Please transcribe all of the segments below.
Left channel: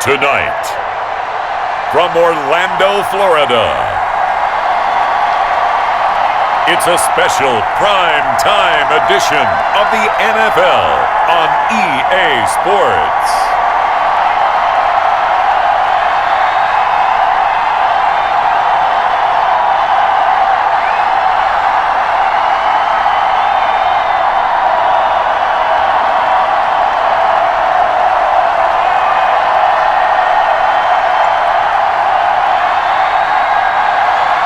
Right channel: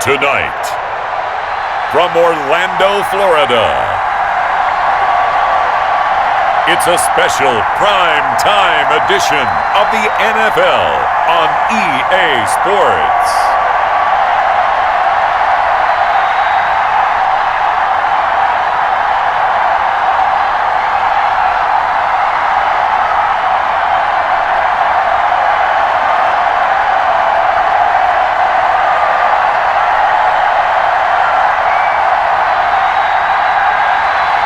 Tonight, from Orlando, Florida, it's a special prime time edition of the NFL on EA Sports.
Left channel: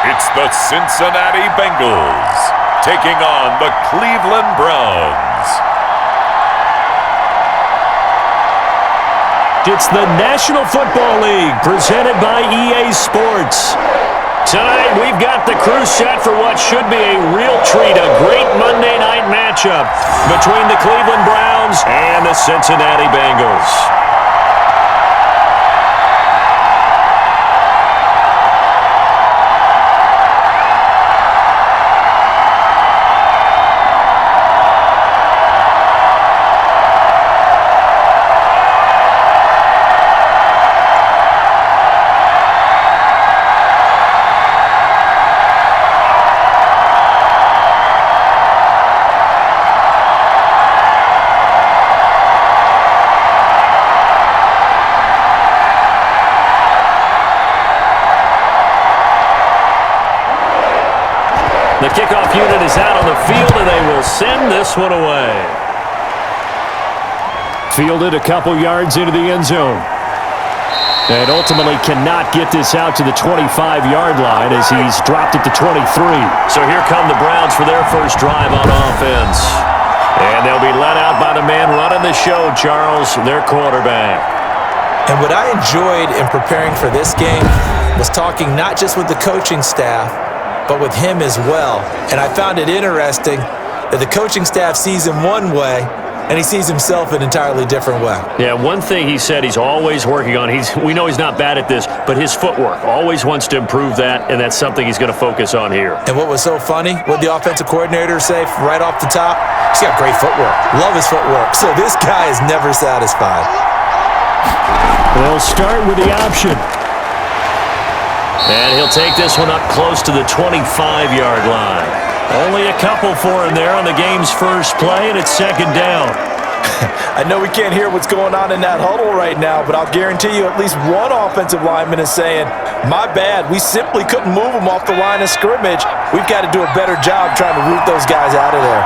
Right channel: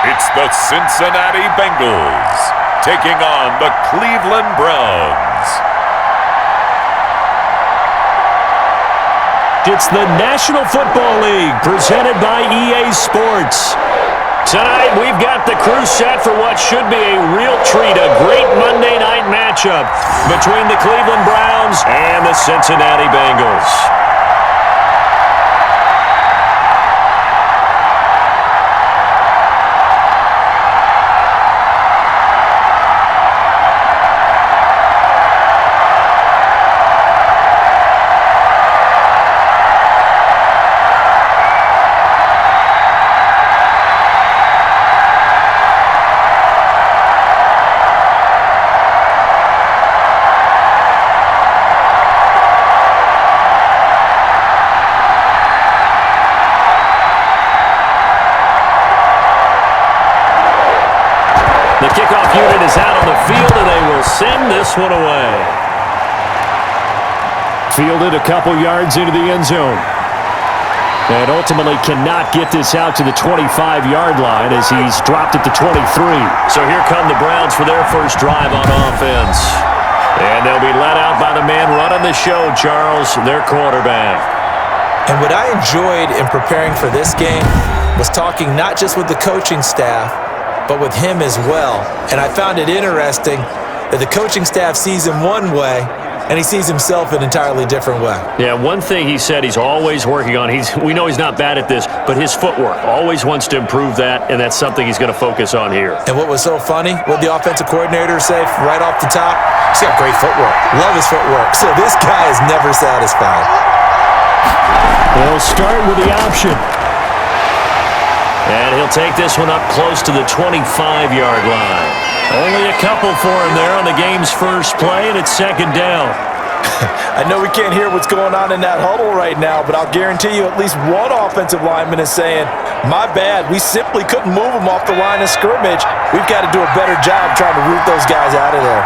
It's the Cincinnati Bengals taking on the Cleveland Browns. It's the National Football League presented by EA Sports. Tonight, we've got the crew set for what should be a real treat, a great Monday night matchup between the Cleveland Browns and the Cincinnati Bengals. The kickoff unit is out on the field, and they will send this one away. Fielded a couple yards into the end zone. And ultimately cannot get this out to the 25-yard line as he's dropped it to 23. So here come the Browns for their first drive on offense. And they'll be let out by the man running the show, Charles, their quarterback. And what I enjoyed in preparing for this game was talking not just with the coaching staff, but with him as well. And I found it interesting that the coaching staff sees him one way, and he sees himself an entirely different way. Yeah, one thing he said he's always working on, we know he's not bad at this, but his footwork, always wants to improve that, and that's something he's going to focus on here. And what was so funny, what the offensive coordinator say right off the top? He's got great footwork. Love his footwork. So this guy is never satisfied. They'll start with the option. And he'll take this one up close to the 25-yard line. Only a couple for him there on the game's first play, and it's second down. I know we can't hear what's going on in that huddle right now, but I'll guarantee you at least one offensive lineman is saying, my bad, we simply couldn't move them off the line of scrimmage. We've got to do a better job trying to root those guys out of there.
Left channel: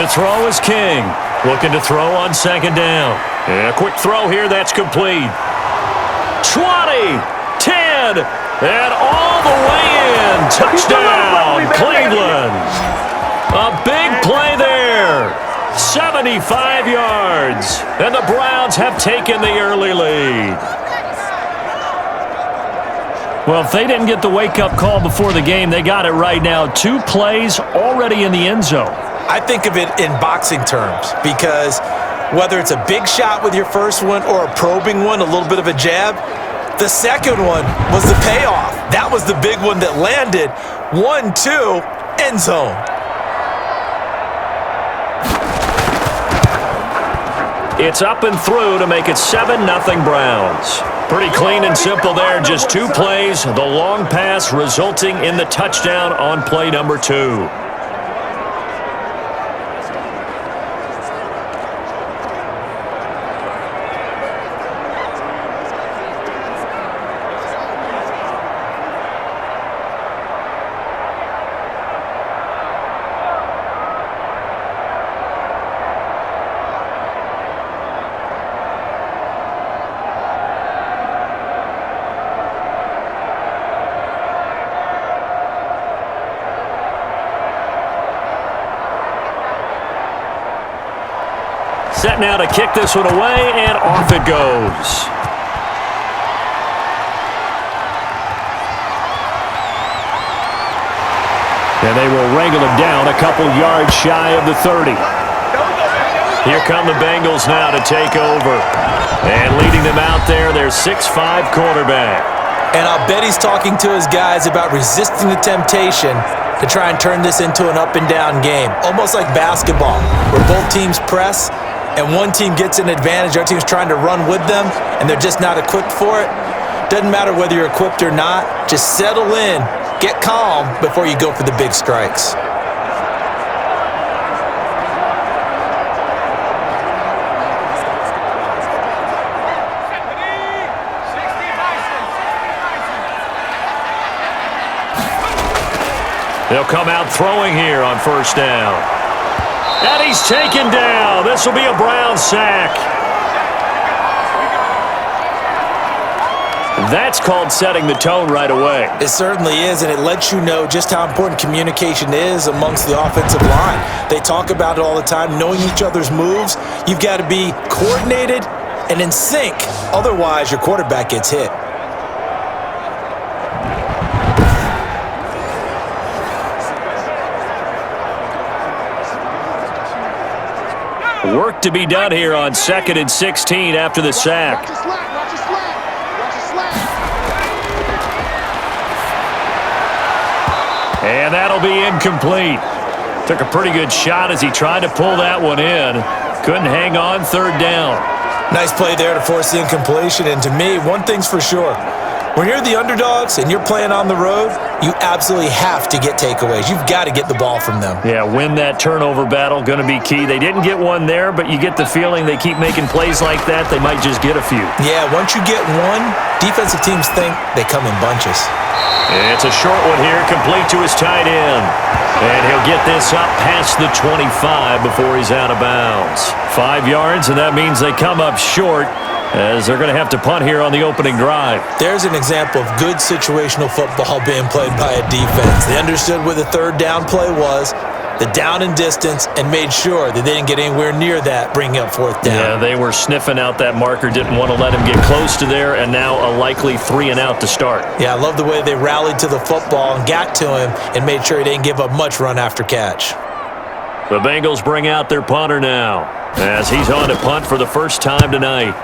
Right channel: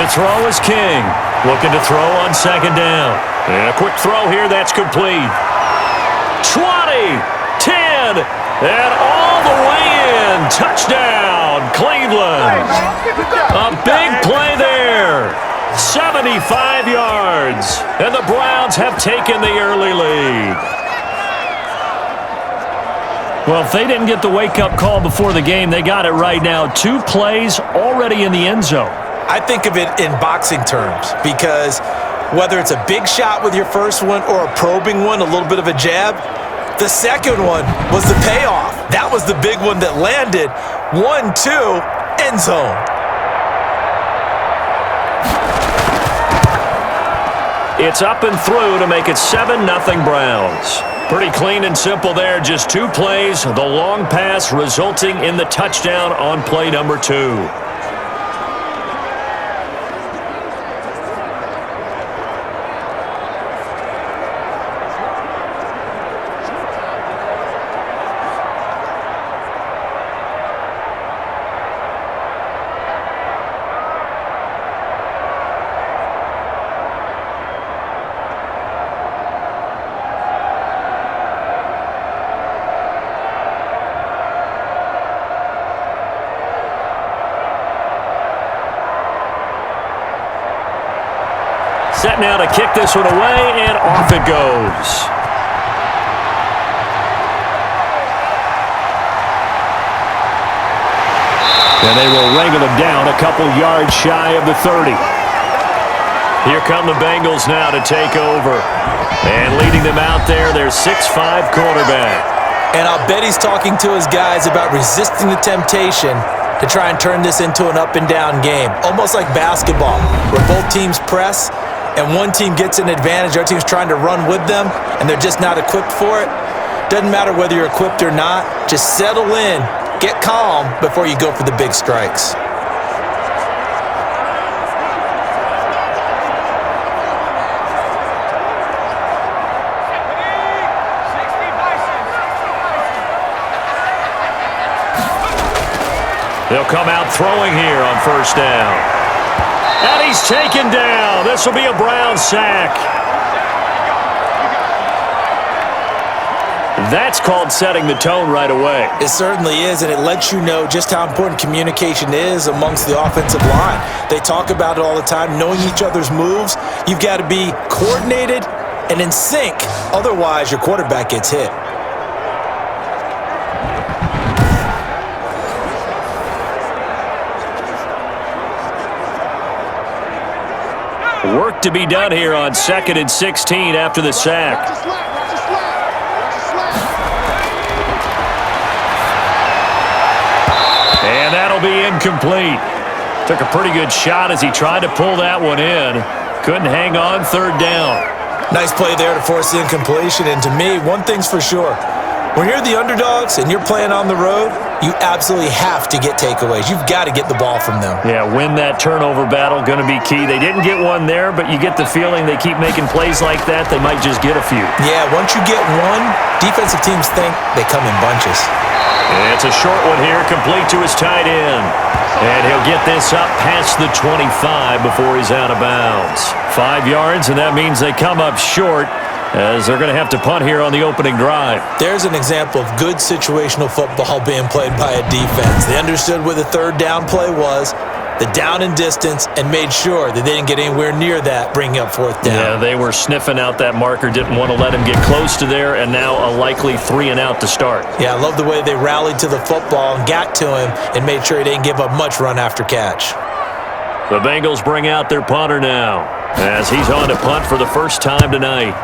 To throw is King. Looking to throw on second down. And a quick throw here, that's complete. 20, 10, and all the way in. Touchdown, Cleveland. A big play there. 75 yards. And the Browns have taken the early lead. Well, if they didn't get the wake-up call before the game, they got it right now. 2 plays already in the end zone. I think of it in boxing terms because whether it's a big shot with your first one or a probing one, a little bit of a jab, the second one was the payoff. That was the big one that landed. 1-2, end zone. It's up and through to make it 7-0 Browns. Pretty clean and simple there. Just 2 plays, the long pass resulting in the touchdown on play number 2. Set now to kick this one away, and off it goes. And they will wrangle him down a couple yards shy of the 30. Here come the Bengals now to take over. And leading them out there, their 6'5" quarterback. And I'll bet he's talking to his guys about resisting the temptation to try and turn this into an up-and-down game, almost like basketball, where both teams press and one team gets an advantage, the other team's trying to run with them, and they're just not equipped for it. Doesn't matter whether you're equipped or not. Just settle in, get calm before you go for the big strikes. They'll come out throwing here on first down. And he's taken down. This will be a Brown sack. That's called setting the tone right away. It certainly is, and it lets you know just how important communication is amongst the offensive line. They talk about it all the time, knowing each other's moves. You've got to be coordinated and in sync. Otherwise, your quarterback gets hit. Work to be done here on 2nd and 16 after the sack. And that'll be incomplete. Took a pretty good shot as he tried to pull that one in. Couldn't hang on, third down. Nice play there to force the incompletion. And to me, one thing's for sure. When you're the underdogs and you're playing on the road, you absolutely have to get takeaways. You've got to get the ball from them. Yeah, win that turnover battle, going to be key. They didn't get one there, but you get the feeling they keep making plays like that, they might just get a few. Yeah, once you get one, defensive teams think they come in bunches. It's a short one here, complete to his tight end. And he'll get this up past the 25 before he's out of bounds. 5 yards, and that means they come up short, as they're going to have to punt here on the opening drive. There's an example of good situational football being played by a defense. They understood where the third down play was, the down and distance, and made sure that they didn't get anywhere near that, bringing up fourth down. Yeah, they were sniffing out that marker, didn't want to let him get close to there, and now a likely 3 and out to start. Yeah, I love the way they rallied to the football and got to him and made sure he didn't give up much run after catch. The Bengals bring out their punter now, as he's on to punt for the first time tonight.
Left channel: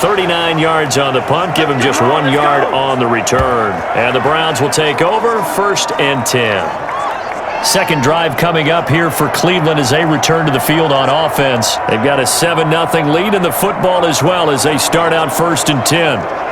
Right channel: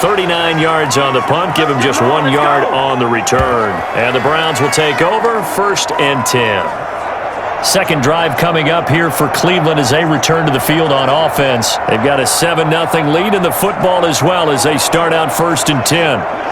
39 yards on the punt, give him just 1 yard on the return. And the Browns will take over, 1st and 10. Second drive coming up here for Cleveland as they return to the field on offense. They've got a 7-0 lead in the football as well as they start out 1st and 10.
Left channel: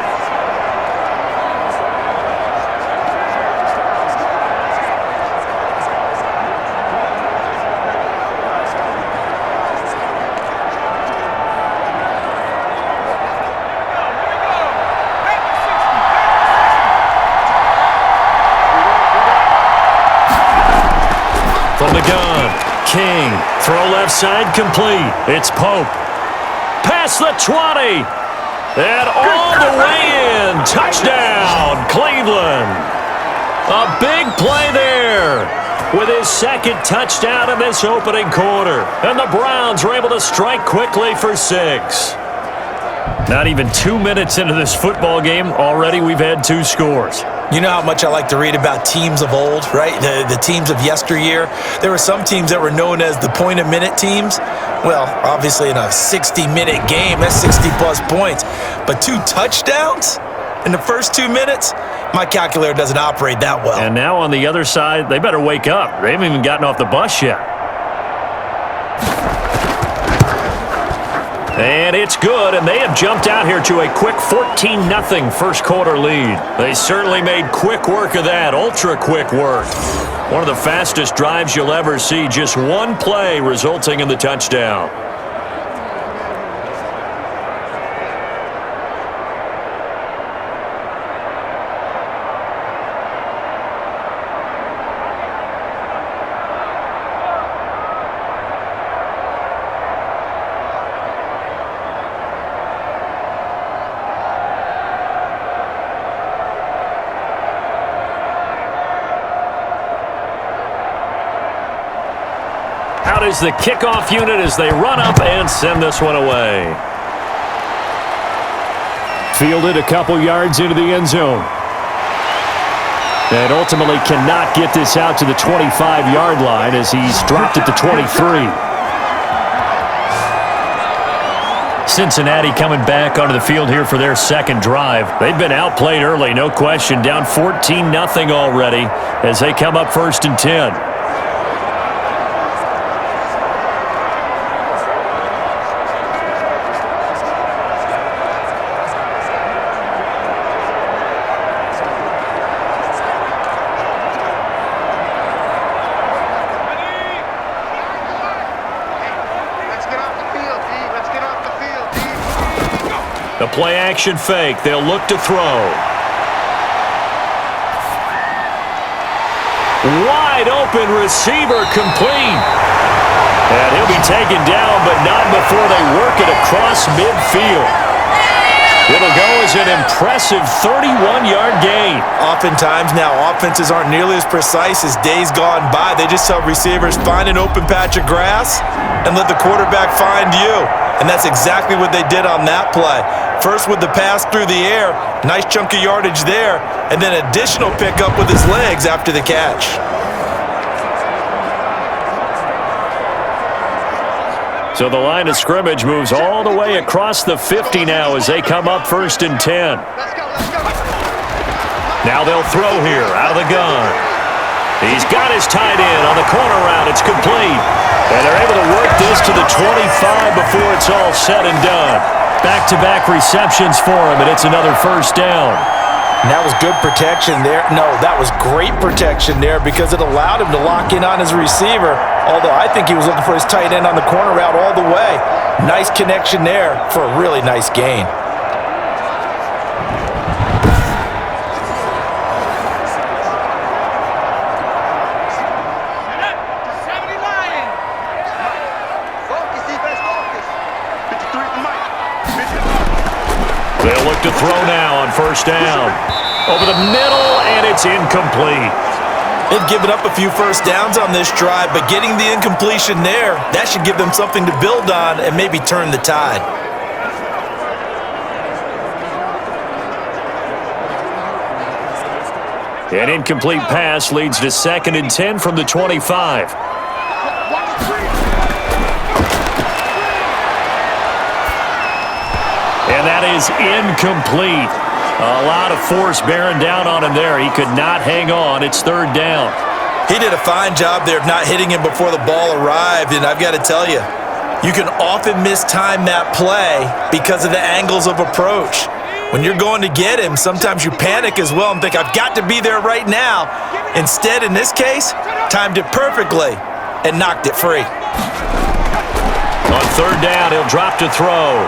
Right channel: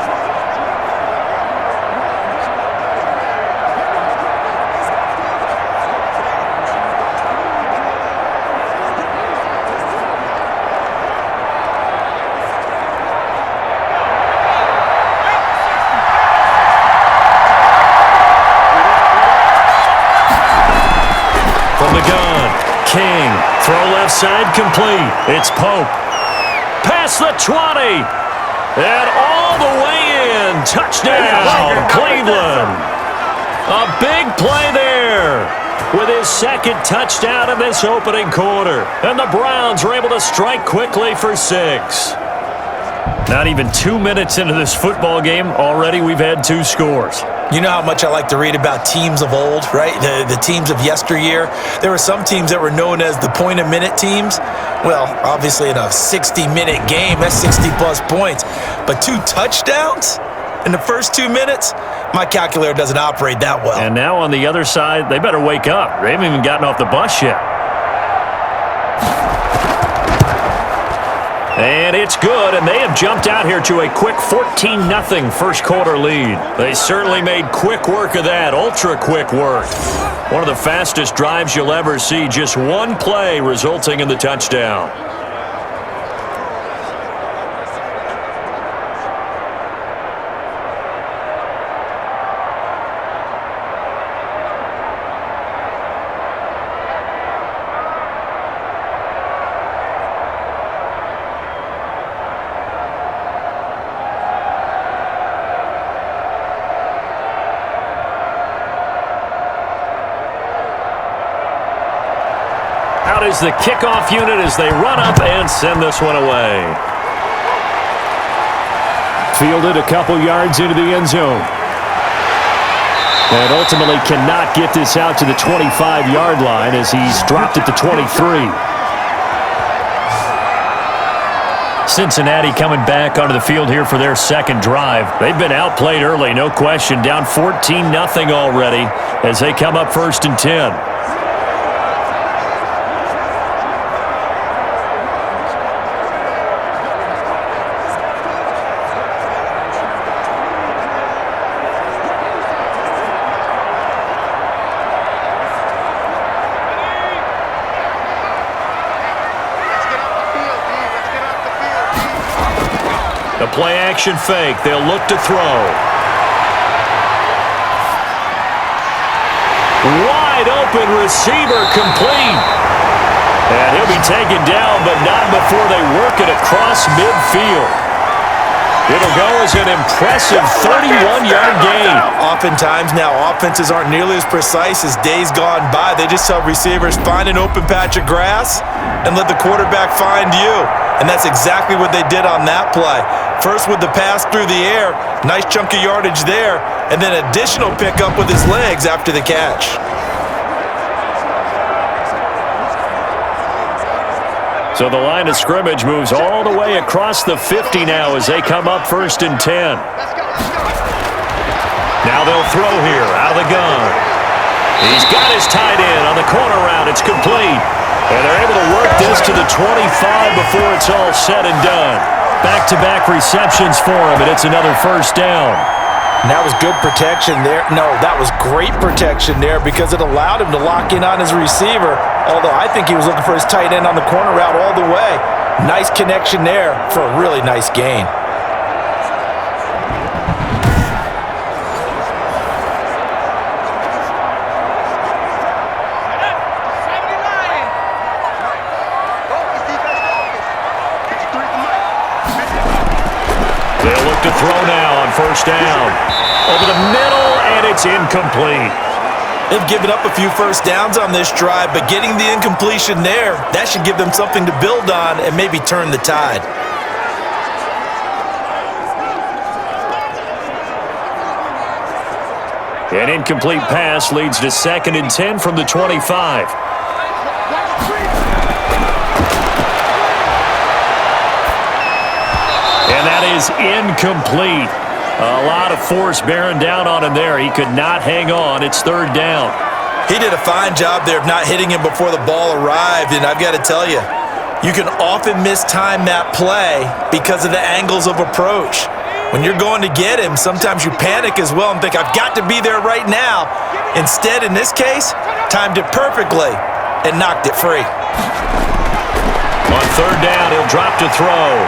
From the gun, King, throw left side complete. It's Pope. Past the 20. And all the way in. Touchdown, Cleveland. A big play there with his second touchdown in this opening quarter. And the Browns are able to strike quickly for 6. Not even 2 minutes into this football game, already we've had 2 scores. You know how much I like to read about teams of old, right? The teams of yesteryear. There were some teams that were known as the point-a-minute teams. Well, obviously in a 60-minute game, that's 60-plus points. But 2 touchdowns in the first 2 minutes? My calculator doesn't operate that well. And now on the other side, they better wake up. They haven't even gotten off the bus yet. And it's good, and they have jumped out here to a quick 14-0 first quarter lead. They certainly made quick work of that, ultra-quick work. One of the fastest drives you'll ever see, just 1 play resulting in the touchdown. Out is the kickoff unit as they run up and send this one away. Fielded a couple yards into the end zone. And ultimately cannot get this out to the 25-yard line as he's dropped at the 23. Cincinnati coming back onto the field here for their second drive. They've been outplayed early, no question. Down 14-0 already as they come up 1st and 10. The play action fake. They'll look to throw. Wide open receiver complete. And he'll be taken down, but not before they work it across midfield. It'll go as an impressive 31-yard gain. Oftentimes now, offenses aren't nearly as precise as days gone by. They just tell receivers, find an open patch of grass and let the quarterback find you. And that's exactly what they did on that play. First with the pass through the air, nice chunk of yardage there, and then additional pickup with his legs after the catch. So the line of scrimmage moves all the way across the 50 now as they come up 1st and 10. Now they'll throw here out of the gun. He's got his tight end on the corner route. It's complete. And they're able to work this to the 25 before it's all said and done. Back-to-back receptions for him, and it's another 1st down. And that was good protection there. No, that was great protection there because it allowed him to lock in on his receiver, although I think he was looking for his tight end on the corner route all the way. Nice connection there for a really nice gain. They'll look to throw now on 1st down. Over the middle, and it's incomplete. They've given up a few 1st downs on this drive, but getting the incompletion there, that should give them something to build on and maybe turn the tide. An incomplete pass leads to 2nd and 10 from the 25. And that is incomplete. A lot of force bearing down on him there. He could not hang on. It's 3rd down. He did a fine job there of not hitting him before the ball arrived, and I've got to tell you, you can often mistime that play because of the angles of approach. When you're going to get him, sometimes you panic as well and think, I've got to be there right now. Instead, in this case, timed it perfectly and knocked it free. On 3rd down, he'll drop to throw.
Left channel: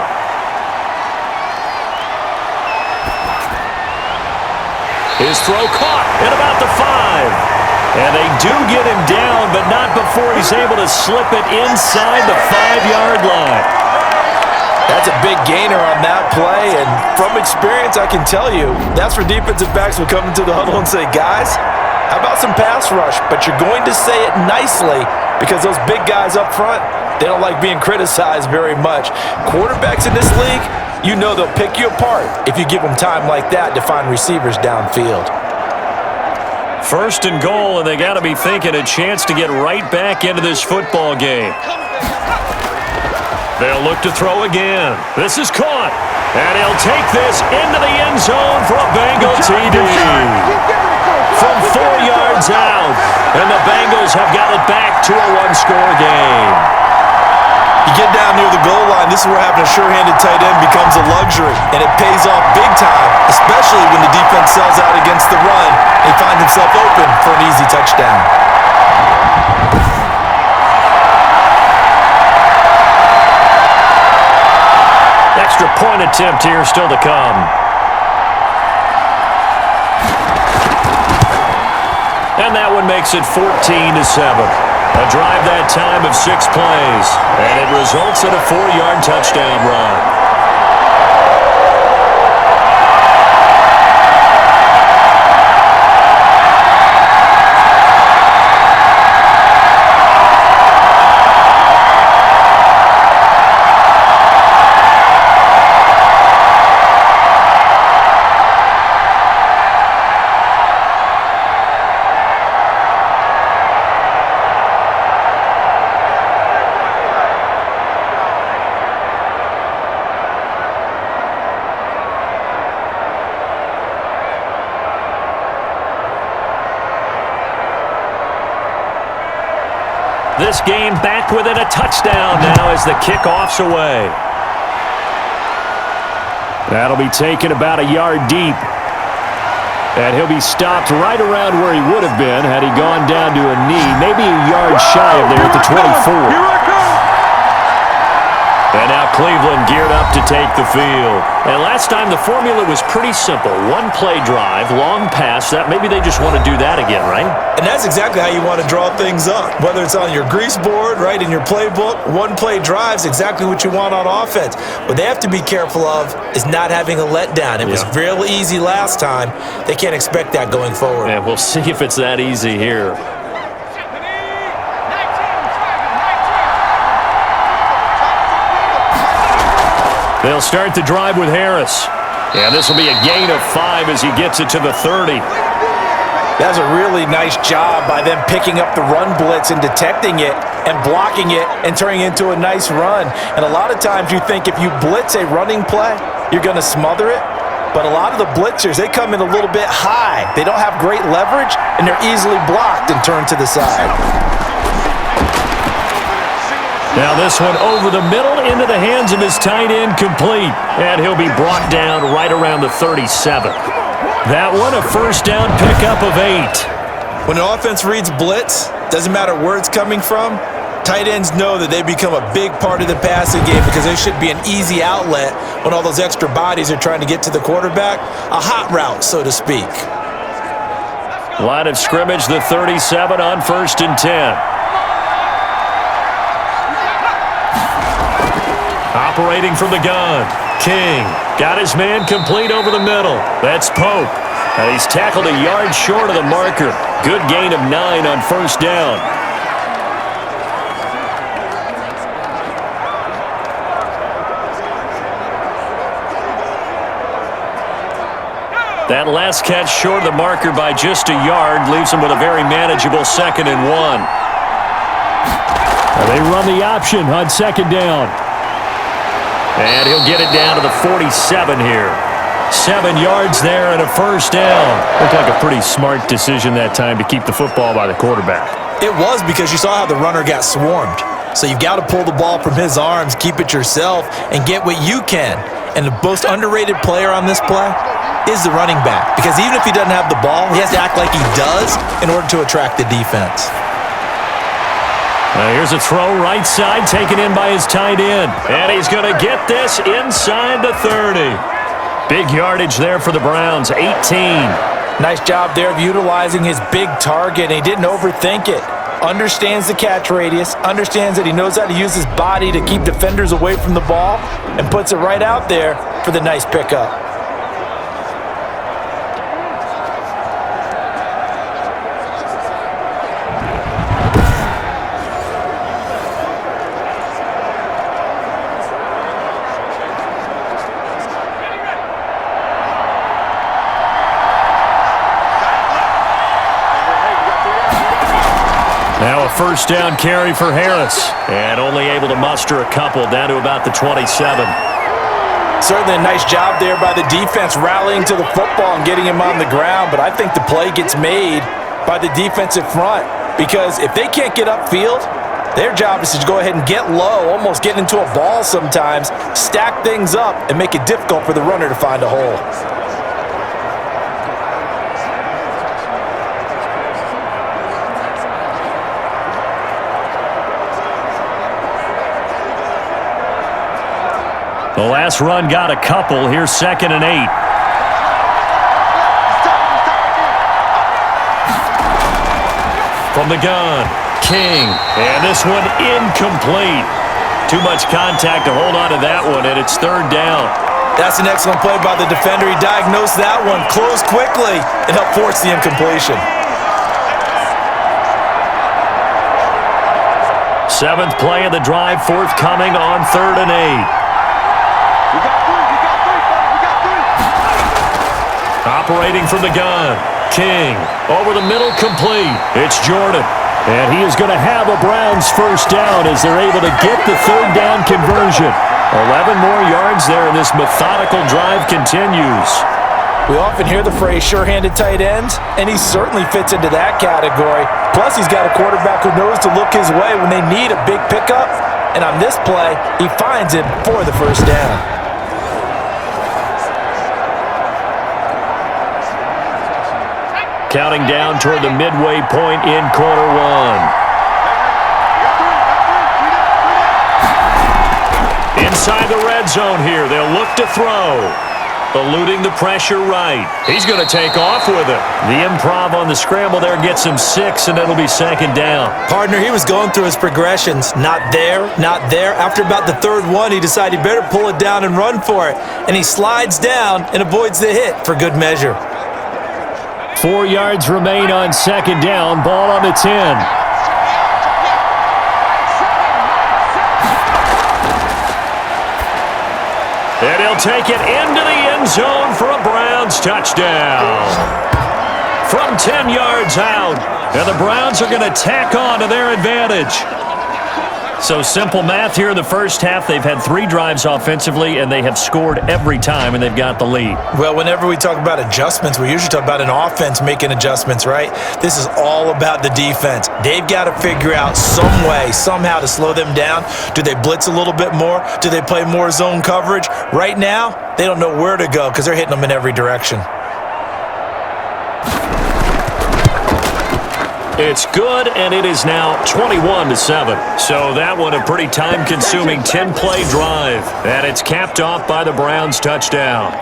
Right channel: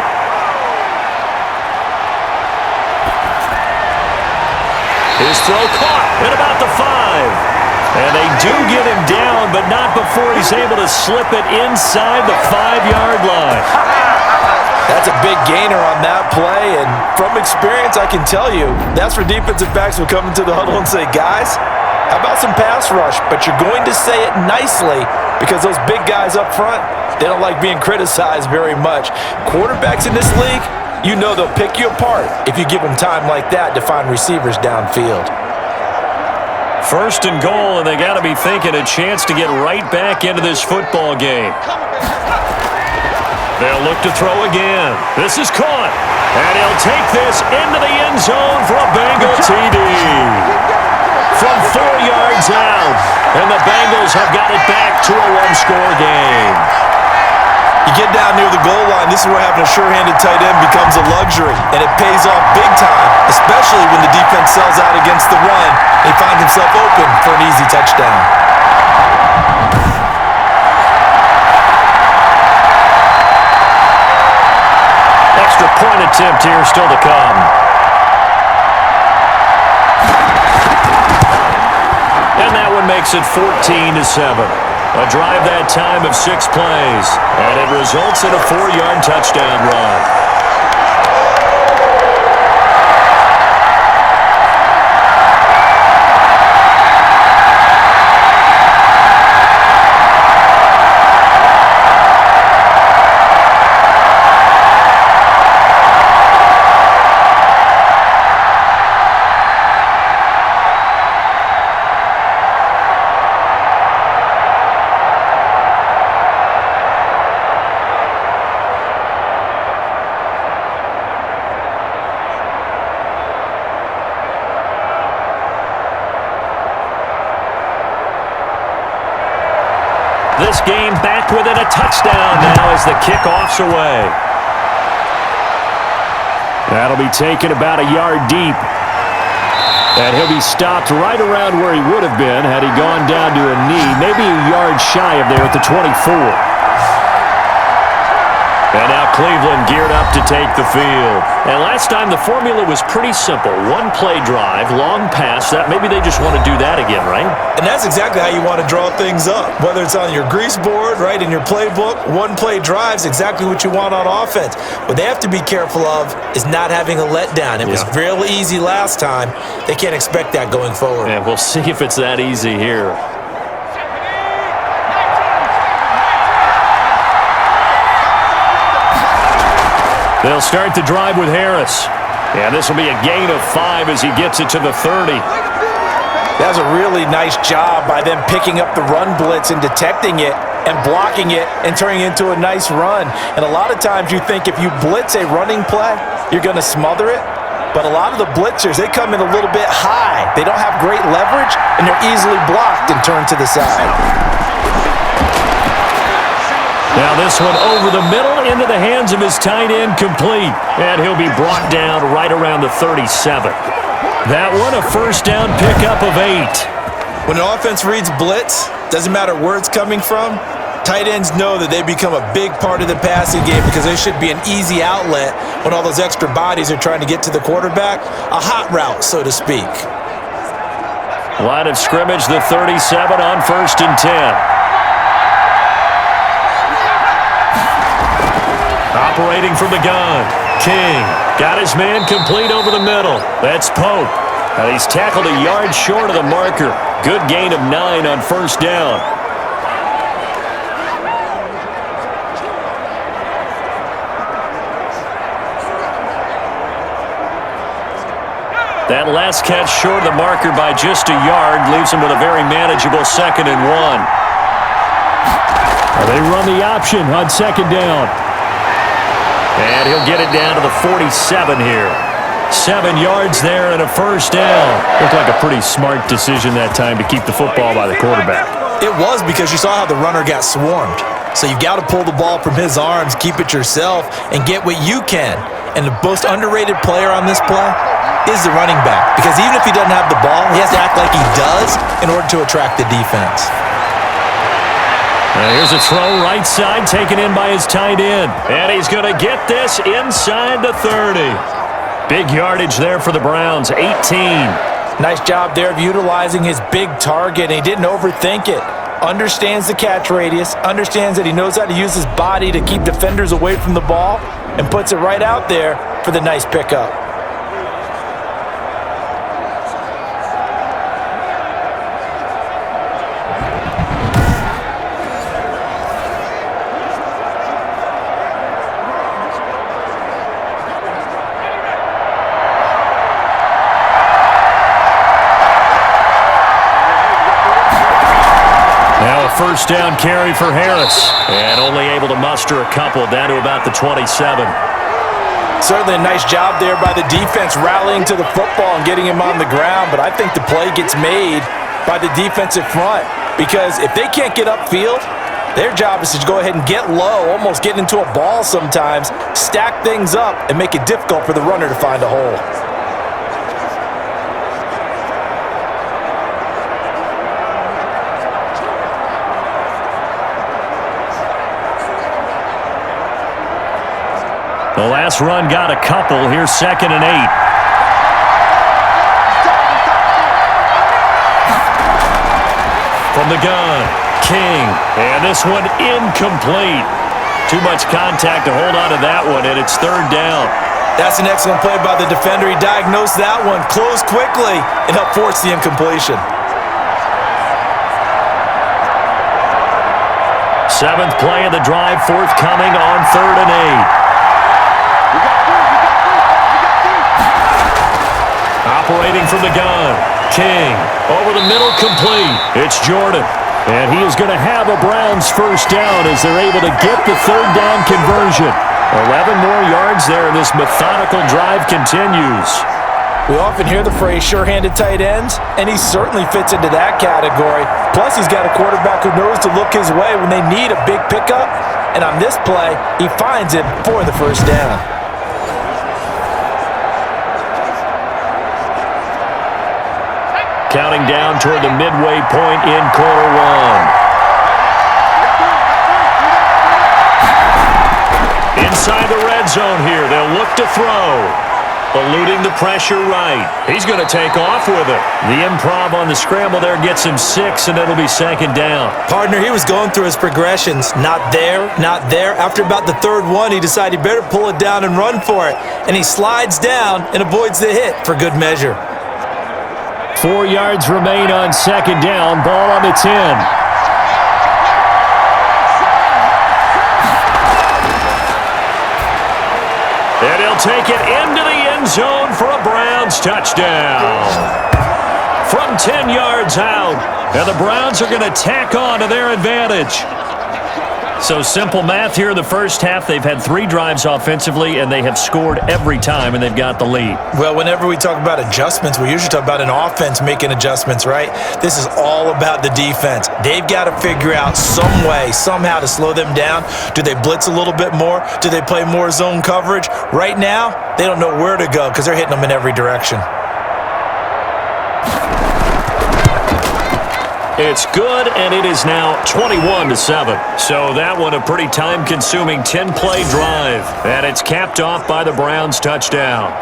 His throw caught at about the 5. And they do get him down, but not before he's able to slip it inside the 5-yard line. That's a big gainer on that play, and from experience, I can tell you, that's where defensive backs will come into the huddle and say, guys, how about some pass rush? But you're going to say it nicely because those big guys up front, they don't like being criticized very much. Quarterbacks in this league, you know they'll pick you apart if you give them time like that to find receivers downfield. 1st and goal, and they got to be thinking a chance to get right back into this football game. They'll look to throw again. This is caught, and he'll take this into the end zone for a Bengal TD. From 4 yards out, and the Bengals have got it back to a 1-score game. You get down near the goal line, this is where having a sure-handed tight end becomes a luxury, and it pays off big time, especially when the defense sells out against the run and he finds himself open for an easy touchdown. Extra point attempt here still to come. And that one makes it 14-7. A drive that time of 6 plays, and it results in a 4-yard touchdown run. this game back within a touchdown now as the kickoff's away. That'll be taken about a yard deep. And he'll be stopped right around where he would have been had he gone down to a knee, maybe a yard shy of there at the 24. And now Cleveland geared up to take the field. And last time the formula was pretty simple. One play drive, long pass. That maybe they just want to do that again, right? And that's exactly how you want to draw things up. Whether it's on your grease board, right, in your playbook, one play drive is exactly what you want on offense. What they have to be careful of is not having a letdown. It was real easy last time. They can't expect that going forward. And we'll see if it's that easy here. They'll start the drive with Harris. And this will be a gain of 5 as he gets it to the 30. That's a really nice job by them picking up the run blitz and detecting it and blocking it and turning it into a nice run. And a lot of times you think if you blitz a running play, you're going to smother it. But a lot of the blitzers, they come in a little bit high. They don't have great leverage, and they're easily blocked and turned to the side. Now this one over the middle into the hands of his tight end, complete. And he'll be brought down right around the 37. That one a first down pickup of 8. When an offense reads blitz, doesn't matter where it's coming from, tight ends know that they become a big part of the passing game because they should be an easy outlet when all those extra bodies are trying to get to the quarterback. A hot route, so to speak. Line of scrimmage, the 37 on 1st and 10. Operating from the gun, King got his man complete over the middle. That's Pope. And he's tackled a yard short of the marker. Good gain of 9 on 1st down. That last catch short of the marker by just a yard leaves him with a very manageable 2nd and 1. They run the option on 2nd down. And he'll get it down to the 47 here. 7 yards there and a first down. Looked like a pretty smart decision that time to keep the football by the quarterback. It was because you saw how the runner got swarmed. So you've got to pull the ball from his arms, keep it yourself, and get what you can. And the most underrated player on this play is the running back. Because even if he doesn't have the ball, he has to act like he does in order to attract the defense. Here's a throw right side taken in by his tight end. And he's going to get this inside the 30. Big yardage there for the Browns, 18. Nice job there of utilizing his big target. And he didn't overthink it. Understands the catch radius. Understands that he knows how to use his body to keep defenders away from the ball. And puts it right out there for the nice pickup. Now a first down carry for Harris. And only able to muster a couple down to about the 27. Certainly a nice job there by the defense rallying to the football and getting him on the ground. But I think the play gets made by the defensive front. Because if they can't get upfield, their job is to go ahead and get low, almost get into a ball sometimes, stack things up, and make it difficult for the runner to find a hole. The last run got a couple. Here's 2nd and 8. From the gun, King. And this one incomplete. Too much contact to hold on to that one, and it's 3rd down. That's an excellent play by the defender. He diagnosed that one, closed quickly, and helped force the incompletion. 7th play of the drive, forthcoming on 3rd and 8. Operating from the gun, King. Over the middle, complete. It's Jordan. And he is going to have a Browns first down as they're able to get the 3rd down conversion. 11 more yards there, and this methodical drive continues. We often hear the phrase sure-handed tight ends, and he certainly fits into that category. Plus, he's got a quarterback who knows to look his way when they need a big pickup. And on this play, he finds it for the first down. Counting down toward the midway point in quarter one. Inside the red zone here, they'll look to throw. Eluding the pressure right. He's going to take off with it. The improv on the scramble there gets him 6, and it'll be second down. Partner, he was going through his progressions. Not there, not there. After about the third one, he decided he better pull it down and run for it. And he slides down and avoids the hit for good measure. 4 yards remain on second down. Ball on the 10. And he'll take it into the end zone for a Browns touchdown. From 10 yards out. And the Browns are going to tack on to their advantage. So simple math here in the first half. They've had 3 drives offensively, and they have scored every time, and they've got the lead. Well, whenever we talk about adjustments, we usually talk about an offense making adjustments, right? This is all about the defense. They've got to figure out some way, somehow to slow them down. Do they blitz a little bit more? Do they play more zone coverage? Right now, they don't know where to go because they're hitting them in every direction. It's good, and it is now 21-7. So that one a pretty time-consuming 10-play drive. And it's capped off by the Browns touchdown.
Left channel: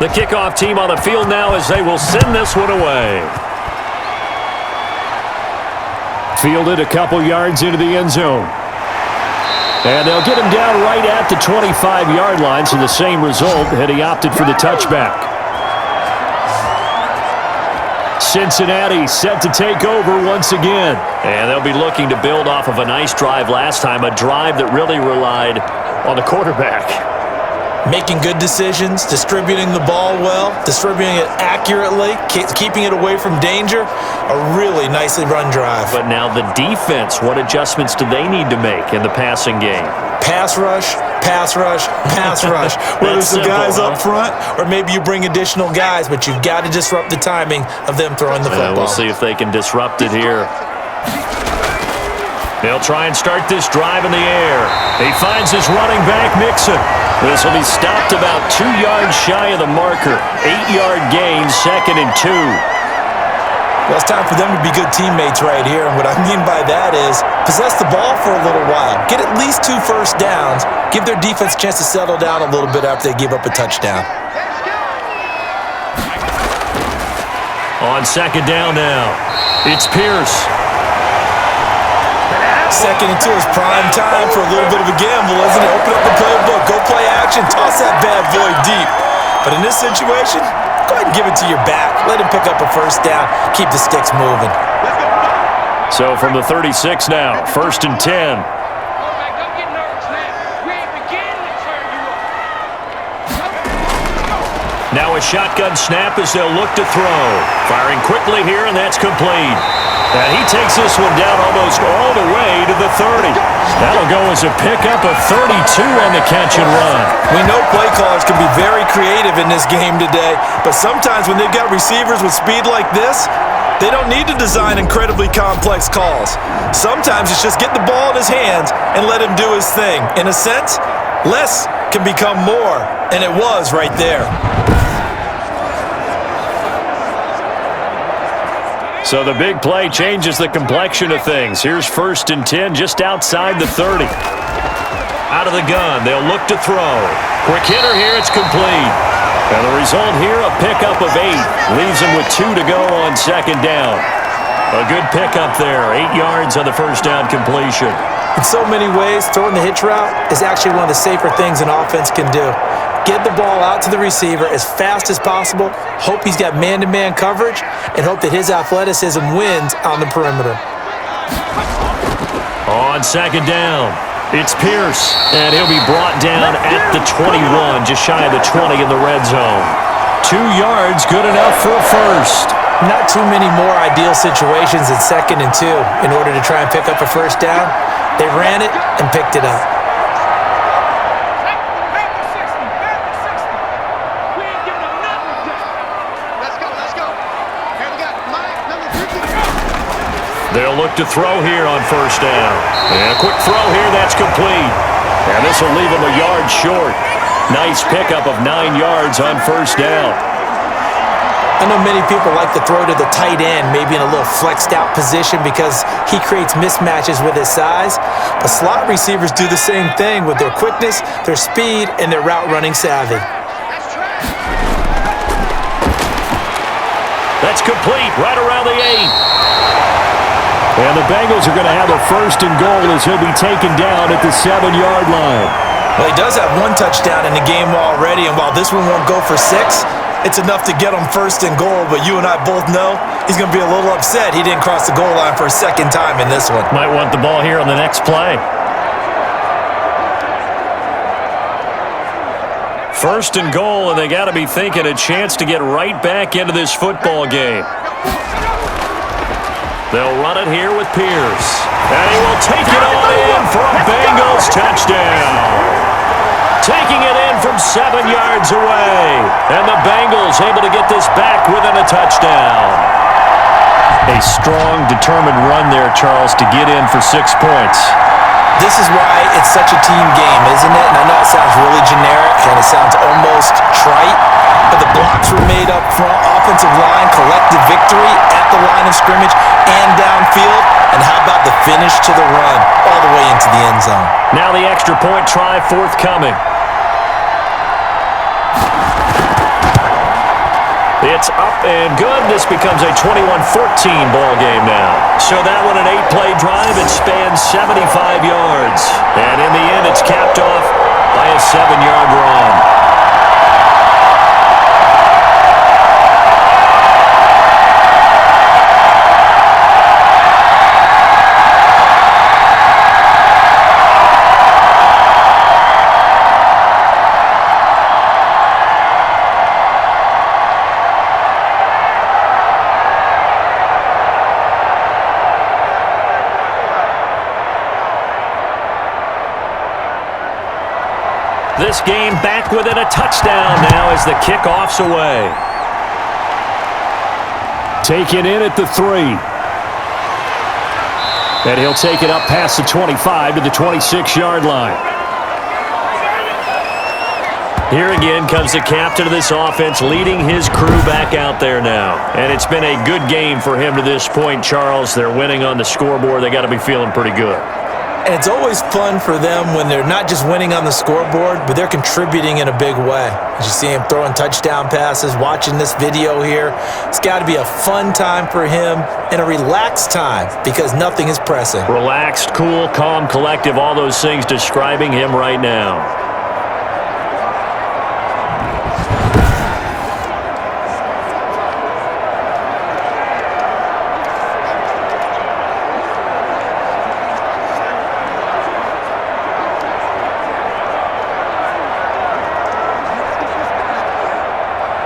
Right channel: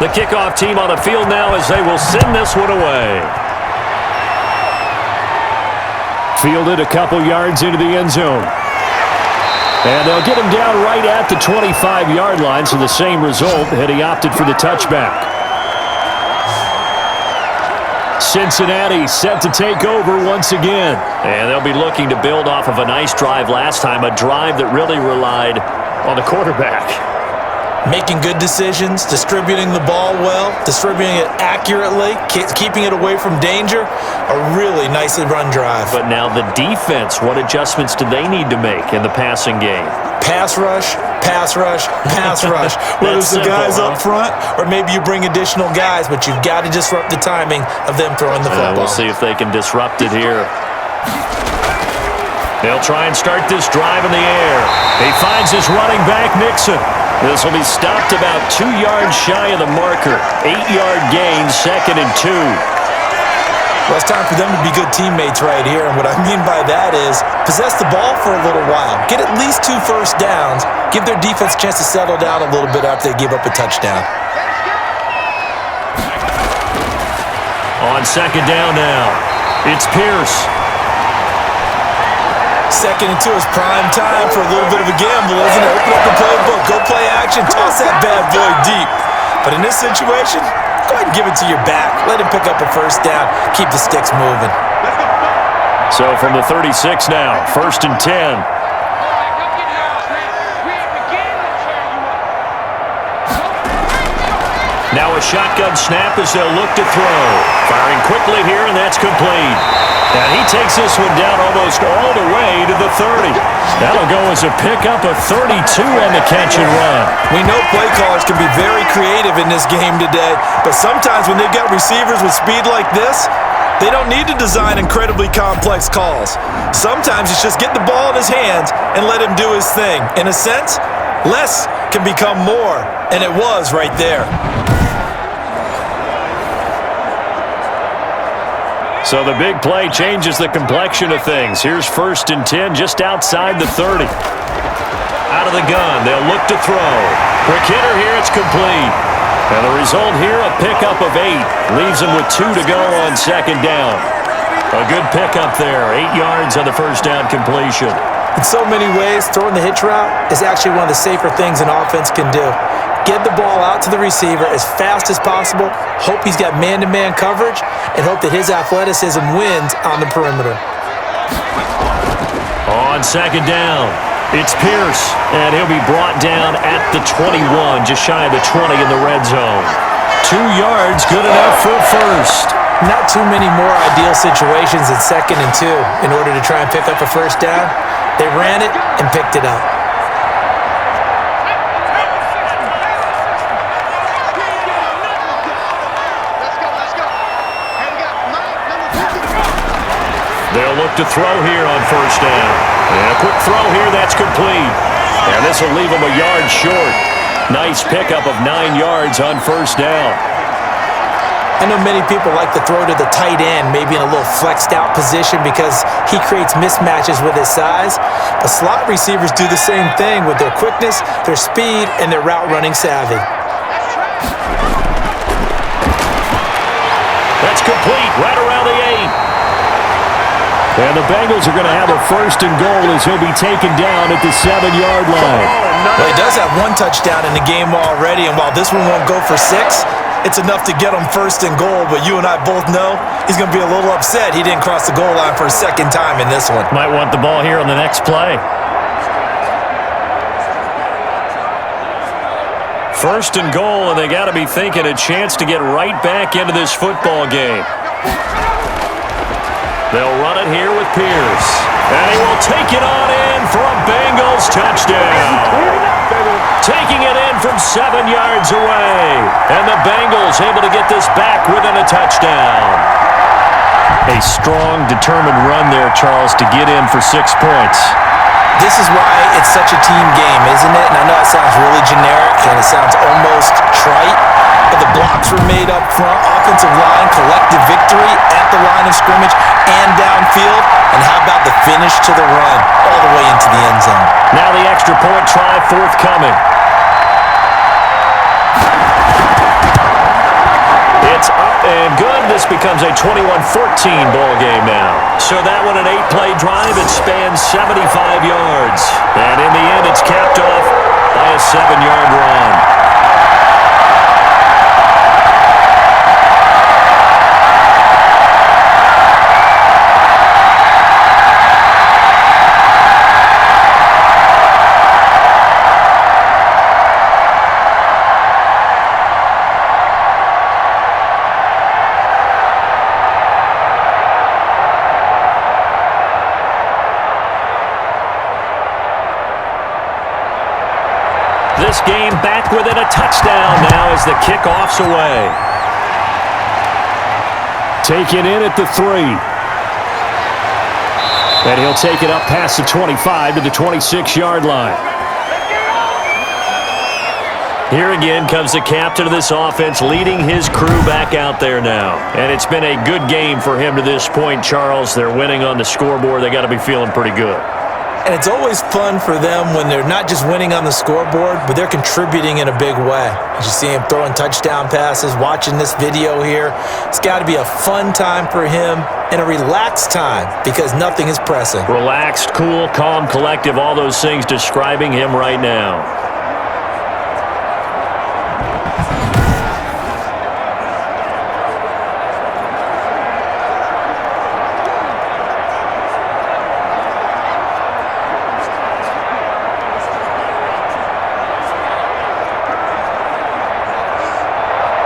The kickoff team on the field now as they will send this one away. Fielded a couple yards into the end zone. And they'll get him down right at the 25-yard line, so the same result had he opted for the touchback. Cincinnati set to take over once again. And they'll be looking to build off of a nice drive last time, a drive that really relied on the quarterback. Making good decisions, distributing the ball well, distributing it accurately, keeping it away from danger. A really nicely run drive. But now the defense, what adjustments do they need to make in the passing game? Pass rush, pass rush, pass rush. Whether it's the guys up front or maybe you bring additional guys, but you've got to disrupt the timing of them throwing the football. We'll see if they can disrupt it here. They'll try and start this drive in the air. He finds his running back, Mixon. This will be stopped about 2 yards shy of the marker. 8-yard gain, 2nd and 2. Well, it's time for them to be good teammates right here. And what I mean by that is possess the ball for a little while. Get at least 2 first downs. Give their defense a chance to settle down a little bit after they give up a touchdown. On second down now, it's Pierce. 2nd and 2 is prime time for a little bit of a gamble, isn't it? Open up the playbook, go play action, toss that bad boy deep. But in this situation, go ahead and give it to your back. Let him pick up a first down. Keep the sticks moving. So from the 36 now, 1st and 10. Now a shotgun snap as they'll look to throw. Firing quickly here, and that's complete. And he takes this one down almost all the way to the 30. That'll go as a pickup of 32 on the catch and run. We know play callers can be very creative in this game today, but sometimes when they've got receivers with speed like this, they don't need to design incredibly complex calls. Sometimes it's just get the ball in his hands and let him do his thing. In a sense, less can become more, and it was right there. So the big play changes the complexion of things. Here's 1st and 10 just outside the 30. Out of the gun, they'll look to throw. Quick hitter here, it's complete. And the result here, a pickup of 8. Leaves them with 2 to go on second down. A good pickup there, 8 yards on the first down completion. In so many ways, throwing the hitch route is actually one of the safer things an offense can do. Get the ball out to the receiver as fast as possible, hope he's got man-to-man coverage, and hope that his athleticism wins on the perimeter. On second down, it's Pierce, and he'll be brought down at the 21, just shy of the 20 in the red zone. 2 yards, good enough for a first. Not too many more ideal situations in 2nd and 2 in order to try and pick up a first down. They ran it and picked it up. They'll look to throw here on first down. And a quick throw here, that's complete. And this will leave them a yard short. Nice pickup of 9 yards on first down. I know many people like to throw to the tight end, maybe in a little flexed out position because he creates mismatches with his size. But slot receivers do the same thing with their quickness, their speed, and their route running savvy. That's complete, right around the 8. And the Bengals are going to have a 1st and goal as he'll be taken down at the 7-yard line. Well, he does have 1 touchdown in the game already, and while this one won't go for 6, it's enough to get him 1st and goal. But you and I both know he's going to be a little upset he didn't cross the goal line for a 2nd time in this one. Might want the ball here on the next play. 1st and goal, and they got to be thinking a chance to get right back into this football game. They'll run it here with Pierce. And he will take it on in for a Bengals touchdown. Taking it in from 7 yards away. And the Bengals able to get this back within a touchdown. A strong, determined run there, Charles, to get in for 6 points. This is why it's such a team game, isn't it? And I know it sounds really generic and it sounds almost trite, but the blocks were made up front, offensive line, collective victory at the line of scrimmage and downfield. And how about the finish to the run all the way into the end zone? Now the extra point try forthcoming. It's up and good. This becomes a 21-14 ball game now. So that one an 8-play drive. It spans 75 yards. And in the end, it's capped off by a 7-yard run. This game back within a touchdown now as the kickoff's away. Taken in at the 3. And he'll take it up past the 25 to the 26-yard line. Here again comes the captain of this offense leading his crew back out there now. And it's been a good game for him to this point, Charles. They're winning on the scoreboard. They got to be feeling pretty good. And it's always fun for them when they're not just winning on the scoreboard, but they're contributing in a big way. As you see him throwing touchdown passes, watching this video here, it's got to be a fun time for him and a relaxed time because nothing is pressing. Relaxed, cool, calm, collective, all those things describing him right now.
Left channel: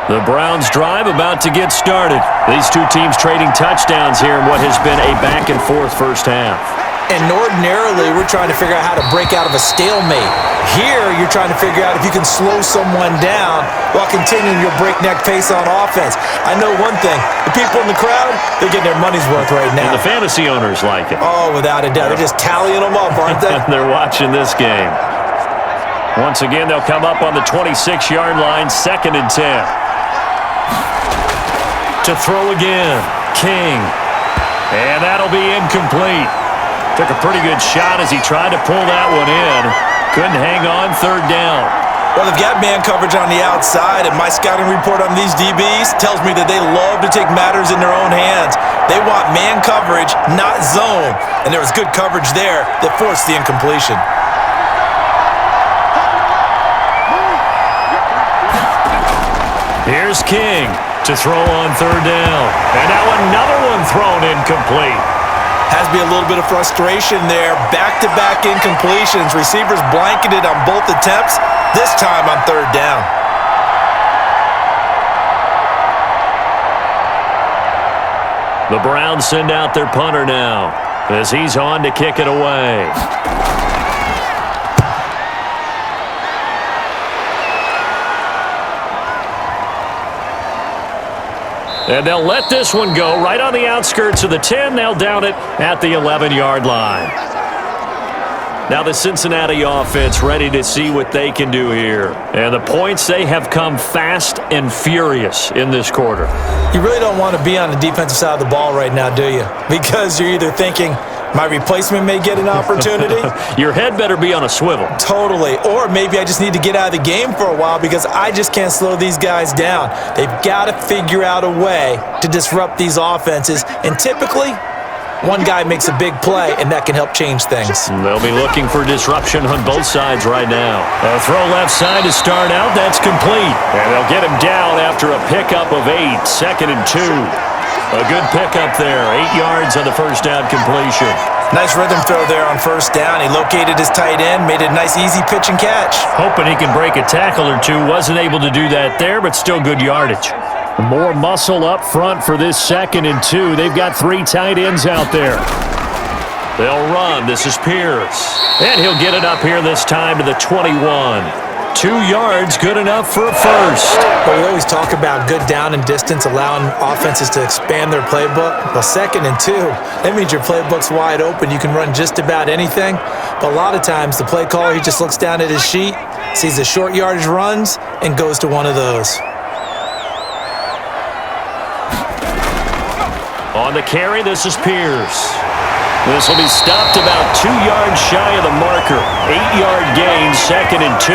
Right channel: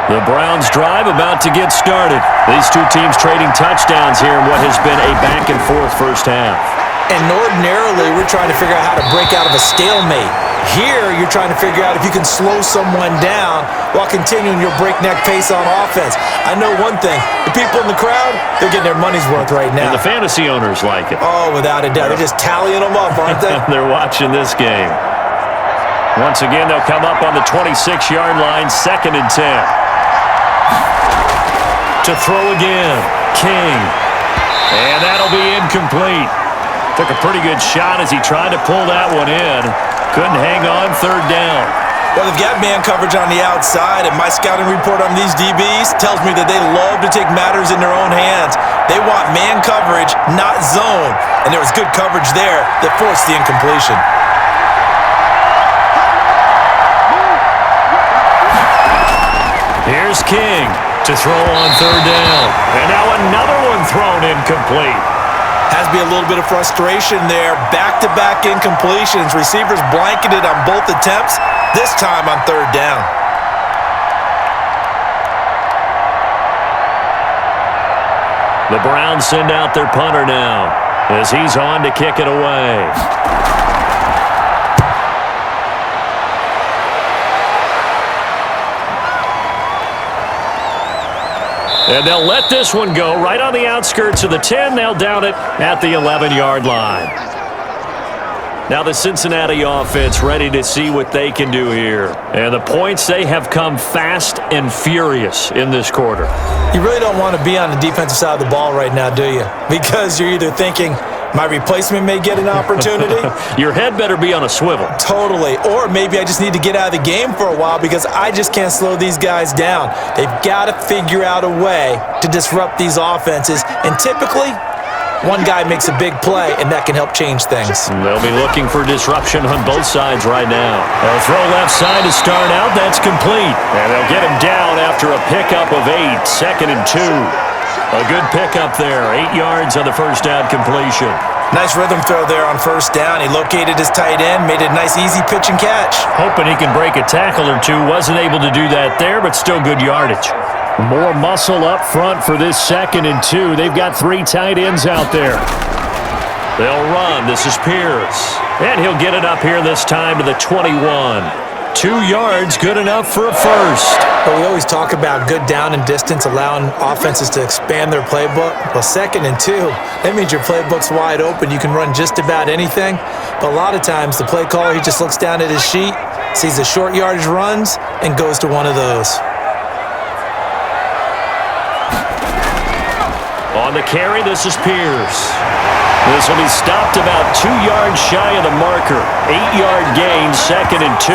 The Browns drive about to get started. These two teams trading touchdowns here in what has been a back-and-forth first half. And ordinarily, we're trying to figure out how to break out of a stalemate. Here, you're trying to figure out if you can slow someone down while continuing your breakneck pace on offense. I know one thing. The people in the crowd, they're getting their money's worth right now. And the fantasy owners like it. Oh, without a doubt. They're just tallying them up, aren't they? They're watching this game. Once again, they'll come up on the 26-yard line, 2nd and 10. To throw again, King. And that'll be incomplete. Took a pretty good shot as he tried to pull that one in. Couldn't hang on, 3rd down. Well, they've got man coverage on the outside, and my scouting report on these DBs tells me that they love to take matters in their own hands. They want man coverage, not zone. And there was good coverage there that forced the incompletion. Here's King to throw on third down. And now another one thrown incomplete. Has to be a little bit of frustration there. Back-to-back incompletions. Receivers blanketed on both attempts, this time on third down. The Browns send out their punter now as he's on to kick it away. And they'll let this one go right on the outskirts of the 10. They'll down it at the 11-yard line. Now the Cincinnati offense ready to see what they can do here. And the points, they have come fast and furious in this quarter. You really don't want to be on the defensive side of the ball right now, do you? Because you're either thinking, my replacement may get an opportunity. Your head better be on a swivel. Totally. Or maybe I just need to get out of the game for a while because I just can't slow these guys down. They've got to figure out a way to disrupt these offenses. And typically, one guy makes a big play, and that can help change things. They'll be looking for disruption on both sides right now. A throw left side to start out. That's complete. And they'll get him down after a pickup of 8. 2nd and 2. A good pickup there. 8 yards on the first down completion. Nice rhythm throw there on first down. He located his tight end, made it a nice easy pitch and catch. Hoping he can break a tackle or two. Wasn't able to do that there, but still good yardage. More muscle up front for this 2nd and 2. They've got 3 tight ends out there. They'll run. This is Pierce. And he'll get it up here this time to the 21. 2 yards, good enough for a first. Well, we always talk about good down and distance, allowing offenses to expand their playbook. Well, 2nd and 2, that means your playbook's wide open. You can run just about anything. But a lot of times, the play caller, he just looks down at his sheet, sees the short yardage runs, and goes to one of those. On the carry, this is Pierce. This will be stopped about 2 yards shy of the marker. 8-yard gain, 2nd and 2.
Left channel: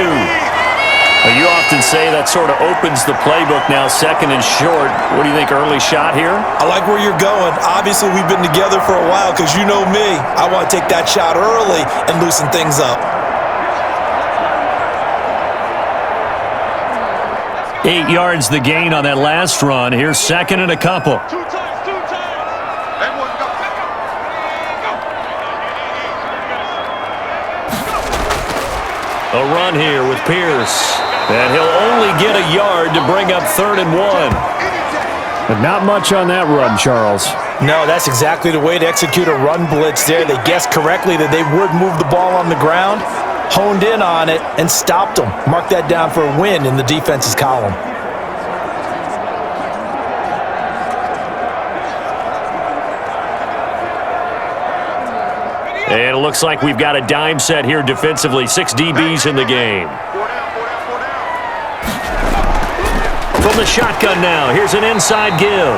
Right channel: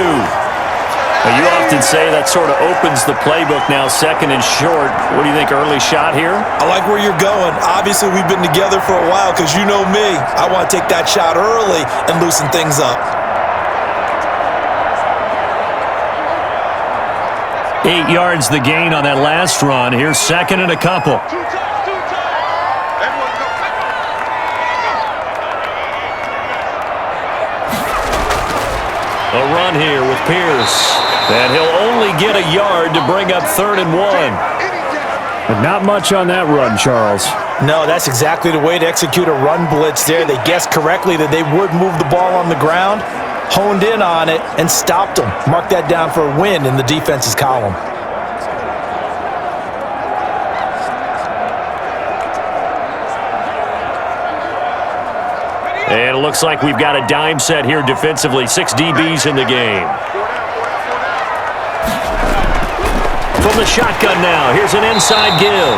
You often say that sort of opens the playbook now, 2nd and short. What do you think, early shot here? I like where you're going. Obviously, we've been together for a while because you know me. I want to take that shot early and loosen things up. 8 yards the gain on that last run. Here's 2nd and a couple. Two times. Everyone go. A run here with Pierce. And he'll only get a yard to bring up 3rd and 1. But not much on that run, Charles. No, that's exactly the way to execute a run blitz there. They guessed correctly that they would move the ball on the ground, honed in on it, and stopped them. Mark that down for a win in the defense's column. And it looks like we've got a dime set here defensively. 6 DBs in the game. From the shotgun now, here's an inside give.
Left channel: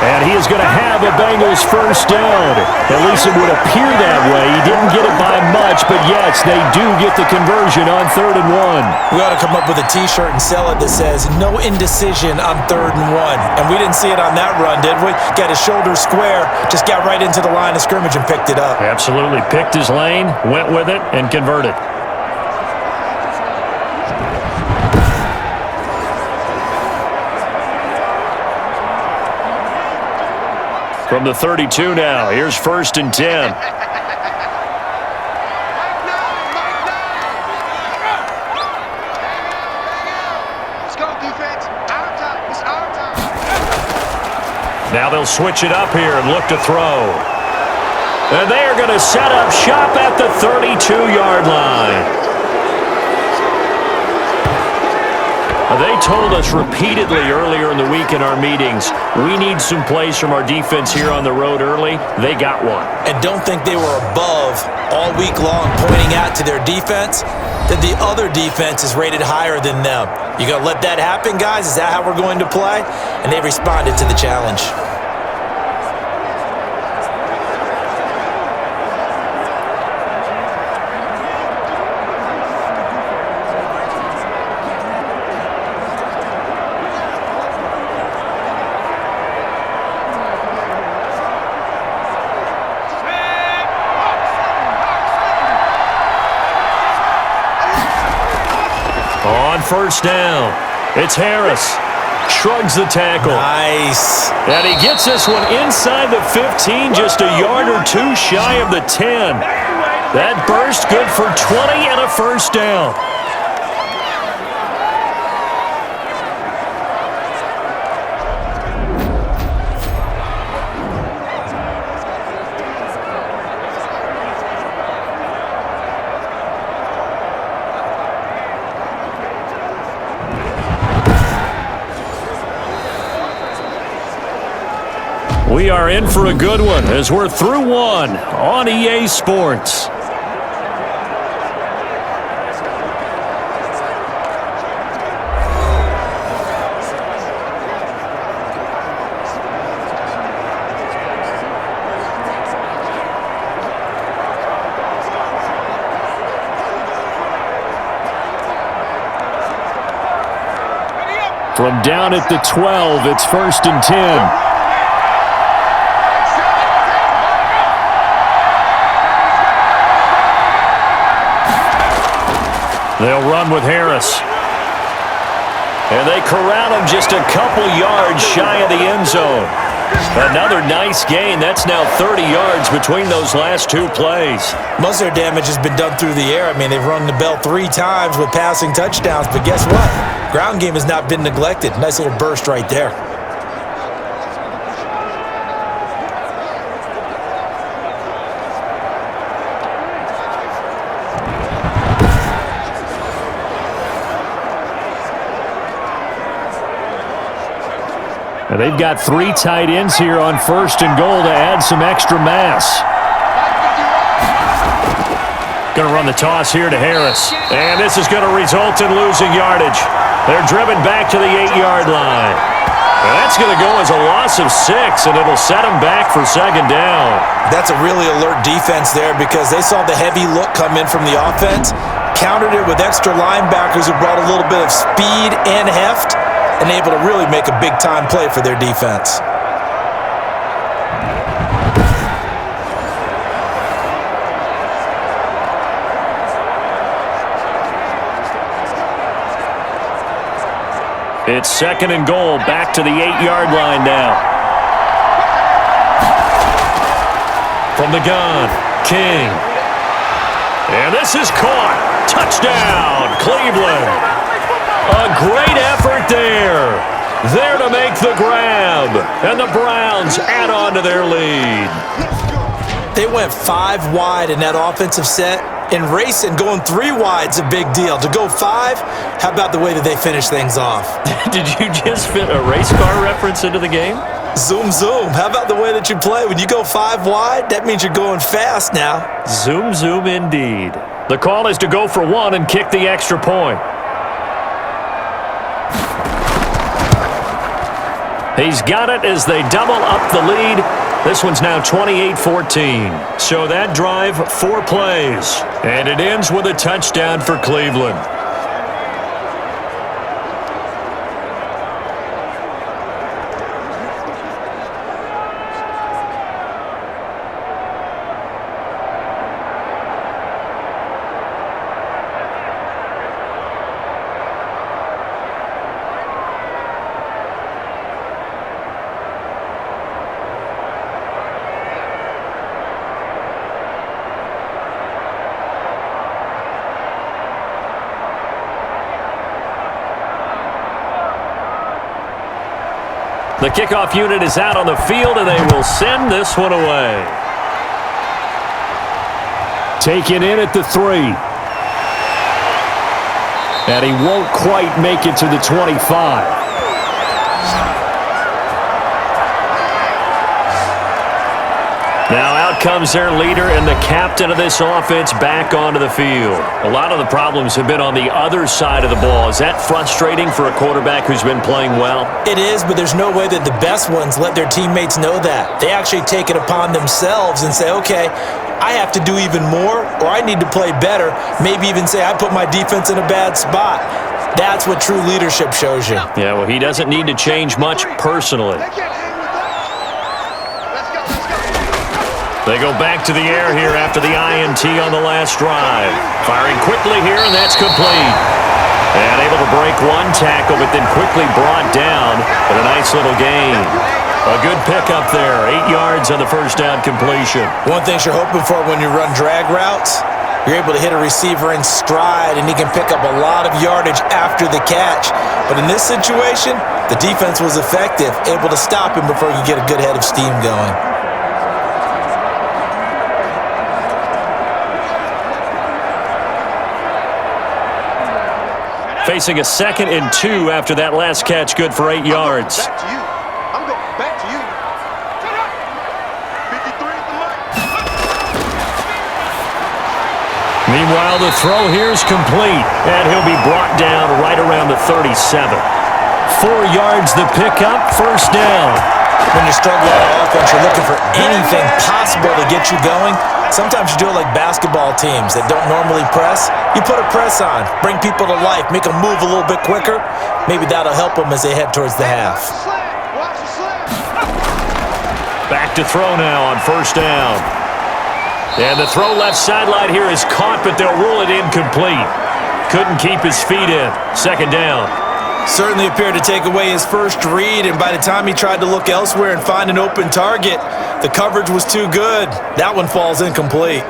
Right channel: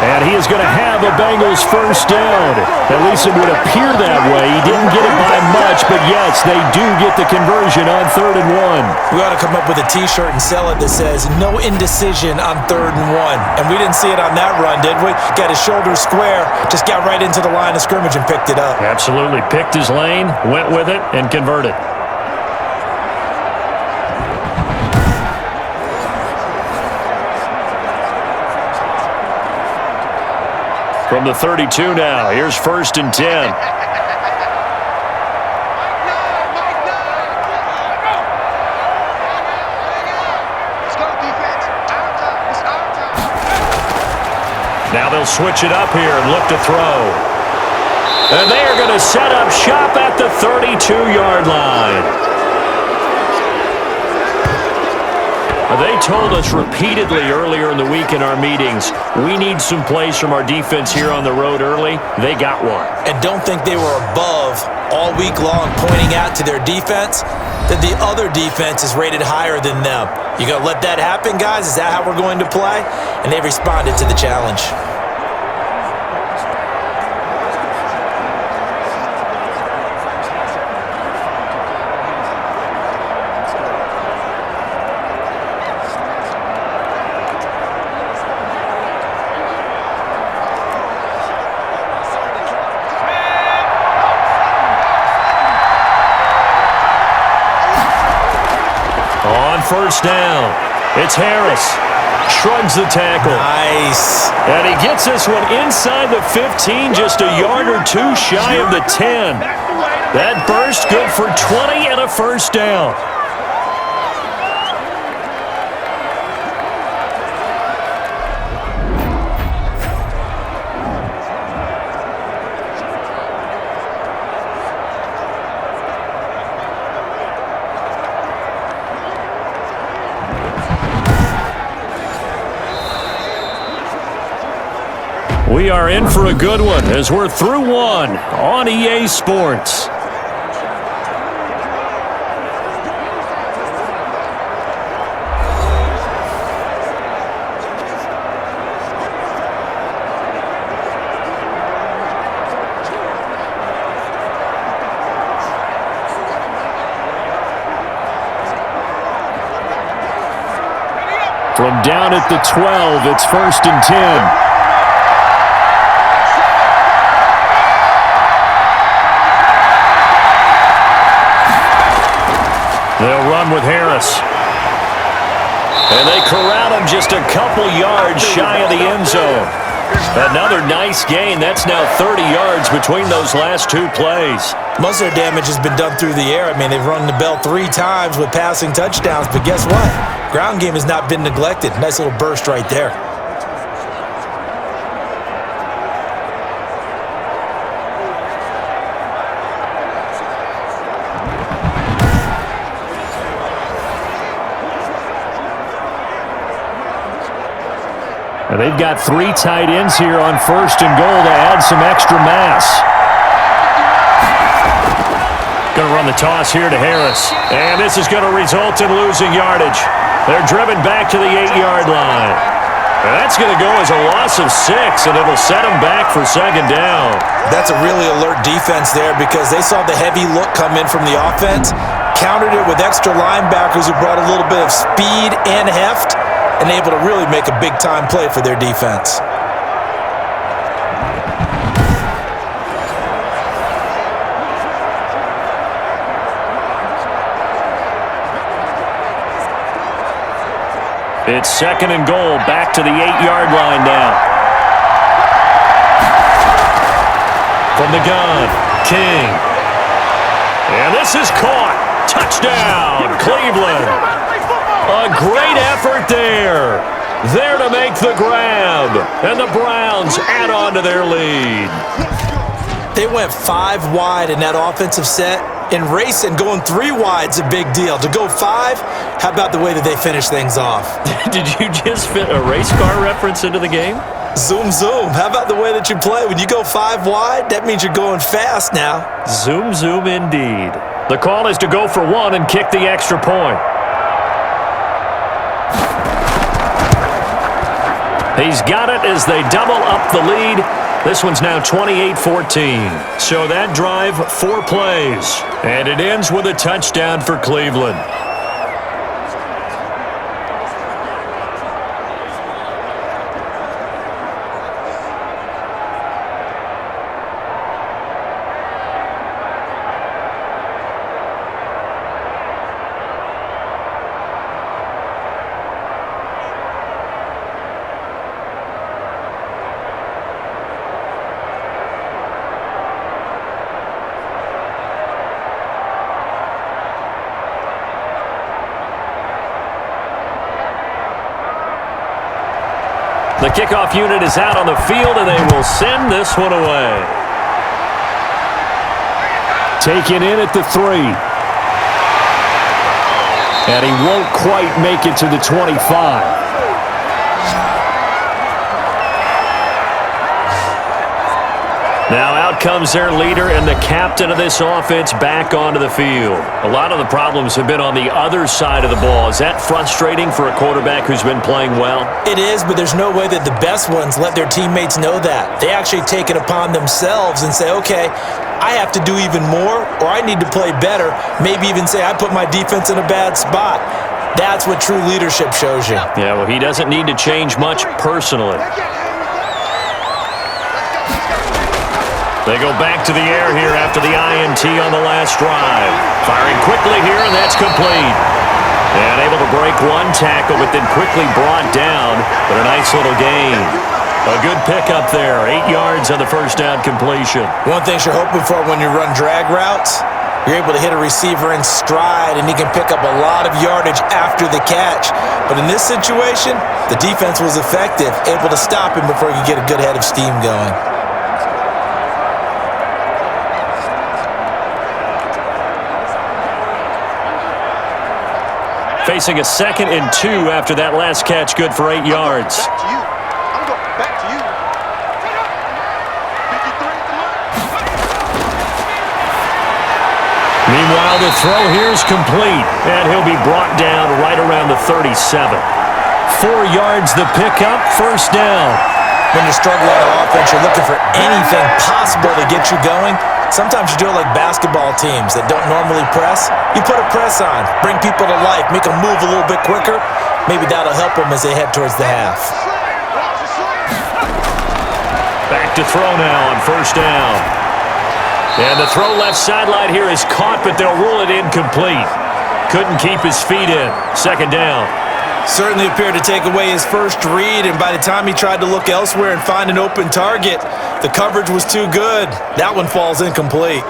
And he is going to have a Bengals first down. At least it would appear that way. He didn't get it by much, but yes, they do get the conversion on 3rd and 1. We ought to come up with a T-shirt and sell it that says, no indecision on 3rd and 1. And we didn't see it on that run, did we? Got his shoulders square, just got right into the line of scrimmage and picked it up. Absolutely. Picked his lane, went with it, and converted. From the 32 now, here's 1st and 10. Let's go, defense. Our time. It's our time. Now they'll switch it up here and look to throw. And they are going to set up shop at the 32-yard line. They told us repeatedly earlier in the week in our meetings, we need some plays from our defense here on the road early. They got one. And don't think they were above all week long pointing out to their defense that the other defense is rated higher than them. You going to let that happen, guys? Is that how we're going to play? And they responded to the challenge. On first down, it's Harris. Shrugs the tackle. Nice. And he gets this one inside the 15, just a yard or two shy of the 10. That burst good for 20 and a first down. We are in for a good one as we're through one on EA Sports. From down at the 12, it's 1st and 10. They'll run with Harris. And they corral him just a couple yards shy of the end zone. Another nice gain. That's now 30 yards between those last two plays. Most of their damage has been done through the air. I mean, they've rung the bell 3 times with passing touchdowns, but guess what? Ground game has not been neglected. Nice little burst right there. And they've got 3 tight ends here on 1st and goal to add some extra mass. Going to run the toss here to Harris. And this is going to result in losing yardage. They're driven back to the 8-yard line. And that's going to go as a loss of 6, and it'll set them back for 2nd down. That's a really alert defense there because they saw the heavy look come in from the offense, countered it with extra linebackers who brought a little bit of speed and heft, and able to really make a big-time play for their defense. It's 2nd and goal, back to the 8-yard line now. From the gun, King. And this is caught. Touchdown, Cleveland. A great effort there. There to make the grab. And the Browns add on to their lead. They went 5 wide in that offensive set. And racing, going 3 wide's a big deal. To go 5, how about the way that they finish things off? Did you just fit a race car reference into the game? Zoom, zoom. How about the way that you play? When you go 5 wide, that means you're going fast now. Zoom, zoom indeed. The call is to go for 1 and kick the extra point. He's got it as they double up the lead. This one's now 28-14. So that drive, 4 plays. And it ends with a touchdown for Cleveland. The kickoff unit is out on the field, and they will send this one away. Taken in at the 3. And he won't quite make it to the 25. Now out comes their leader and the captain of this offense back onto the field. A lot of the problems have been on the other side of the ball. Is that frustrating for a quarterback who's been playing well? It is, but there's no way that the best ones let their teammates know that. They actually take it upon themselves and say, okay, I have to do even more, or I need to play better. Maybe even say I put my defense in a bad spot. That's what true leadership shows you. Yeah, well, he doesn't need to change much personally. They go back to the air here after the INT on the last drive. Firing quickly here, and that's complete. And able to break one tackle, but then quickly brought down. But a nice little gain. A good pickup there. 8 yards on the first down completion. One thing you're hoping for when you run drag routes, you're able to hit a receiver in stride, and he can pick up a lot of yardage after the catch. But in this situation, the defense was effective, able to stop him before he could get a good head of steam going. Facing a 2nd and 2 after that last catch, good for 8 yards. Back to you. I'm going back to you. 53 at the mark. Meanwhile, the throw here is complete, and he'll be brought down right around the 37. 4 yards the pickup, first down. When you struggle on offense, you're looking for anything possible to get you going. Sometimes you do it like basketball teams that don't normally press. You put a press on, bring people to life, make them move a little bit quicker. Maybe that'll help them as they head towards the half. Back to throw now on first down. And the throw left sideline here is caught, but they'll rule it incomplete. Couldn't keep his feet in. Second down. Certainly appeared to take away his first read, and by the time he tried to look elsewhere and find an open target, the coverage was too good. That one falls incomplete.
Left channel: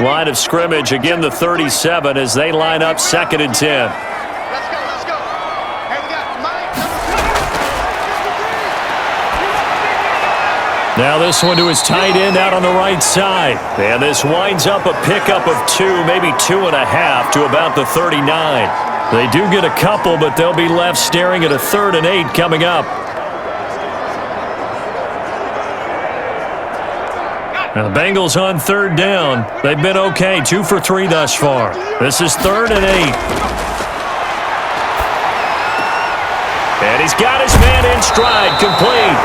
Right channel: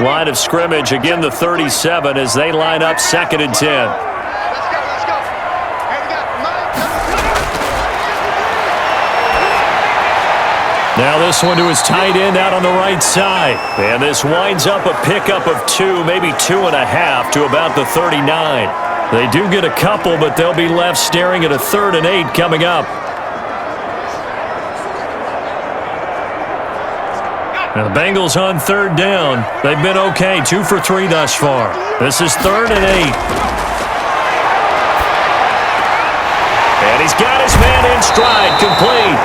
Line of scrimmage, again the 37 as they line up 2nd and 10. Let's go, let's go. Hey, we got Mike, number 2. Now this one to his tight end out on the right side. And this winds up a pickup of 2, maybe 2.5 to about the 39. They do get a couple, but they'll be left staring at a 3rd and 8 coming up. Now the Bengals on 3rd down. They've been okay, 2 for 3 thus far. This is 3rd and 8. And he's got his man in stride, complete.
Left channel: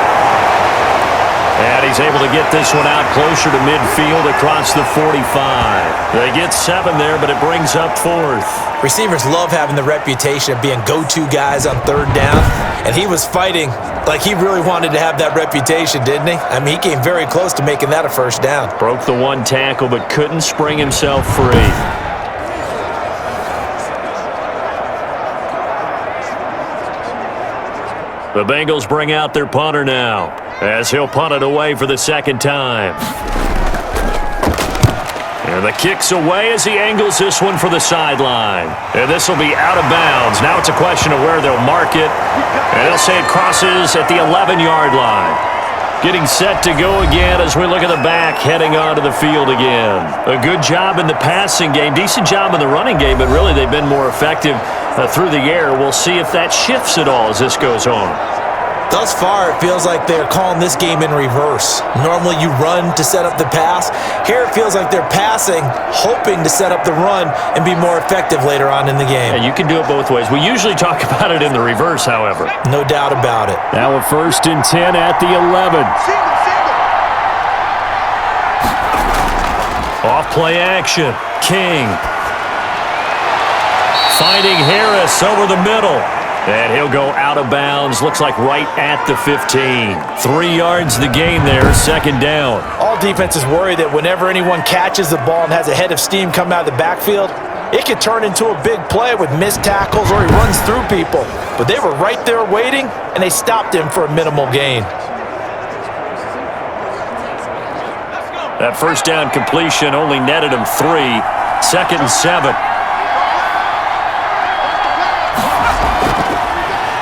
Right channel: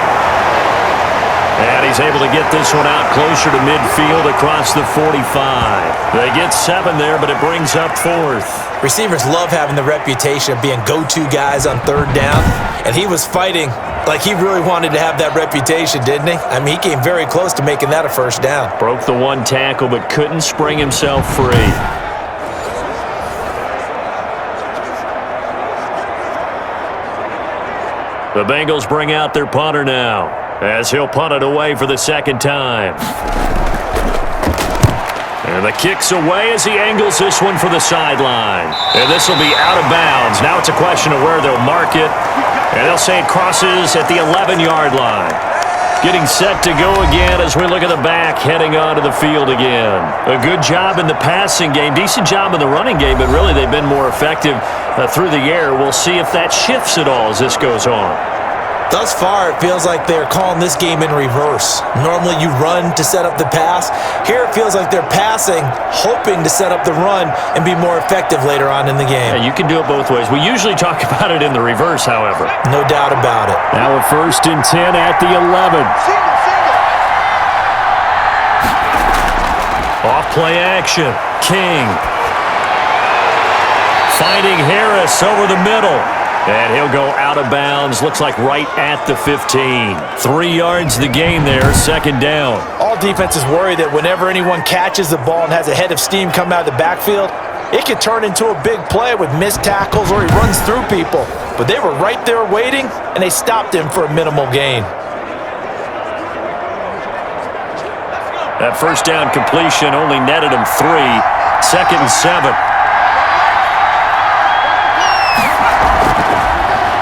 And he's able to get this one out closer to midfield across the 45. They get 7 there, but it brings up 4th. Receivers love having the reputation of being go-to guys on 3rd down, and he was fighting like he really wanted to have that reputation, didn't he? I mean, he came very close to making that a first down. Broke the one tackle, but couldn't spring himself free. The Bengals bring out their punter now, as he'll punt it away for the 2nd time. And the kick's away as he angles this one for the sideline. And this will be out of bounds. Now it's a question of where they'll mark it. And they'll say it crosses at the 11-yard line. Getting set to go again as we look at the back heading onto the field again. A good job in the passing game, decent job in the running game, but really they've been more effective through the air. We'll see if that shifts at all as this goes on. Thus far, it feels like they're calling this game in reverse. Normally you run to set up the pass. Here it feels like they're passing, hoping to set up the run and be more effective later on in the game. Yeah, you can do it both ways. We usually talk about it in the reverse, however. No doubt about it. Now a 1st and 10 at the 11. Off play action. King. Finding Harris over the middle. And he'll go out of bounds, looks like right at the 15. 3 yards the gain there, 2nd down. All defenses worry that whenever anyone catches the ball and has a head of steam come out of the backfield, it could turn into a big play with missed tackles or he runs through people. But they were right there waiting, and they stopped him for a minimal gain. That first down completion only netted him 3. 2nd and 7.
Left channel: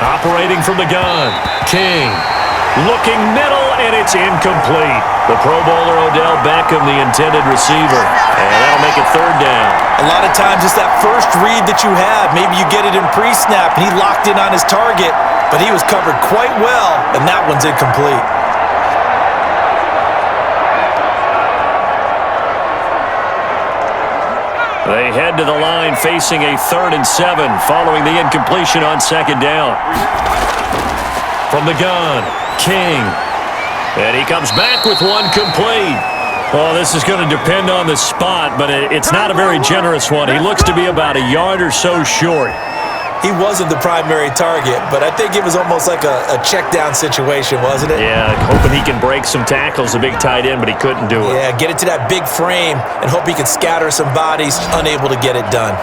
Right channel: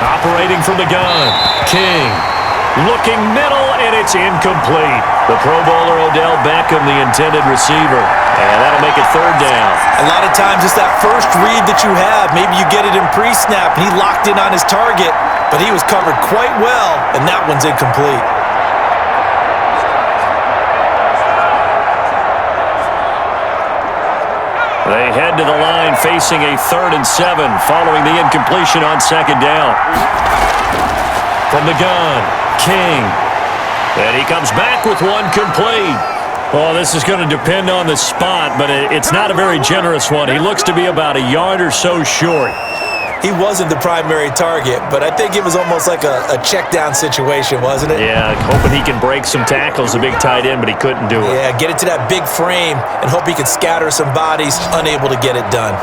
Operating from the gun, King. Looking middle, and it's incomplete. The Pro Bowler Odell Beckham, the intended receiver. And that'll make it 3rd down. A lot of times it's that first read that you have. Maybe you get it in pre-snap, and he locked in on his target, but he was covered quite well, and that one's incomplete. They head to the line facing a 3rd and 7 following the incompletion on 2nd down. From the gun, King. And he comes back with one complete. Oh, this is going to depend on the spot, but it's not a very generous one. He looks to be about a yard or so short. He wasn't the primary target, but I think it was almost like a check down situation, wasn't it? Yeah, hoping he can break some tackles, a big tight end, but he couldn't do it. Yeah, get it to that big frame and hope he can scatter some bodies, unable to get it done.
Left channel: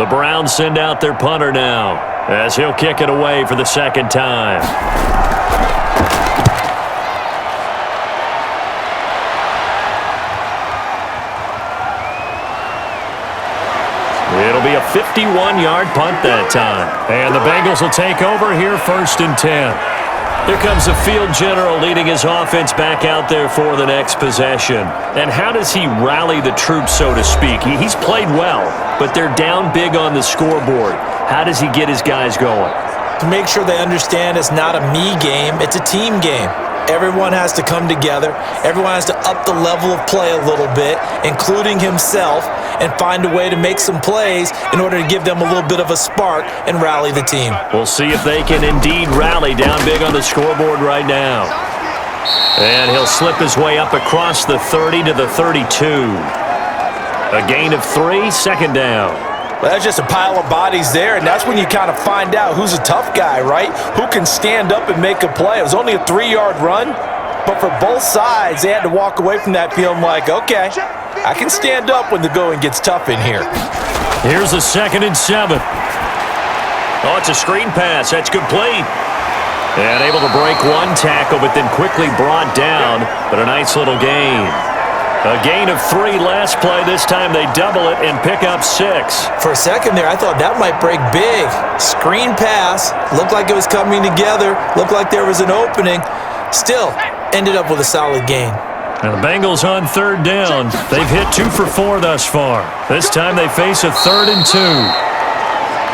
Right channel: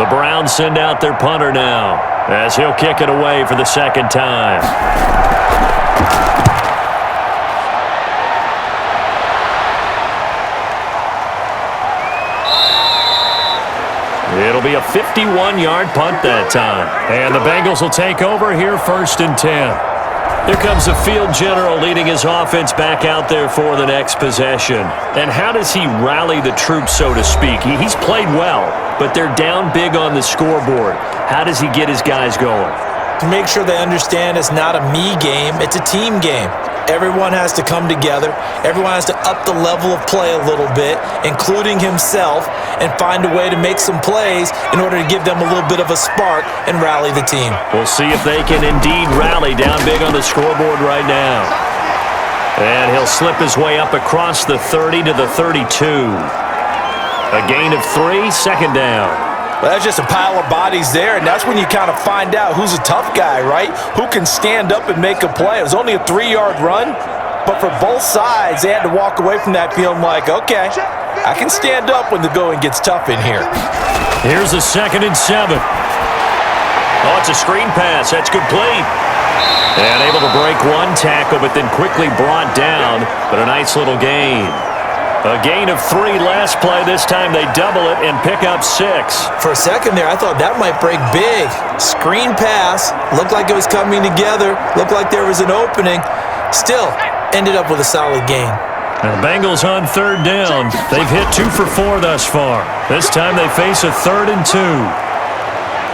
The Browns send out their punter now, as he'll kick it away for the second time. It'll be a 51-yard punt that time. And the Bengals will take over here, 1st and 10. Here comes the field general leading his offense back out there for the next possession. And how does he rally the troops, so to speak? He's played well, but they're down big on the scoreboard. How does he get his guys going? To make sure they understand it's not a me game, it's a team game. Everyone has to come together. Everyone has to up the level of play a little bit, including himself, and find a way to make some plays in order to give them a little bit of a spark and rally the team. We'll see if they can indeed rally down big on the scoreboard right now. And he'll slip his way up across the 30 to the 32. A gain of 3, 2nd down. Well, that's just a pile of bodies there, and that's when you kind of find out who's a tough guy, right? Who can stand up and make a play. It was only a 3-yard run, but for both sides, they had to walk away from that feeling like, okay, I can stand up when the going gets tough in here. Here's a 2nd and 7. Oh, it's a screen pass. That's complete. And able to break one tackle, but then quickly brought down, but a nice little gain. A gain of 3 last play. This time they double it and pick up 6. For a second there, I thought that might break big. Screen pass. Looked like it was coming together. Looked like there was an opening. Still, ended up with a solid gain. Now the Bengals on 3rd down. They've hit 2 for 4 thus far. This time they face a 3rd and 2.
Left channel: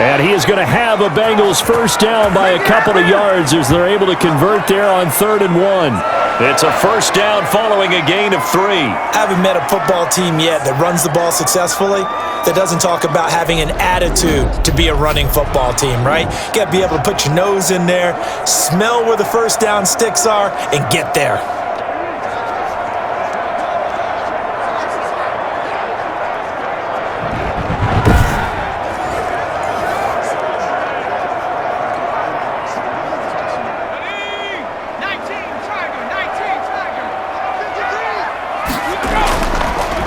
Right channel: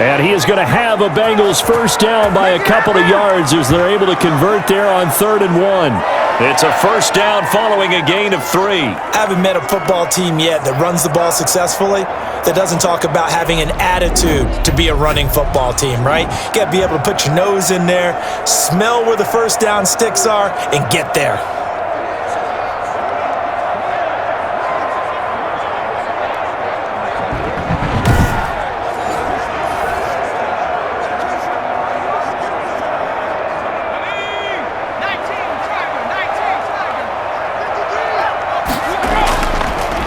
And he is going to have a Bengals first down by a couple of yards as they're able to convert there on 3rd and 1. It's a first down following a gain of 3. I haven't met a football team yet that runs the ball successfully that doesn't talk about having an attitude to be a running football team, right? You got to be able to put your nose in there, smell where the first down sticks are, and get there.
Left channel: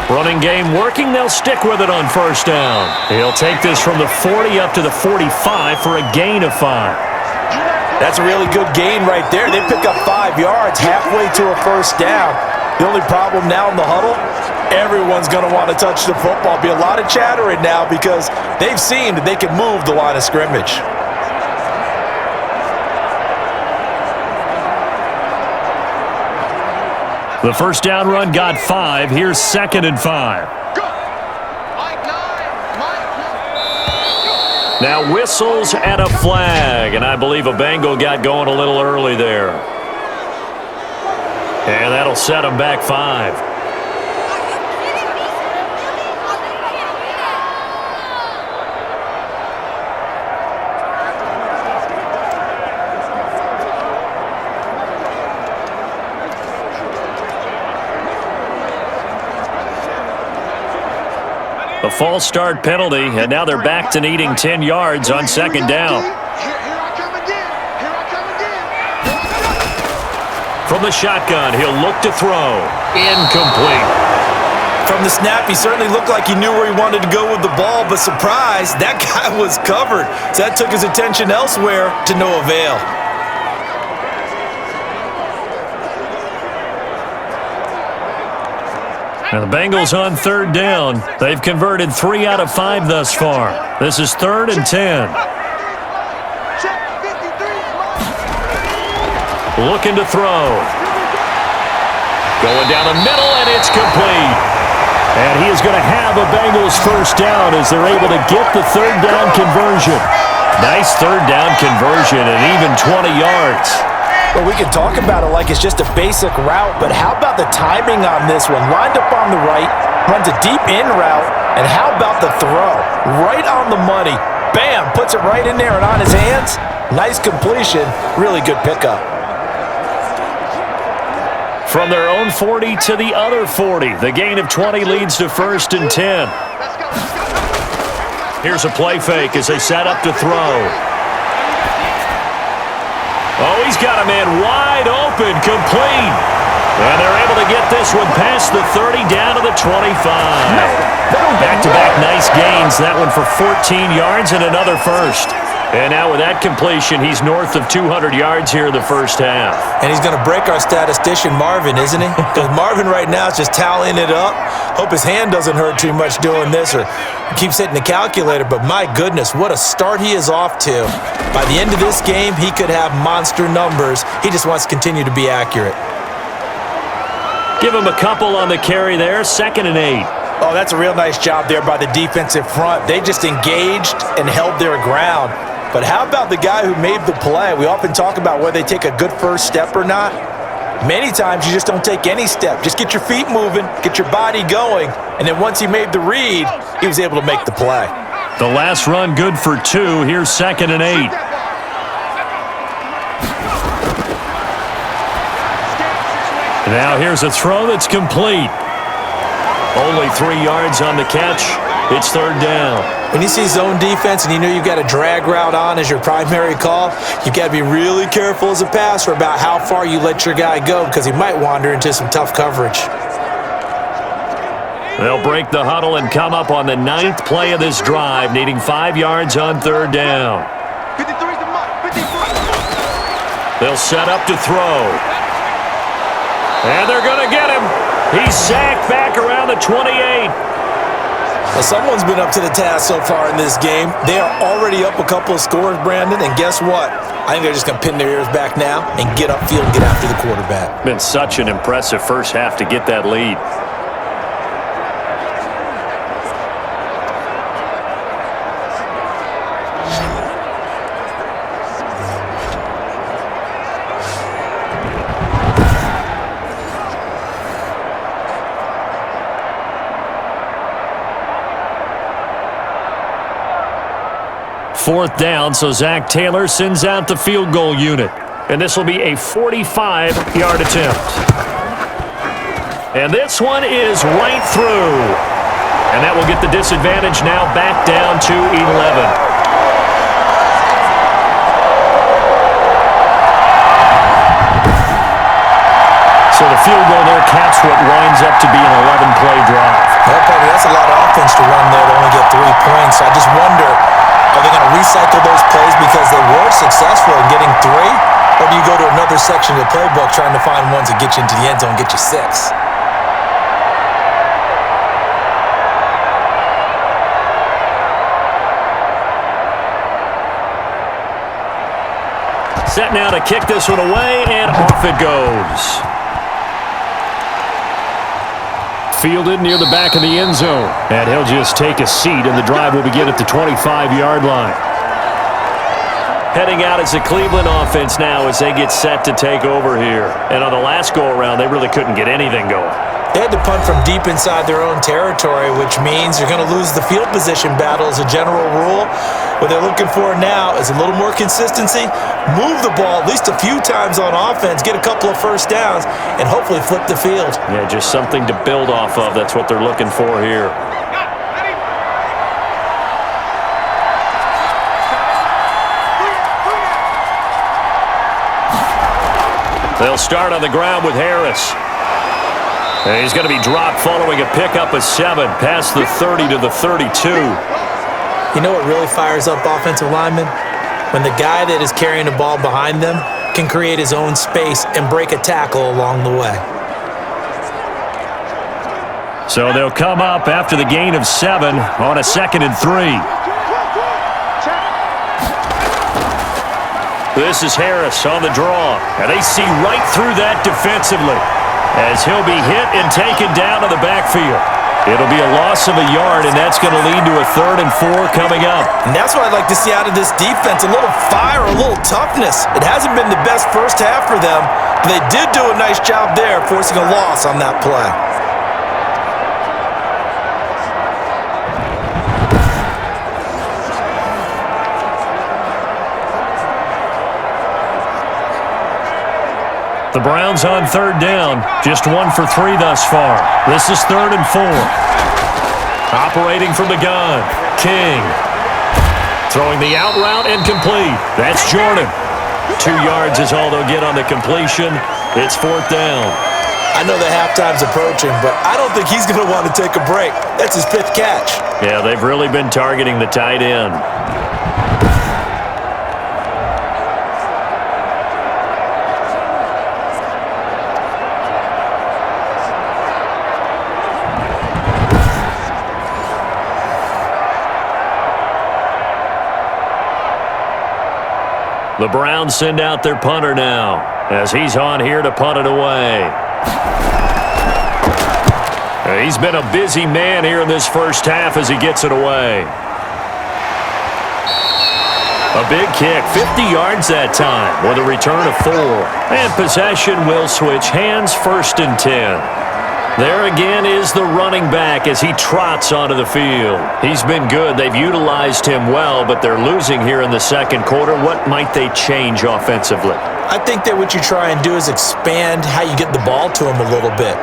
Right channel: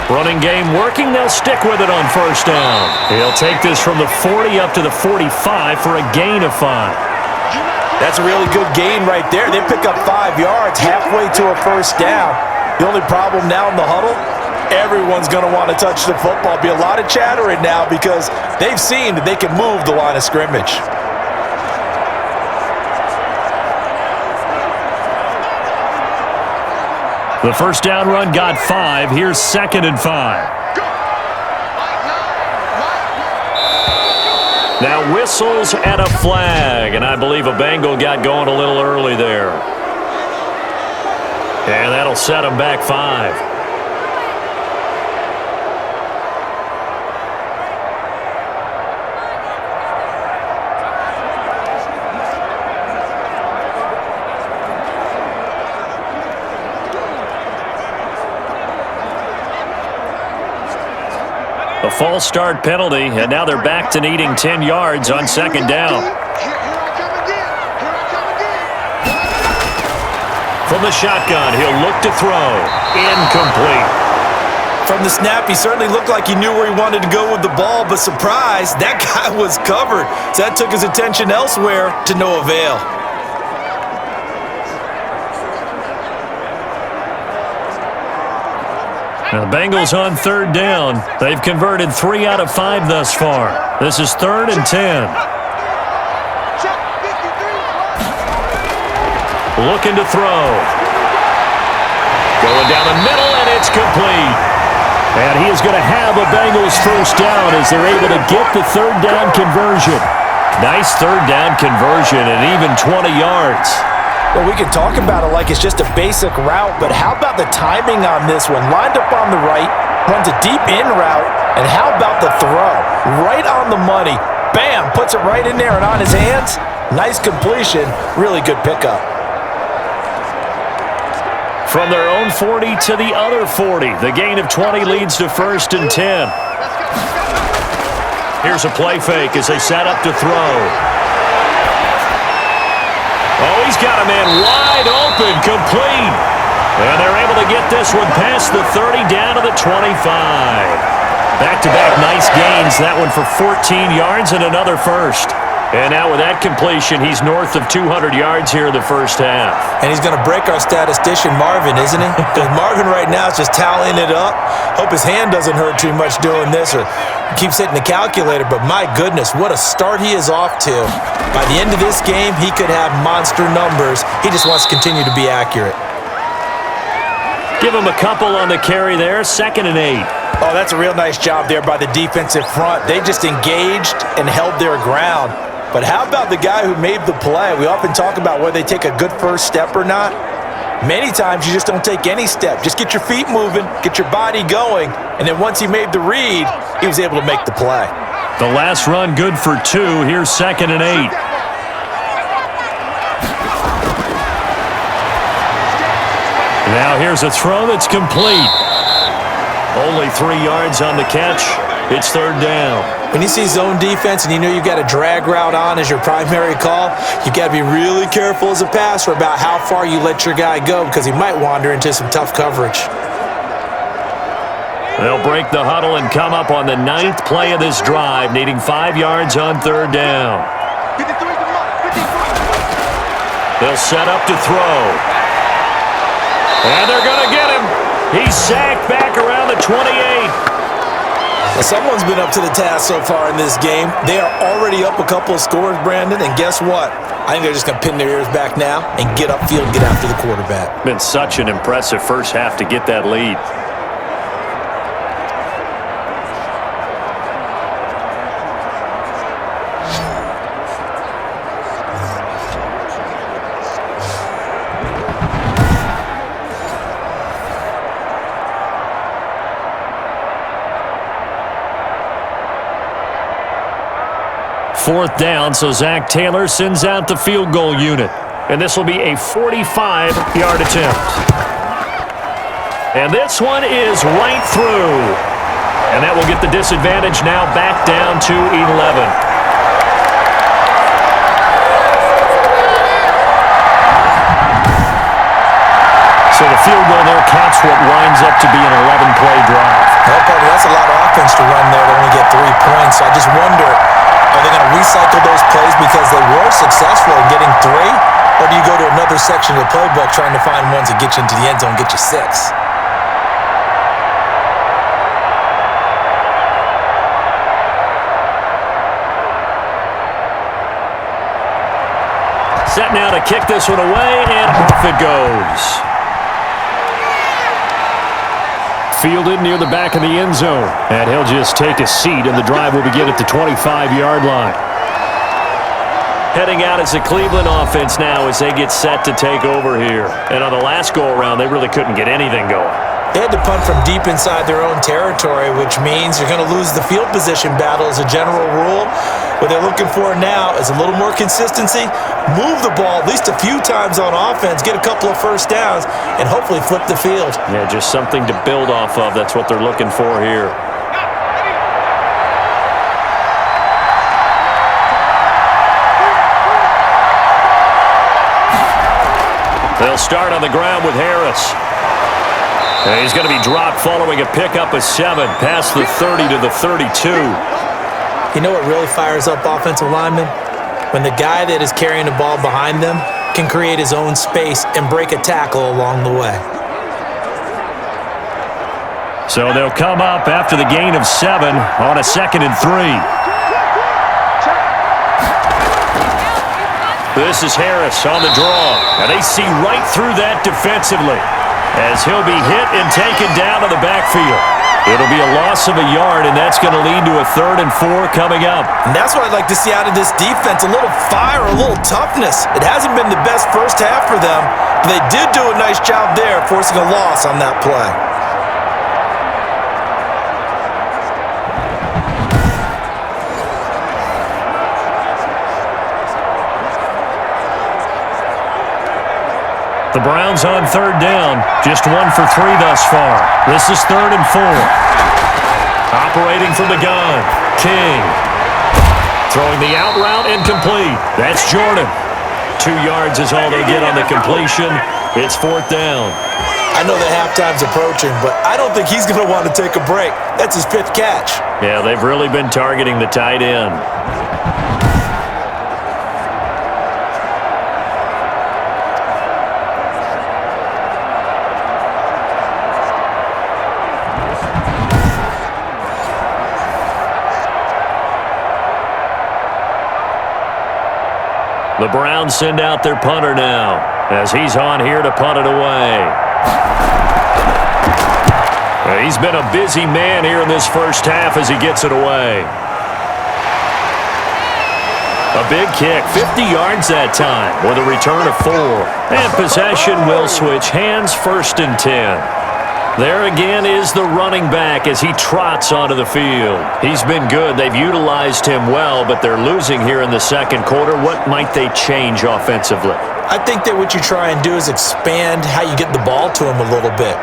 Running game working. They'll stick with it on first down. He'll take this from the 40 up to the 45 for a gain of 5. That's a really good gain right there. They pick up 5 yards halfway to a first down. The only problem now in the huddle, everyone's going to want to touch the football. Be a lot of chattering now because they've seen that they can move the line of scrimmage. The first down run got 5. Here's 2nd and 5. Now whistles and a flag, and I believe a Bengal got going a little early there. And that'll set him back 5. A false start penalty, and now they're back to needing 10 yards on 2nd down. From the shotgun, he'll look to throw. Incomplete. From the snap, he certainly looked like he knew where he wanted to go with the ball, but surprise, that guy was covered. So that took his attention elsewhere to no avail. Now the Bengals on 3rd down. They've converted 3 out of 5 thus far. This is 3rd and 10. Looking to throw. Going down the middle, and it's complete. And he is going to have a Bengals first down as they're able to get the 3rd down conversion. Nice 3rd down conversion and even 20 yards. Well, we can talk about it like it's just a basic route, but how about the timing on this one? Lined up on the right, runs a deep in route, and how about the throw? Right on the money. Bam, puts it right in there and on his hands. Nice completion, really good pickup. From their own 40 to the other 40, the gain of 20 leads to 1st and 10. Here's a play fake as they set up to throw. Oh, he's got a man wide open, complete. And they're able to get this one past the 30 down to the 25. Back-to-back nice gains. That one for 14 yards and another first. And now with that completion, he's north of 200 yards here in the first half. And he's going to break our statistician, Marvin, isn't he? Because Marvin right now is just tallying it up. Hope his hand doesn't hurt too much doing this or keeps hitting the calculator. But my goodness, what a start he is off to. By the end of this game, he could have monster numbers. He just wants to continue to be accurate. Give him a couple on the carry there, 2nd and 8. Oh, that's a real nice job there by the defensive front. They just engaged and held their ground. But how about the guy who made the play? We often talk about whether they take a good first step or not. Many times you just don't take any step. Just get your feet moving, get your body going, and then once he made the read, he was able to make the play. The last run good for 2. Here's 2nd and 8. Now here's a throw that's complete. Only 3 yards on the catch. It's 3rd down. When you see zone defense and you know you've got a drag route on as your primary call, you've got to be really careful as a passer about how far you let your guy go because he might wander into some tough coverage. They'll break the huddle and come up on the 9th play of this drive, needing 5 yards on 3rd down. 53 is the mark. 53. They'll set up to throw. And they're going to get him. He's sacked back around the 28. Well, someone's been up to the task so far in this game. They are already up a couple of scores, Brandon, and guess what? I think they're just going to pin their ears back now and get upfield and get after the quarterback. Been such an impressive first half to get that lead. Fourth down, so Zach Taylor sends out the field goal unit. And this will be a 45-yard attempt. And this one is right through. And that will get the disadvantage now back down to 11. So the field goal there caps what winds up to be an 11-play drive. Well, partner, that's a lot of offense to run there to only get 3 points. So I just wonder, are they going to recycle those plays because they were successful in getting 3? Or do you go to another section of the playbook trying to find ones that get you into the end zone and get you 6? Set now to kick this one away, and off it goes. Fielded near the back of the end zone. And he'll just take a seat, and the drive will begin at the 25-yard line. Heading out as the Cleveland offense now as they get set to take over here. And on the last go-around, they really couldn't get anything going. They had to punt from deep inside their own territory, which means you're going to lose the field position battle as a general rule. What they're looking for now is a little more consistency, move the ball at least a few times on offense, get a couple of first downs, and hopefully flip the field. Yeah, just something to build off of. That's what they're looking for here. They'll start on the ground with Harris. And he's going to be dropped following a pickup of 7 past the 30 to the 32. You know what really fires up offensive linemen? When the guy that is carrying the ball behind them can create his own space and break a tackle along the way. So they'll come up after the gain of 7 on a 2nd and 3. This is Harris on the draw. And they see right through that defensively as he'll be hit and taken down to the backfield. It'll be a loss of a yard, and that's going to lead to a 3rd and 4 coming up. And that's what I'd like to see out of this defense, a little fire, a little toughness. It hasn't been the best first half for them, but they did do a nice job there forcing a loss on that play. The Browns on 3rd down, just 1 for 3 thus far. This is 3rd and 4. Operating from the gun, King. Throwing the out route and complete. That's Jordan. 2 yards is all they'll get on the completion. It's 4th down. I know that halftime's approaching, but I don't think he's going to want to take a break. That's his 5th catch. Yeah, they've really been targeting the tight end. The Browns send out their punter now as he's on here to punt it away. He's been a busy man here in this first half as he gets it away. A big kick, 50 yards that time with a return of 4. And possession will switch hands, 1st and 10. There again is the running back as he trots onto the field. He's been good. They've utilized him well, but they're losing here in the second quarter. What might they change offensively? I think that what you try and do is expand how you get the ball to him a little bit.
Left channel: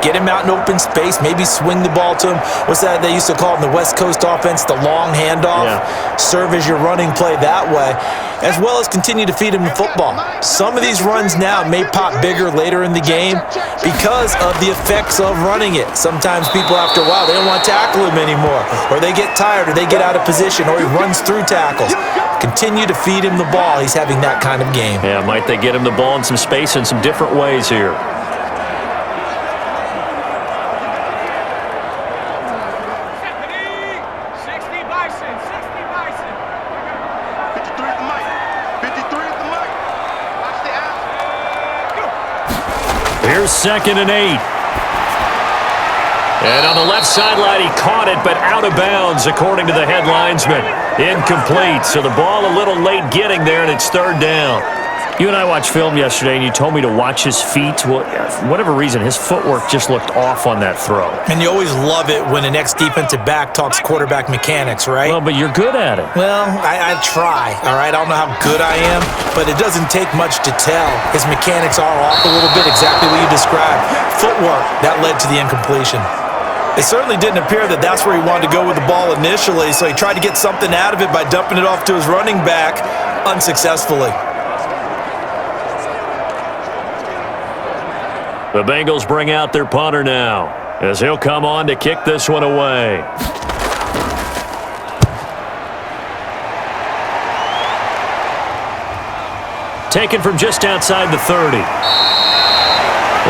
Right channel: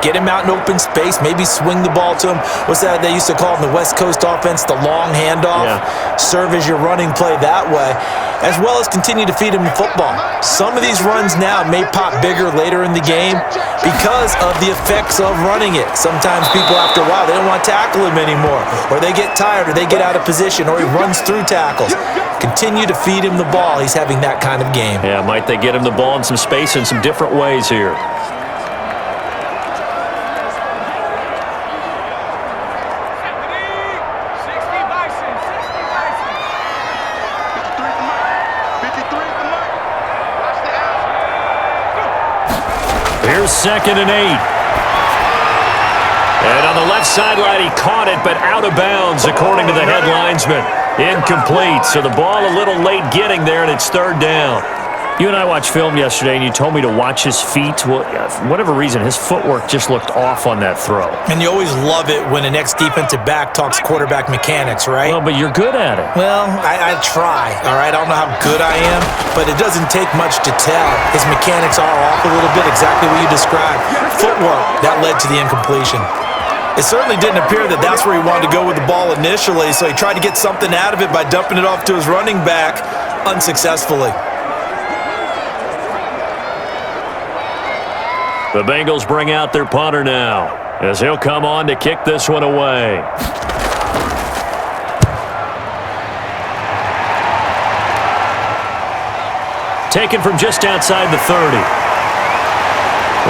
Get him out in open space, maybe swing the ball to him. What's that they used to call in the West Coast offense, the long handoff? Yeah. Serve as your running play that way, as well as continue to feed him the football. Some of these runs now may pop bigger later in the game because of the effects of running it. Sometimes people, after a while, they don't want to tackle him anymore, or they get tired, or they get out of position, or he runs through tackles. Continue to feed him the ball. He's having that kind of game. Yeah, might they get him the ball in some space in some different ways here? Here's 2nd and 8. And on the left sideline, he caught it, but out of bounds, according to the head linesman. Incomplete, so the ball a little late getting there, and it's 3rd down. You and I watched film yesterday, and you told me to watch his feet. Well, for whatever reason, his footwork just looked off on that throw. And you always love it when an ex-defensive back talks quarterback mechanics, right? Well, but you're good at it. Well, I try, all right? I don't know how good I am, but it doesn't take much to tell. His mechanics are off a little bit, exactly what you described. Footwork, that led to the incompletion. It certainly didn't appear that that's where he wanted to go with the ball initially, so he tried to get something out of it by dumping it off to his running back unsuccessfully. The Bengals bring out their punter now as he'll come on to kick this one away. Taken from just outside the 30.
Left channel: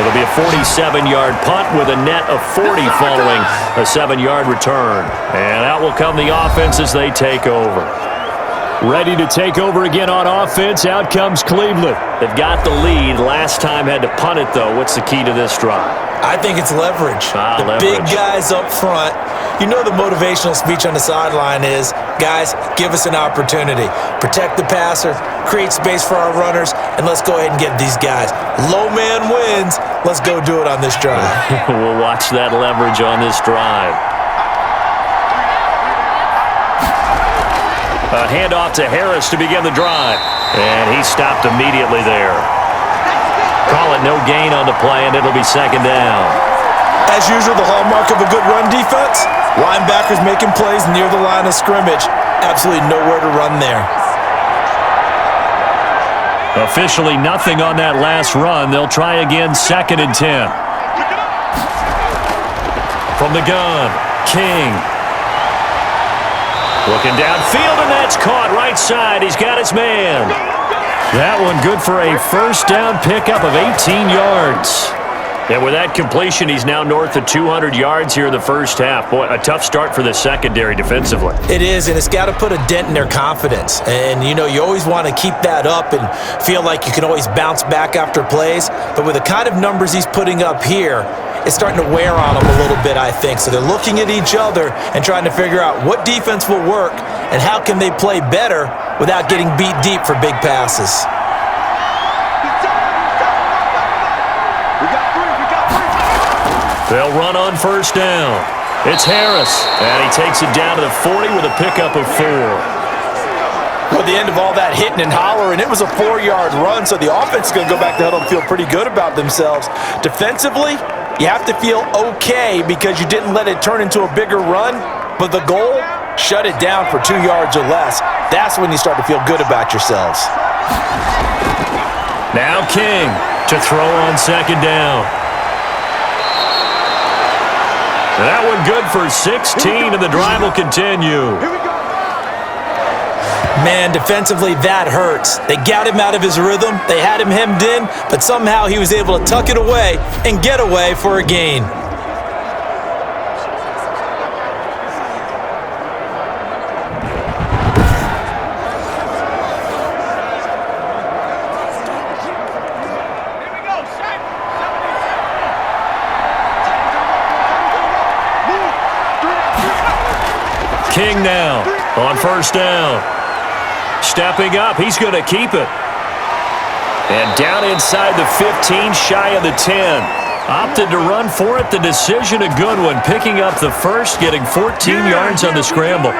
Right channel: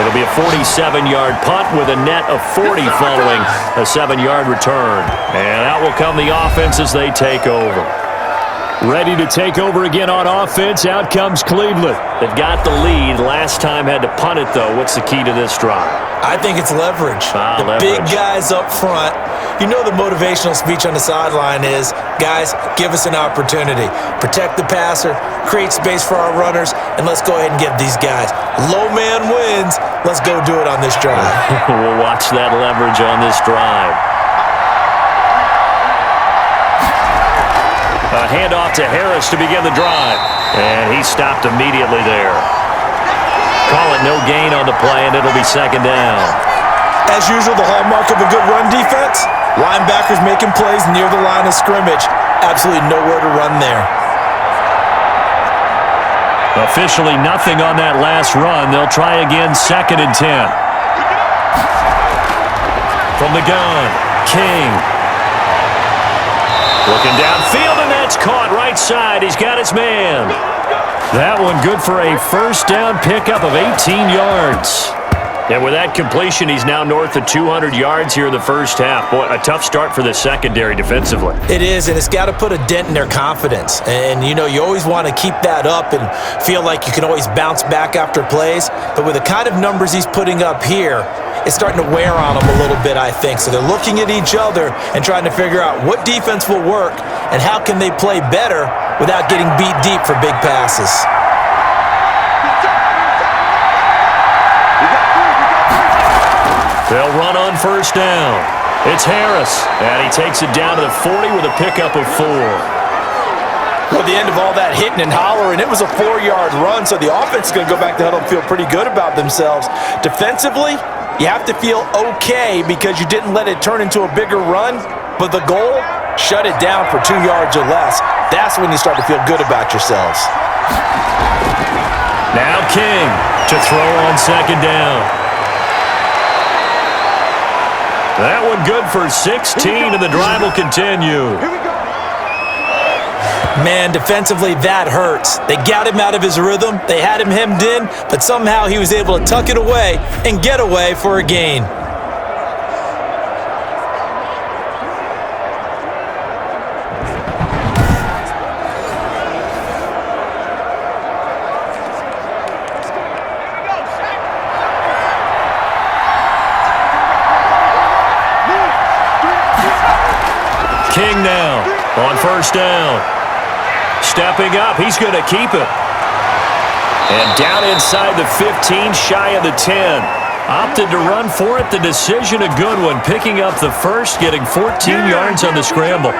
It'll be a 47-yard punt with a net of 40 following a 7-yard return. And out will come the offense as they take over. Ready to take over again on offense. Out comes Cleveland. They've got the lead. Last time had to punt it, though. What's the key to this drive? I think it's leverage. Leverage. Big guys up front. You know the motivational speech on the sideline is, guys, give us an opportunity. Protect the passer, create space for our runners, and let's go ahead and get these guys. Low man wins. Let's go do it on this drive. We'll watch that leverage on this drive. A handoff to Harris to begin the drive. And he stopped immediately there. Call it no gain on the play, and it'll be 2nd down. As usual, the hallmark of a good run defense, linebackers making plays near the line of scrimmage. Absolutely nowhere to run there. Officially nothing on that last run. They'll try again, 2nd and 10. From the gun, King. Looking downfield, and that's caught right side. He's got his man. That one good for a first down pickup of 18 yards. And with that completion, he's now north of 200 yards here in the first half. Boy, a tough start for the secondary defensively. It is, and it's got to put a dent in their confidence. And, you know, you always want to keep that up and feel like you can always bounce back after plays. But with the kind of numbers he's putting up here, it's starting to wear on them a little bit, I think. So they're looking at each other and trying to figure out what defense will work and how can they play better without getting beat deep for big passes. They'll run on first down. It's Harris, and he takes it down to the 40 with a pickup of 4. Well, the end of all that hitting and hollering, it was a 4-yard run, so the offense is going to go back to huddle and feel pretty good about themselves. Defensively, you have to feel okay because you didn't let it turn into a bigger run, but the goal, shut it down for 2 yards or less. That's when you start to feel good about yourselves. Now King to throw on 2nd down. That one good for 16, and the drive will continue. Here we go. Man, defensively, that hurts. They got him out of his rhythm. They had him hemmed in, but somehow he was able to tuck it away and get away for a gain. King now on first down. Stepping up, he's going to keep it. And down inside the 15, shy of the 10. Opted to run for it. The decision a good one. Picking up the first, getting 14 yards on the scramble.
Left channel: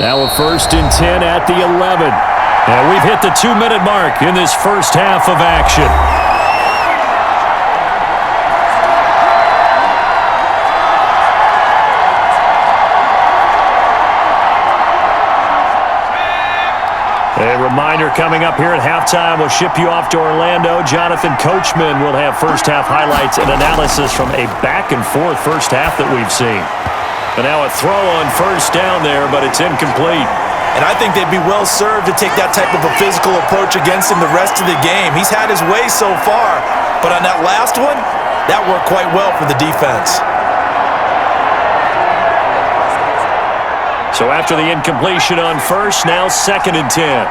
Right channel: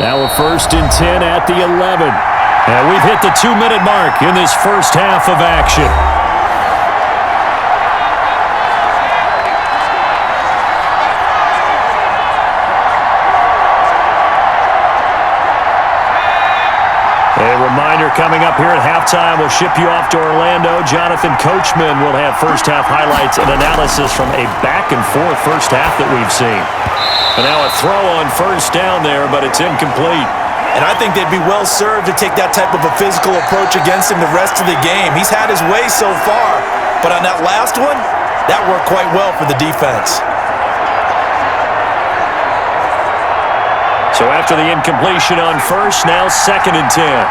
Now a 1st and 10 at the 11. And we've hit the 2-minute mark in this first half of action. A reminder coming up here at halftime, we'll ship you off to Orlando. Jonathan Coachman will have first half highlights and analysis from a back-and-forth first half that we've seen. And now a throw on first down there, but it's incomplete. And I think they'd be well served to take that type of a physical approach against him the rest of the game. He's had his way so far, but on that last one, that worked quite well for the defense. So after the incompletion on first, now 2nd and 10.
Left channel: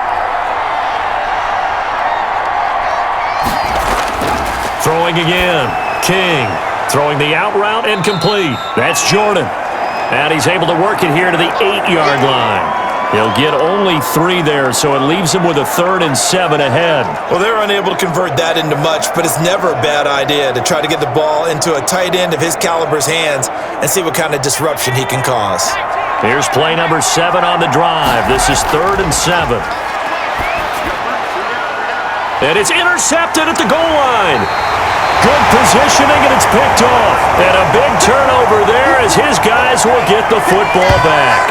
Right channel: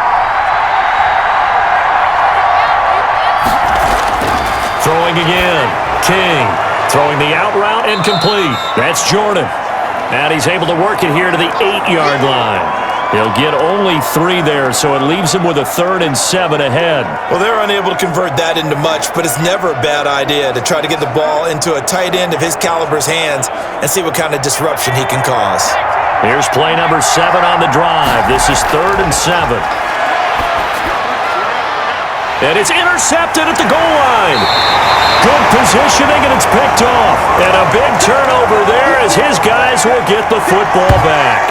Throwing again. King throwing the out route and complete. That's Jordan. And he's able to work it here to the 8-yard line. He'll get only 3 there, so it leaves him with a 3rd and 7 ahead. Well, they're unable to convert that into much, but it's never a bad idea to try to get the ball into a tight end of his caliber's hands and see what kind of disruption he can cause. Here's play number 7 on the drive. This is 3rd and 7. And it's intercepted at the goal line. Good positioning, and it's picked off. And a big turnover there as his guys will get the football back.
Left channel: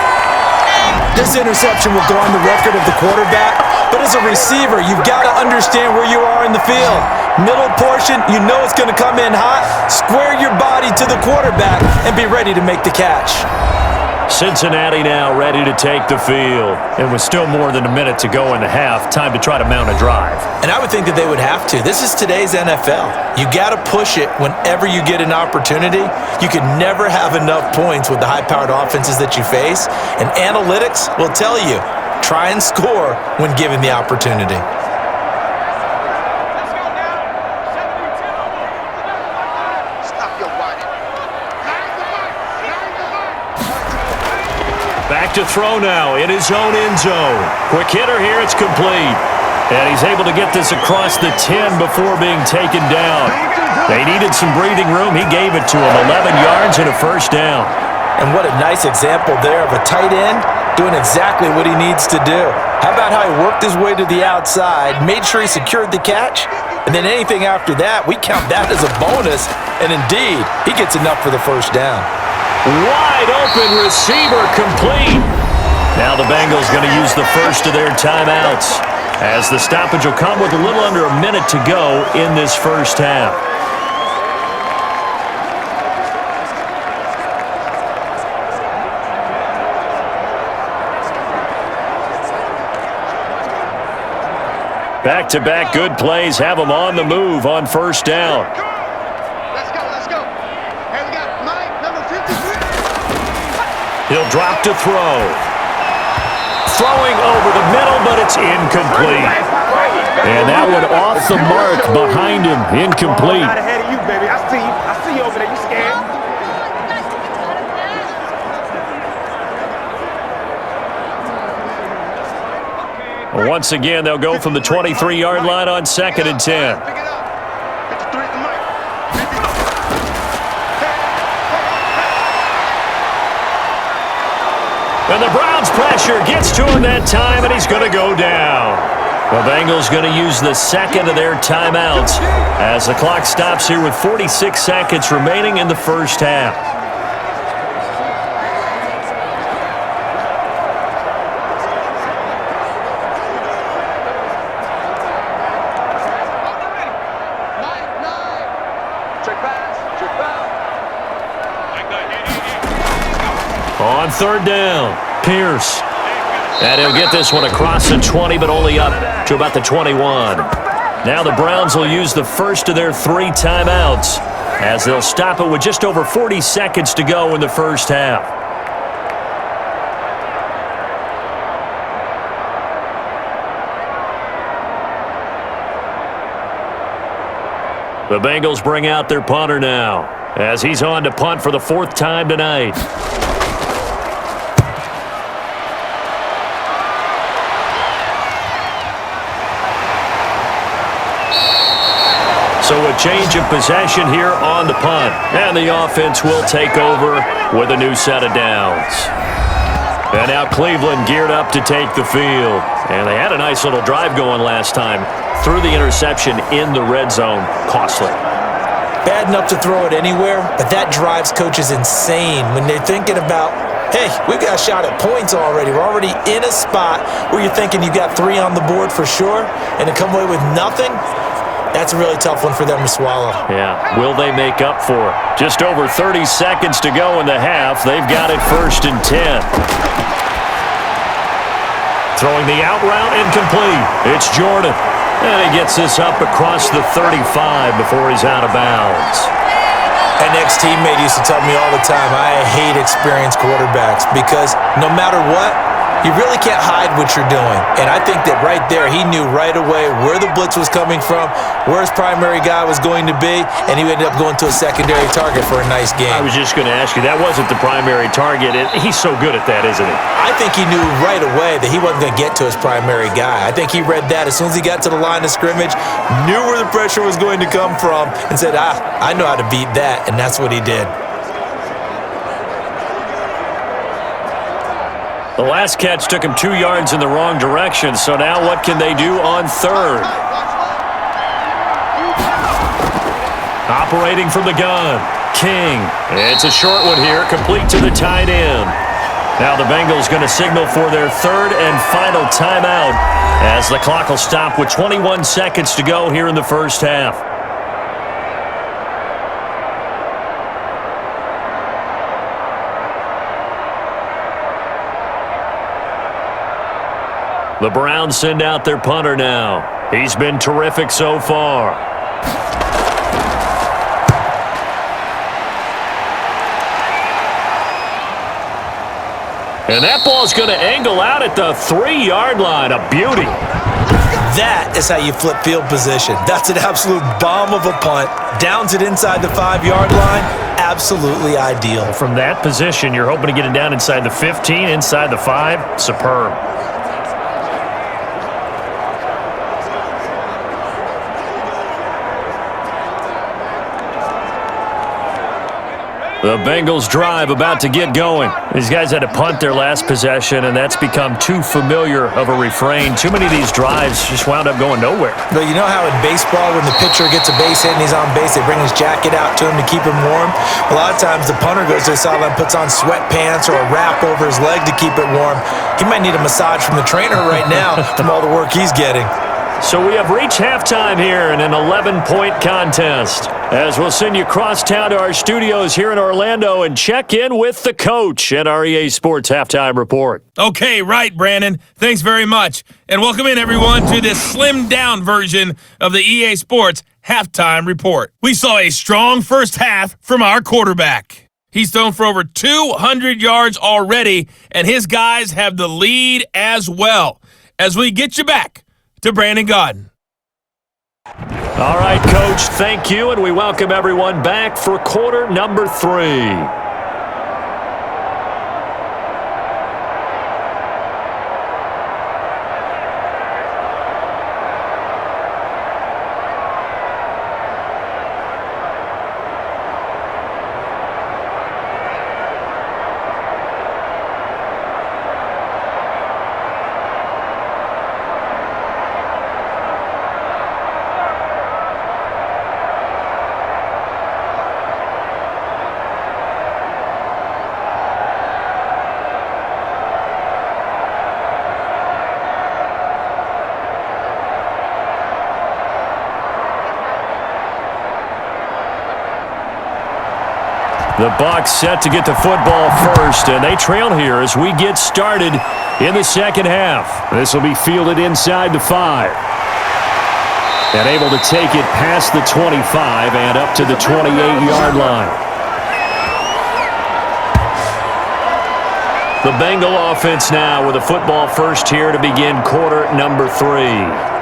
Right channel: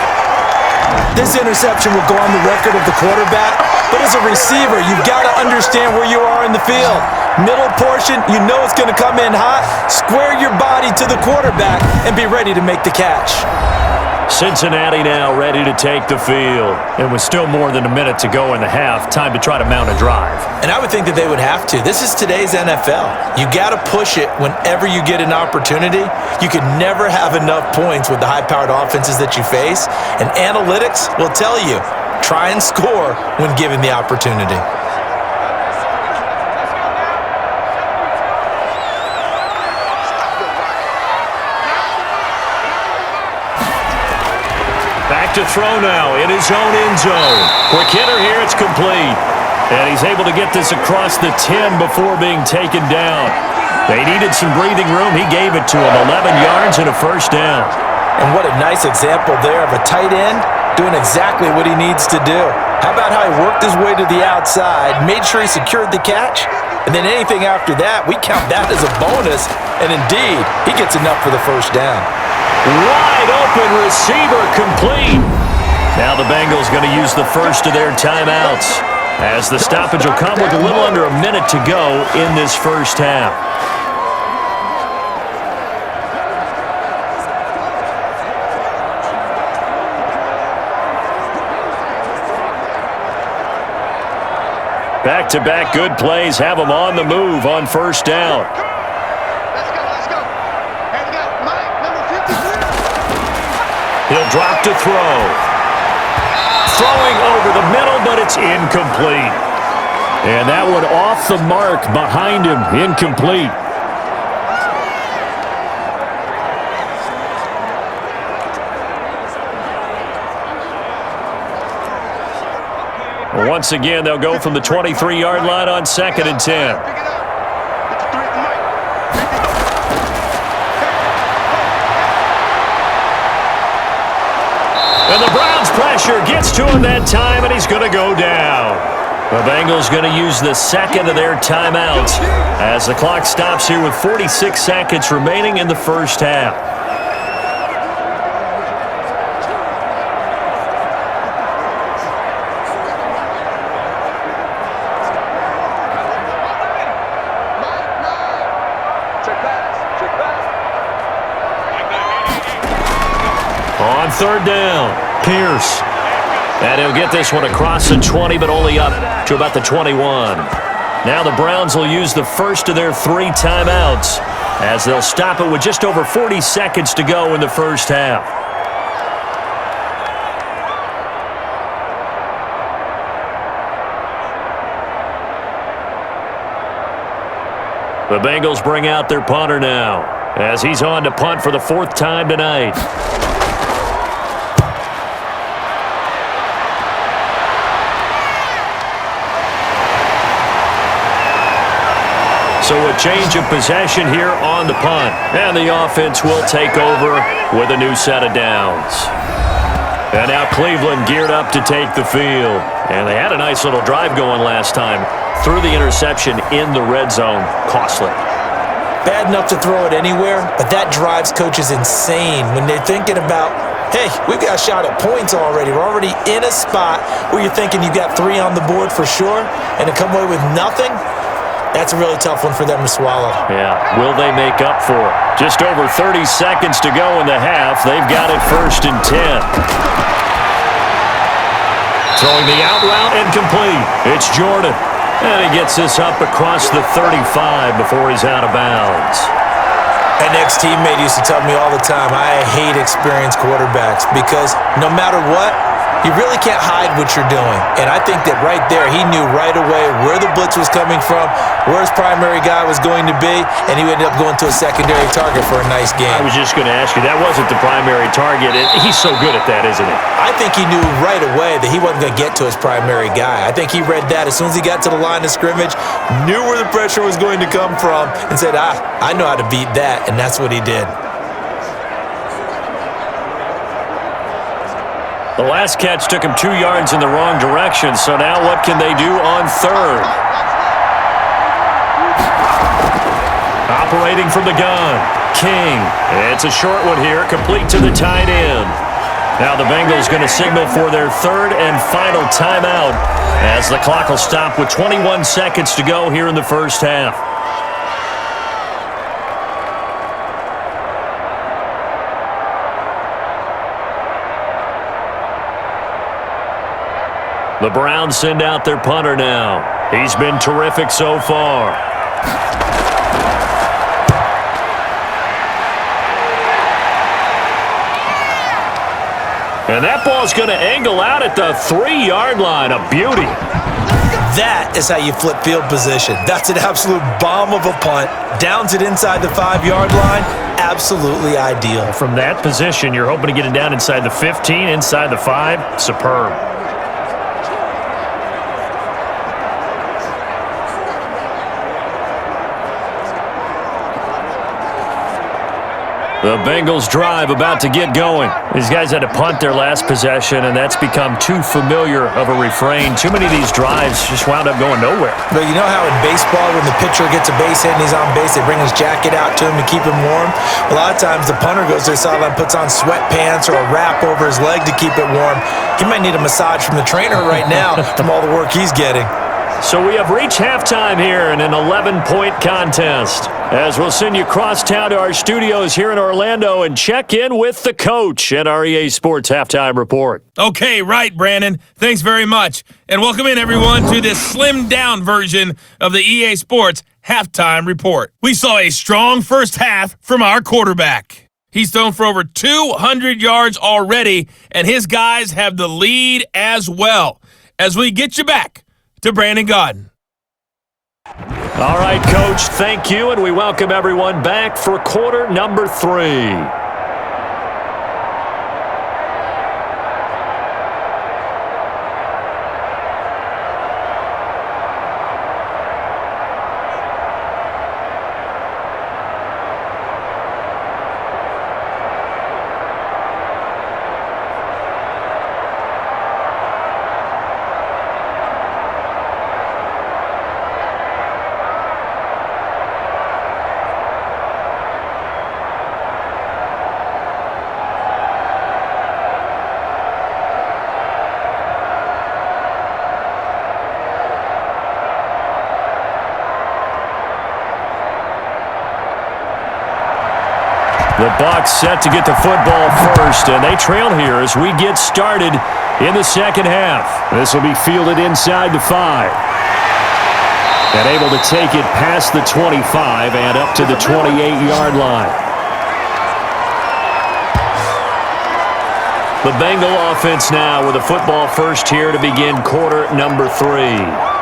This interception will go on the record of the quarterback, but as a receiver, you've got to understand where you are in the field. Middle portion, you know it's going to come in hot. Square your body to the quarterback and be ready to make the catch. Cincinnati now ready to take the field. And with still more than a minute to go in the half, time to try to mount a drive. And I would think that they would have to. This is today's NFL. You got to push it whenever you get an opportunity. You can never have enough points with the high-powered offenses that you face. And analytics will tell you, try and score when given the opportunity. Back to throw now in his own end zone. Quick hitter here, it's complete. And he's able to get this across the 10 before being taken down. They needed some breathing room. He gave it to him. 11 yards and a first down. And what a nice example there of a tight end doing exactly what he needs to do. How about how he worked his way to the outside, made sure he secured the catch, and then anything after that, we count that as a bonus. And indeed, he gets enough for the first down. Wide open receiver complete. Now the Bengals going to use the first of their timeouts as the stoppage will come with a little under a minute to go in this first half. Back-to-back good plays have them on the move on first down. Let's go. Hey, we got Mike, number 53. He'll drop to throw. Throwing over the middle, but it's incomplete. And that one off the mark behind him, incomplete. Once again, they'll go from the 23-yard line on 2nd and 10. Pick it up. 53 at the mic. And the Browns' pressure gets to him that time, and he's going to go down. The Bengals going to use the second of their timeouts as the clock stops here with 46 seconds remaining in the first half. On third down, Pierce. And he'll get this one across the 20, but only up to about the 21. Now the Browns will use the first of their 3 timeouts as they'll stop it with just over 40 seconds to go in the first half. The Bengals bring out their punter now as he's on to punt for the 4th time tonight. So a change of possession here on the punt. And the offense will take over with a new set of downs. And now Cleveland geared up to take the field. And they had a nice little drive going last time. Threw the interception in the red zone. Costly. Bad enough to throw it anywhere, but that drives coaches insane when they're thinking about, hey, we've got a shot at points already. We're already in a spot where you're thinking you got 3 on the board for sure, and to come away with nothing, that's a really tough one for them to swallow. Yeah, will they make up for it? Just over 30 seconds to go in the half. They've got it 1st and 10. Throwing the out route incomplete. It's Jordan. And he gets this up across the 35 before he's out of bounds. An ex-teammate used to tell me all the time, I hate experienced quarterbacks because no matter what, you really can't hide what you're doing. And I think that right there, he knew right away where the blitz was coming from, where his primary guy was going to be, and he ended up going to a secondary target for a nice game. I was just going to ask you, that wasn't the primary target. He's so good at that, isn't he? I think he knew right away that he wasn't going to get to his primary guy. I think he read that as soon as he got to the line of scrimmage, knew where the pressure was going to come from, and said, I know how to beat that, and that's what he did. The last catch took him 2 yards in the wrong direction, so now what can they do on 3rd? Operating from the gun, King. It's a short one here, complete to the tight end. Now the Bengals going to signal for their 3rd and final timeout as the clock will stop with 21 seconds to go here in the first half. The Browns send out their punter now. He's been terrific so far. And that ball's going to angle out at the 3-yard line. A beauty. That is how you flip field position. That's an absolute bomb of a punt. Downs it inside the 5-yard line. Absolutely ideal. From that position, you're hoping to get it down inside the 15, inside the 5. Superb. The Bengals drive about to get going. These guys had to punt their last possession, and that's become too familiar of a refrain. Too many of these drives just wound up going nowhere. But you know how in baseball, when the pitcher gets a base hit and he's on base, they bring his jacket out to him to keep him warm? A lot of times the punter goes to the sideline, puts on sweatpants or a wrap over his leg to keep it warm. He might need a massage from the trainer right now from all the work he's getting. So we have reached halftime here in an 11-point contest. As we'll send you across town to our studios here in Orlando and check in with the coach at our EA Sports Halftime Report. Okay, right, Brandon. Thanks very much. And welcome in, everyone, to this slimmed-down version of the EA Sports Halftime Report. We saw a strong first half from our quarterback. He's thrown for over 200 yards already, and his guys have the lead as well. As we get you back to Brandon Godden. All right, Coach, thank you, and we welcome everyone back for quarter number 3. The Bucs set to get the football first, and they trail here as we get started in the second half. This will be fielded inside the 5. And able to take it past the 25 and up to the 28-yard line. The Bengal offense now with a football first here to begin quarter number 3.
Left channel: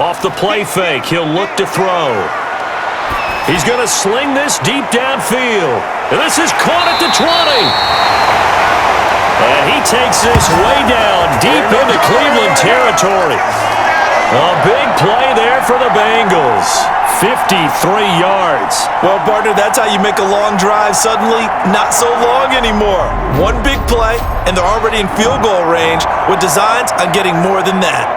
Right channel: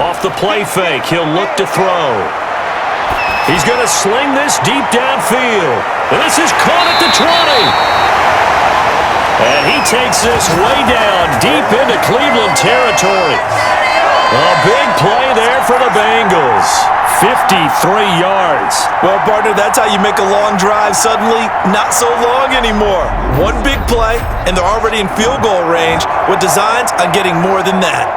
Off the play fake, he'll look to throw. He's going to sling this deep downfield. And this is caught at the 20. And he takes this way down deep into Cleveland territory. A big play there for the Bengals. 53 yards. Well, partner, that's how you make a long drive suddenly not so long anymore. One big play, and they're already in field goal range with designs on getting more than that.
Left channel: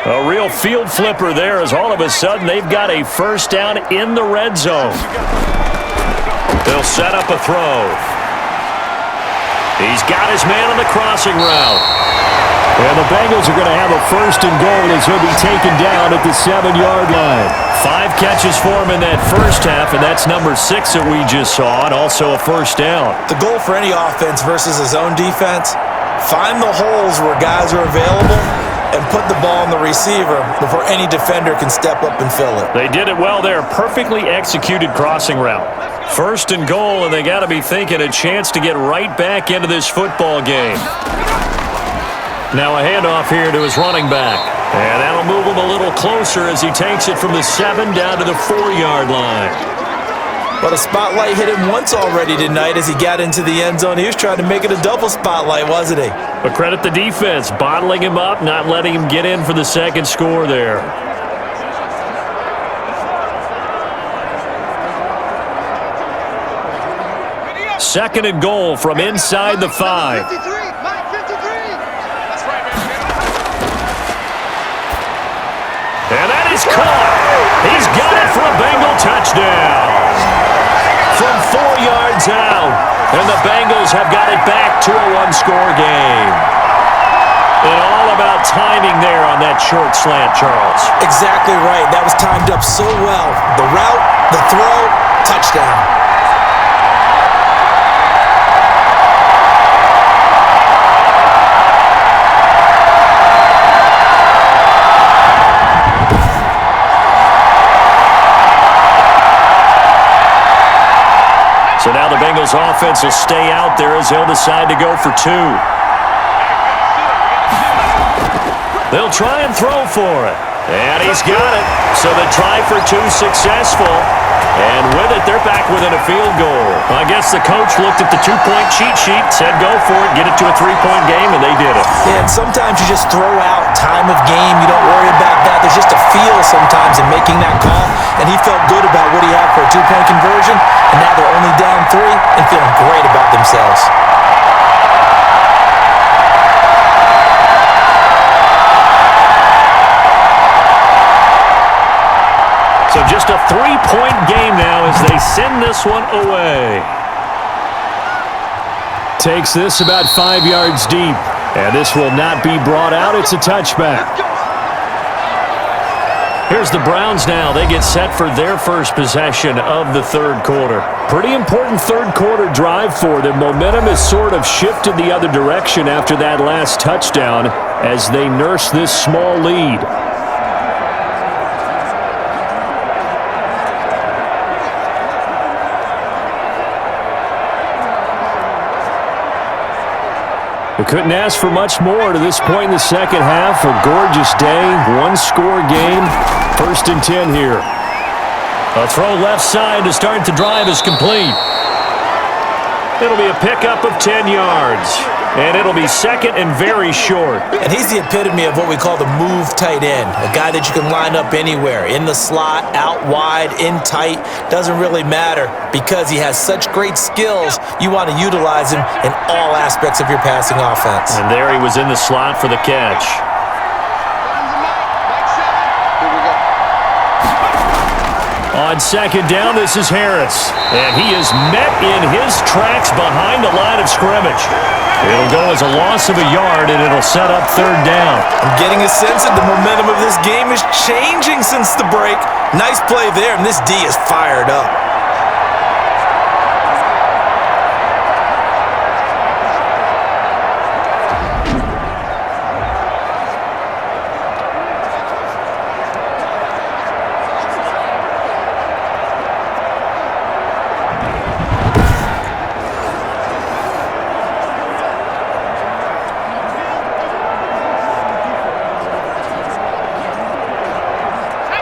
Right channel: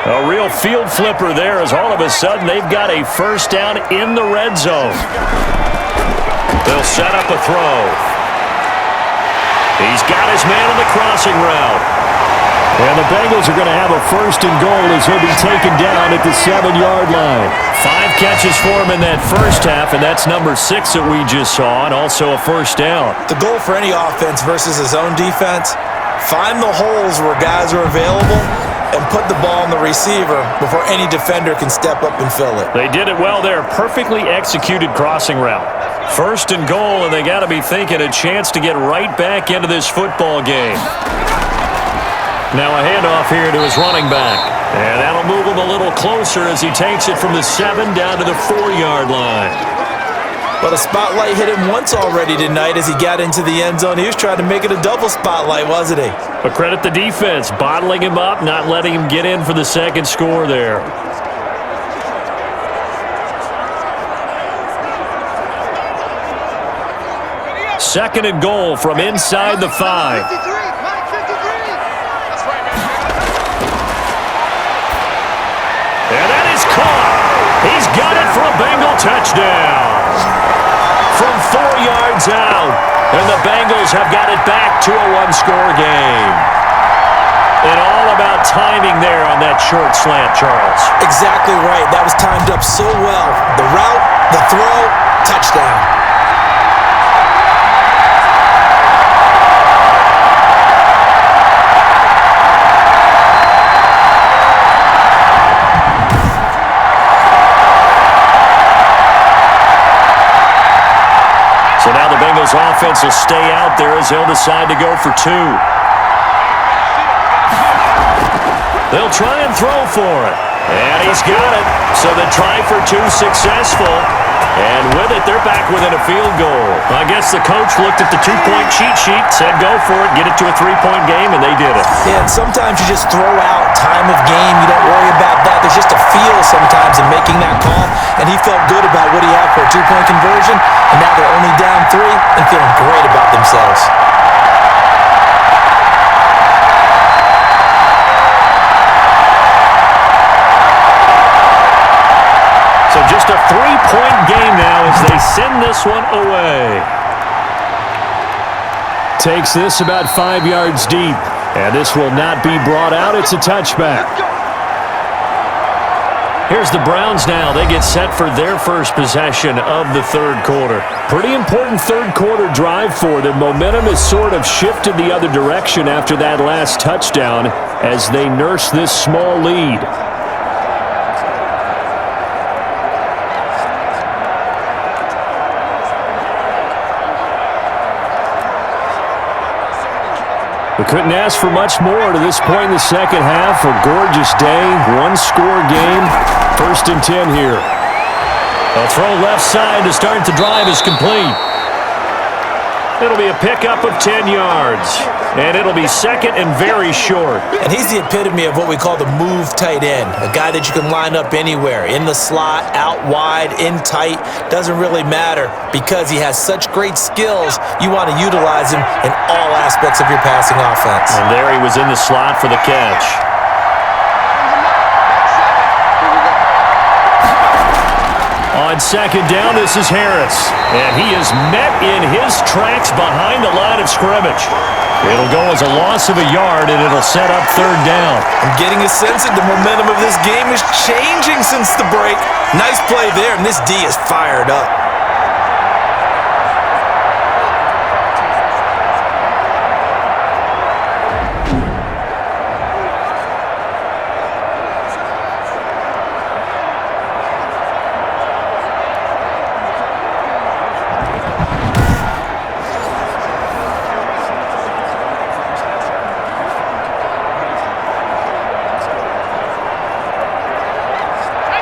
A real field flipper there as all of a sudden they've got a first down in the red zone. They'll set up a throw. He's got his man on the crossing route. And the Bengals are going to have a first and goal as he'll be taken down at the 7-yard line. 5 catches for him in that first half, and that's number 6 that we just saw, and also a first down. The goal for any offense versus his own defense, find the holes where guys are available and put the ball on the receiver before any defender can step up and fill it. They did it well there. Perfectly executed crossing route. First and goal, and they got to be thinking a chance to get right back into this football game. Now a handoff here to his running back. And that'll move him a little closer as he takes it from the 7 down to the 4-yard line. But a spotlight hit him once already tonight as he got into the end zone. He was trying to make it a double spotlight, wasn't he? But credit the defense, bottling him up, not letting him get in for the second score there. Second and goal from inside the 5. 53, Mike 53. That's right, man. And that is caught. He's got it for a Bengal touchdown. From 4 yards out, and the Bengals have got it back to a 1-score game. And all about timing there on that short slant, Charles. Exactly right. That was timed up so well. The route, the throw, touchdown. So now the Bengals offense will stay out there as they'll decide to go for 2. They'll try and throw for it. And he's got it. So the try for 2 successful. And with it, they're back within a field goal. I guess the coach looked at the 2-point cheat sheet, said go for it, get it to a 3-point game, and they did it. Yeah, and sometimes you just throw out time of game. You don't worry about that. There's just a feel sometimes in making that call. And he felt good about what he had for a 2-point conversion. And now they're only down 3 and feeling great about themselves. So just a 3-point game now as they send this one away. Takes this about 5 yards deep. And this will not be brought out. It's a touchback. Here's the Browns now. They get set for their first possession of the third quarter. Pretty important third quarter drive for them. Momentum has sort of shifted the other direction after that last touchdown as they nurse this small lead. We couldn't ask for much more to this point in the second half. A gorgeous day, 1-score game. First and 10 here. A throw left side to start the drive is complete. It'll be a pickup of 10 yards. And it'll be second and very short. And he's the epitome of what we call the move tight end, a guy that you can line up anywhere, in the slot, out wide, in tight, doesn't really matter because he has such great skills. You want to utilize him in all aspects of your passing offense. And there he was in the slot for the catch. On second down, this is Harris. And he is met in his tracks behind the line of scrimmage. It'll go as a loss of a yard, and it'll set up third down. I'm getting a sense that the momentum of this game is changing since the break. Nice play there, and this D is fired up.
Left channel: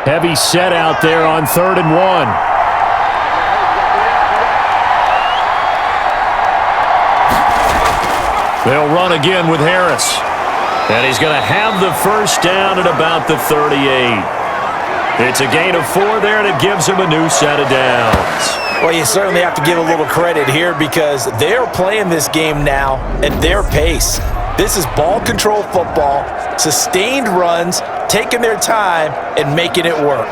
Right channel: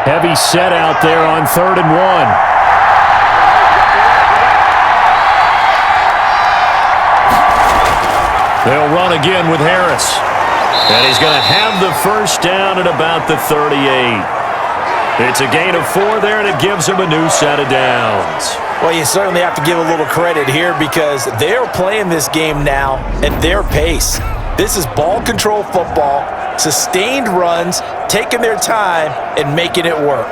Heavy set out there on 3rd and 1. They'll run again with Harris. And he's going to have the first down at about the 38. It's a gain of 4 there, and it gives him a new set of downs. Well, you certainly have to give a little credit here because they're playing this game now at their pace. This is ball control football, sustained runs, taking their time and making it work.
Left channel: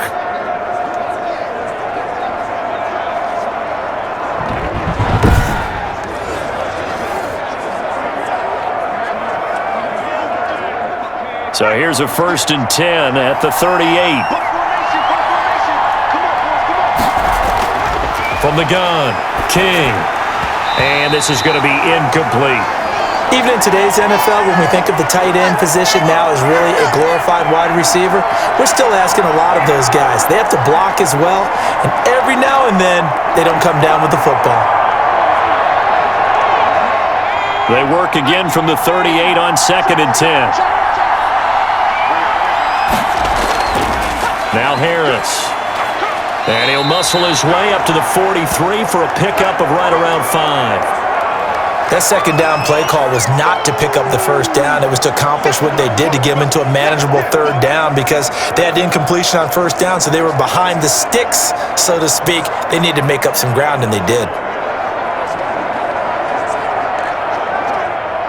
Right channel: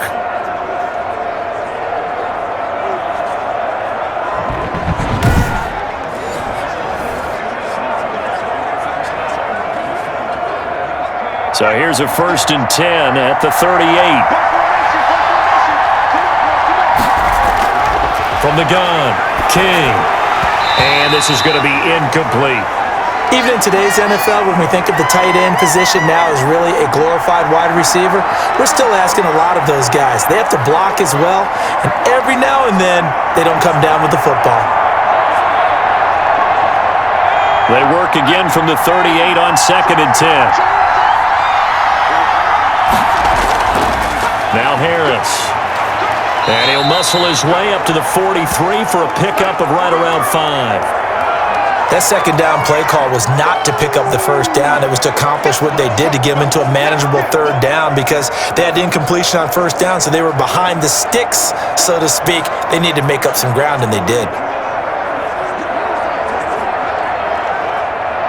So here's a 1st and 10 at the 38. From the gun, King. And this is going to be incomplete. Even in today's NFL, when we think of the tight end position now as really a glorified wide receiver, we're still asking a lot of those guys. They have to block as well, and every now and then, they don't come down with the football. They work again from the 38 on 2nd and 10. Now Harris. And he'll muscle his way up to the 43 for a pickup of right around 5. That second down play call was not to pick up the first down. It was to accomplish what they did to get them into a manageable 3rd down because they had incompletion on 1st down, so they were behind the sticks, so to speak. They needed to make up some ground, and they did.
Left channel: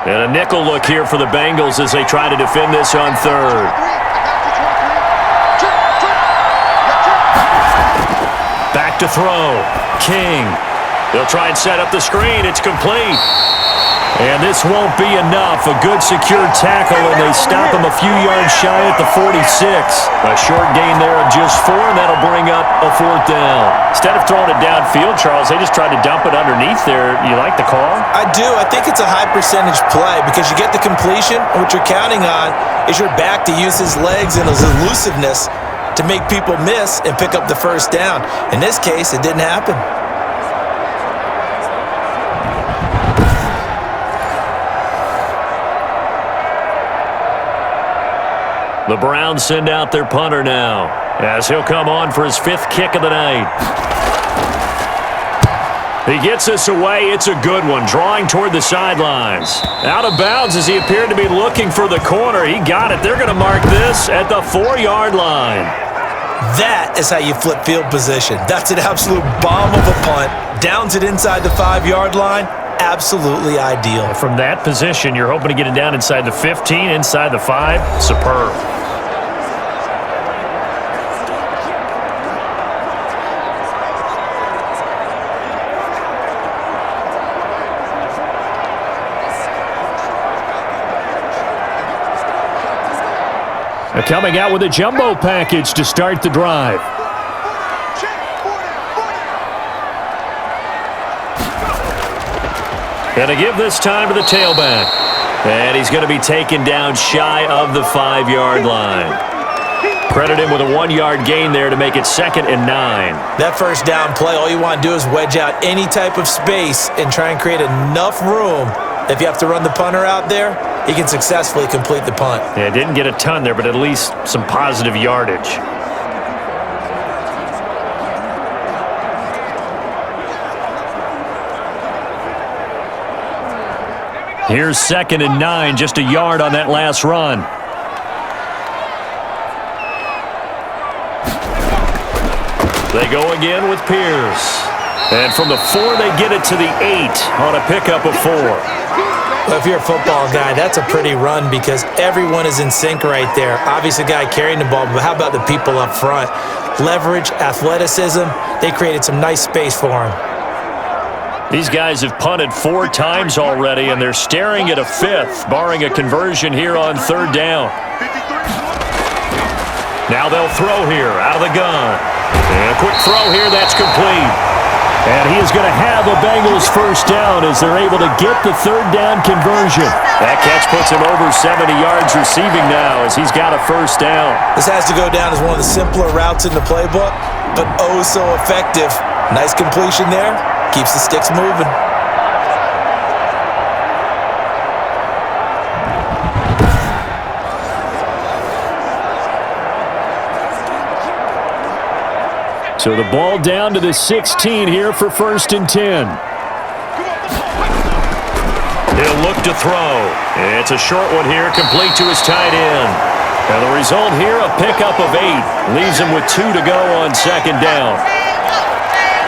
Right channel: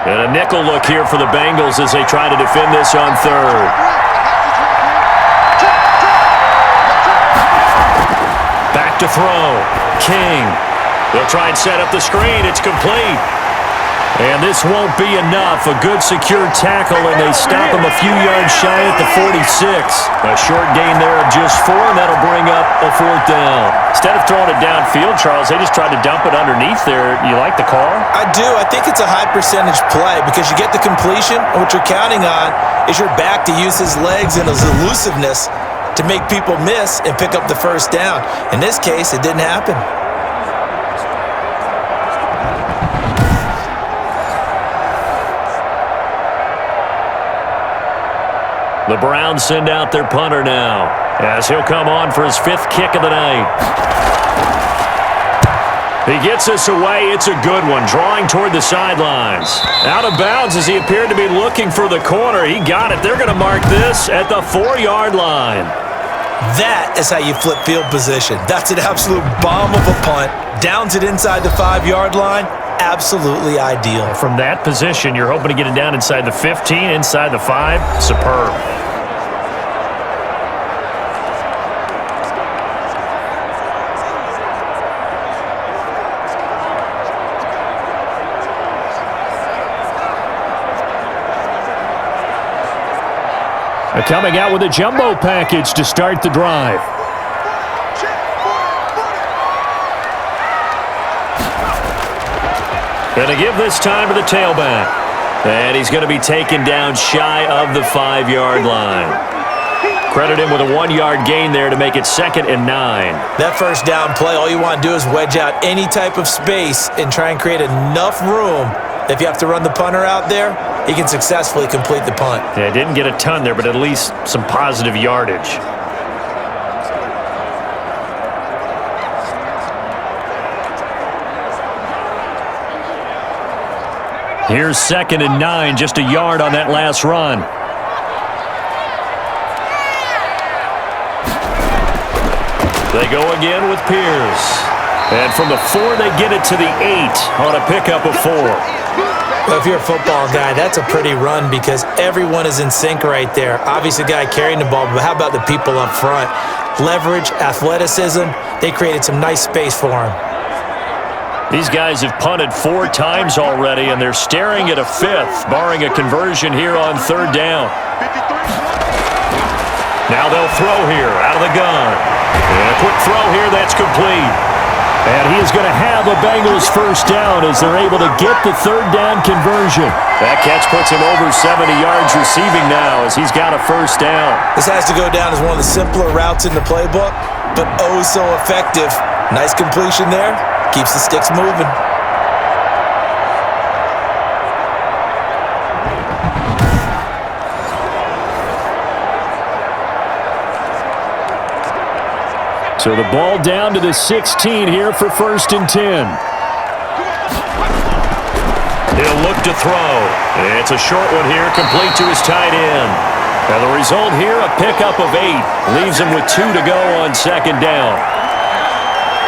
And a nickel look here for the Bengals as they try to defend this on 3rd. Back to throw. King. They'll try and set up the screen. It's complete. And this won't be enough. A good secure tackle, and they stop him a few yards shy at the 46. A short gain there of just 4, and that'll bring up a 4th down. Instead of throwing it downfield, Charles, they just tried to dump it underneath there. You like the call? I do. I think it's a high percentage play because you get the completion, and what you're counting on is your back to use his legs and his elusiveness to make people miss and pick up the first down. In this case, it didn't happen. The Browns send out their punter now as he'll come on for his 5th kick of the night. He gets this away. It's a good one, drawing toward the sidelines. Out of bounds as he appeared to be looking for the corner. He got it. They're going to mark this at the 4-yard line. That is how you flip field position. That's an absolute bomb of a punt. Downs it inside the 5-yard line. Absolutely ideal. From that position, you're hoping to get it down inside the 15, inside the 5. Superb. Coming out with a jumbo package to start the drive. Going to give this time to the tailback. And he's going to be taken down shy of the 5-yard line. Credit him with a 1-yard gain there to make it 2nd and 9. That first down play, all you want to do is wedge out any type of space and try and create enough room. If you have to run the punter out there, he can successfully complete the punt. Yeah, didn't get a ton there, but at least some positive yardage. Here's 2nd and 9, just a yard on that last run. They go again with Pierce. And from the 4, they get it to the 8 on a pickup of 4. Well, if you're a football guy, that's a pretty run because everyone is in sync right there. Obviously, the guy carrying the ball, but how about the people up front? Leverage, athleticism, they created some nice space for him. These guys have punted 4 times already, and they're staring at a 5th, barring a conversion here on 3rd down. Now they'll throw here out of the gun. And a quick throw here, that's complete. And he is going to have a Bengals first down as they're able to get the 3rd down conversion. That catch puts him over 70 yards receiving now as he's got a first down. This has to go down as one of the simpler routes in the playbook, but oh so effective. Nice completion there. Keeps the sticks moving. So the ball down to the 16 here for 1st and 10. He'll look to throw. It's a short one here, complete to his tight end. And the result here, a pickup of 8. Leaves him with 2 to go on 2nd down.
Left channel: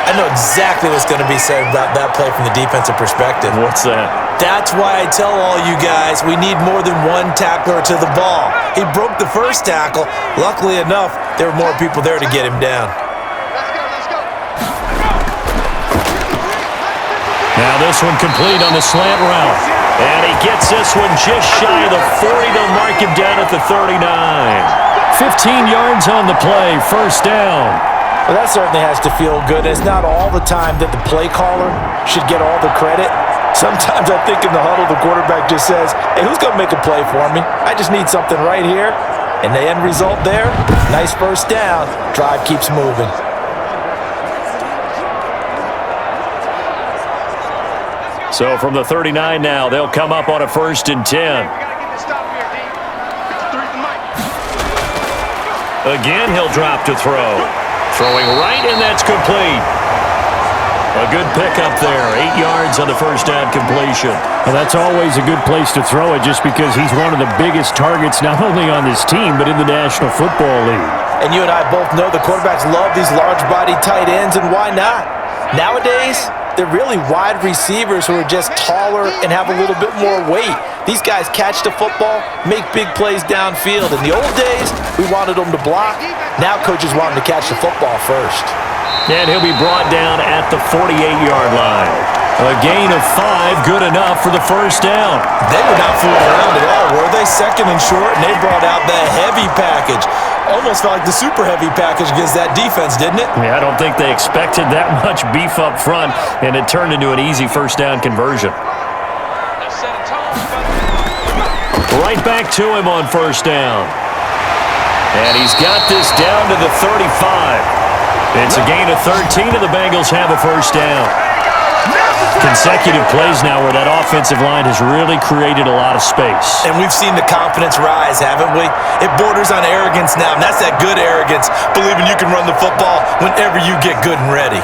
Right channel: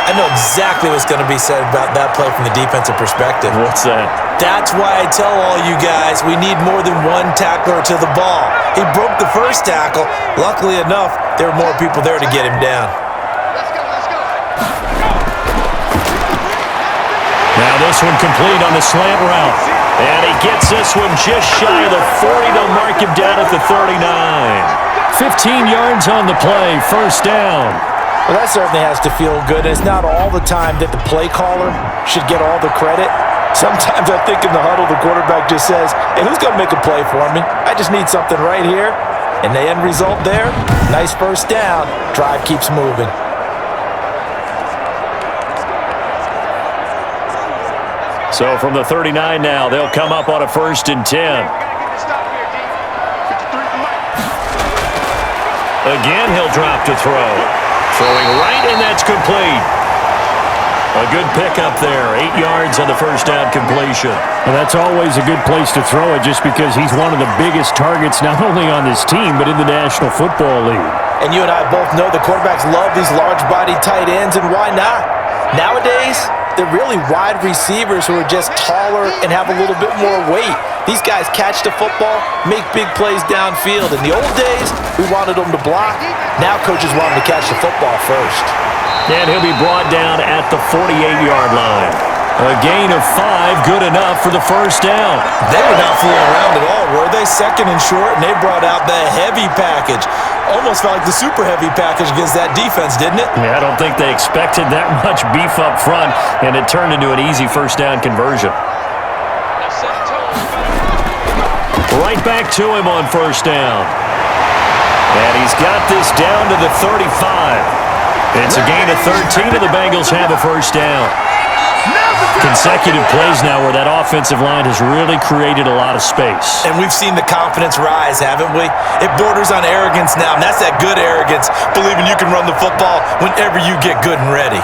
I know exactly what's going to be said about that play from the defensive perspective. What's that? That's why I tell all you guys we need more than one tackler to the ball. He broke the first tackle. Luckily enough, there were more people there to get him down. Let's go. Now this one complete on the slant route. And he gets this one just shy of the 40. They'll mark him down at the 39. 15 yards on the play, first down. Well, that certainly has to feel good. It's not all the time that the play caller should get all the credit. Sometimes I think in the huddle, the quarterback just says, hey, who's going to make a play for me? I just need something right here. And the end result there, nice first down. Drive keeps moving. So from the 39 now, they'll come up on a 1st and 10. We got to get this stop here, D. 53's the mic. Again, he'll drop to throw. Throwing right, and that's complete. A good pickup there. 8 yards on the first down completion. Well, that's always a good place to throw it just because he's one of the biggest targets not only on this team but in the National Football League. And you and I both know the quarterbacks love these large-bodied tight ends, and why not? Nowadays, they're really wide receivers who are just taller and have a little bit more weight. These guys catch the football, make big plays downfield. In the old days, we wanted them to block. Now coaches want them to catch the football first. And he'll be brought down at the 48-yard line. A gain of 5, good enough for the first down. They were not fooling around at all, were they? 2nd and short, and they brought out the heavy package. Almost felt like the super heavy package against that defense, didn't it? Yeah, I don't think they expected that much beef up front, and it turned into an easy first down conversion. Right back to him on first down. And he's got this down to the 35. It's a gain of 13, and the Bengals have a first down. Consecutive plays now where that offensive line has really created a lot of space. And we've seen the confidence rise, haven't we? It borders on arrogance now, and that's that good arrogance, believing you can run the football whenever you get good and ready.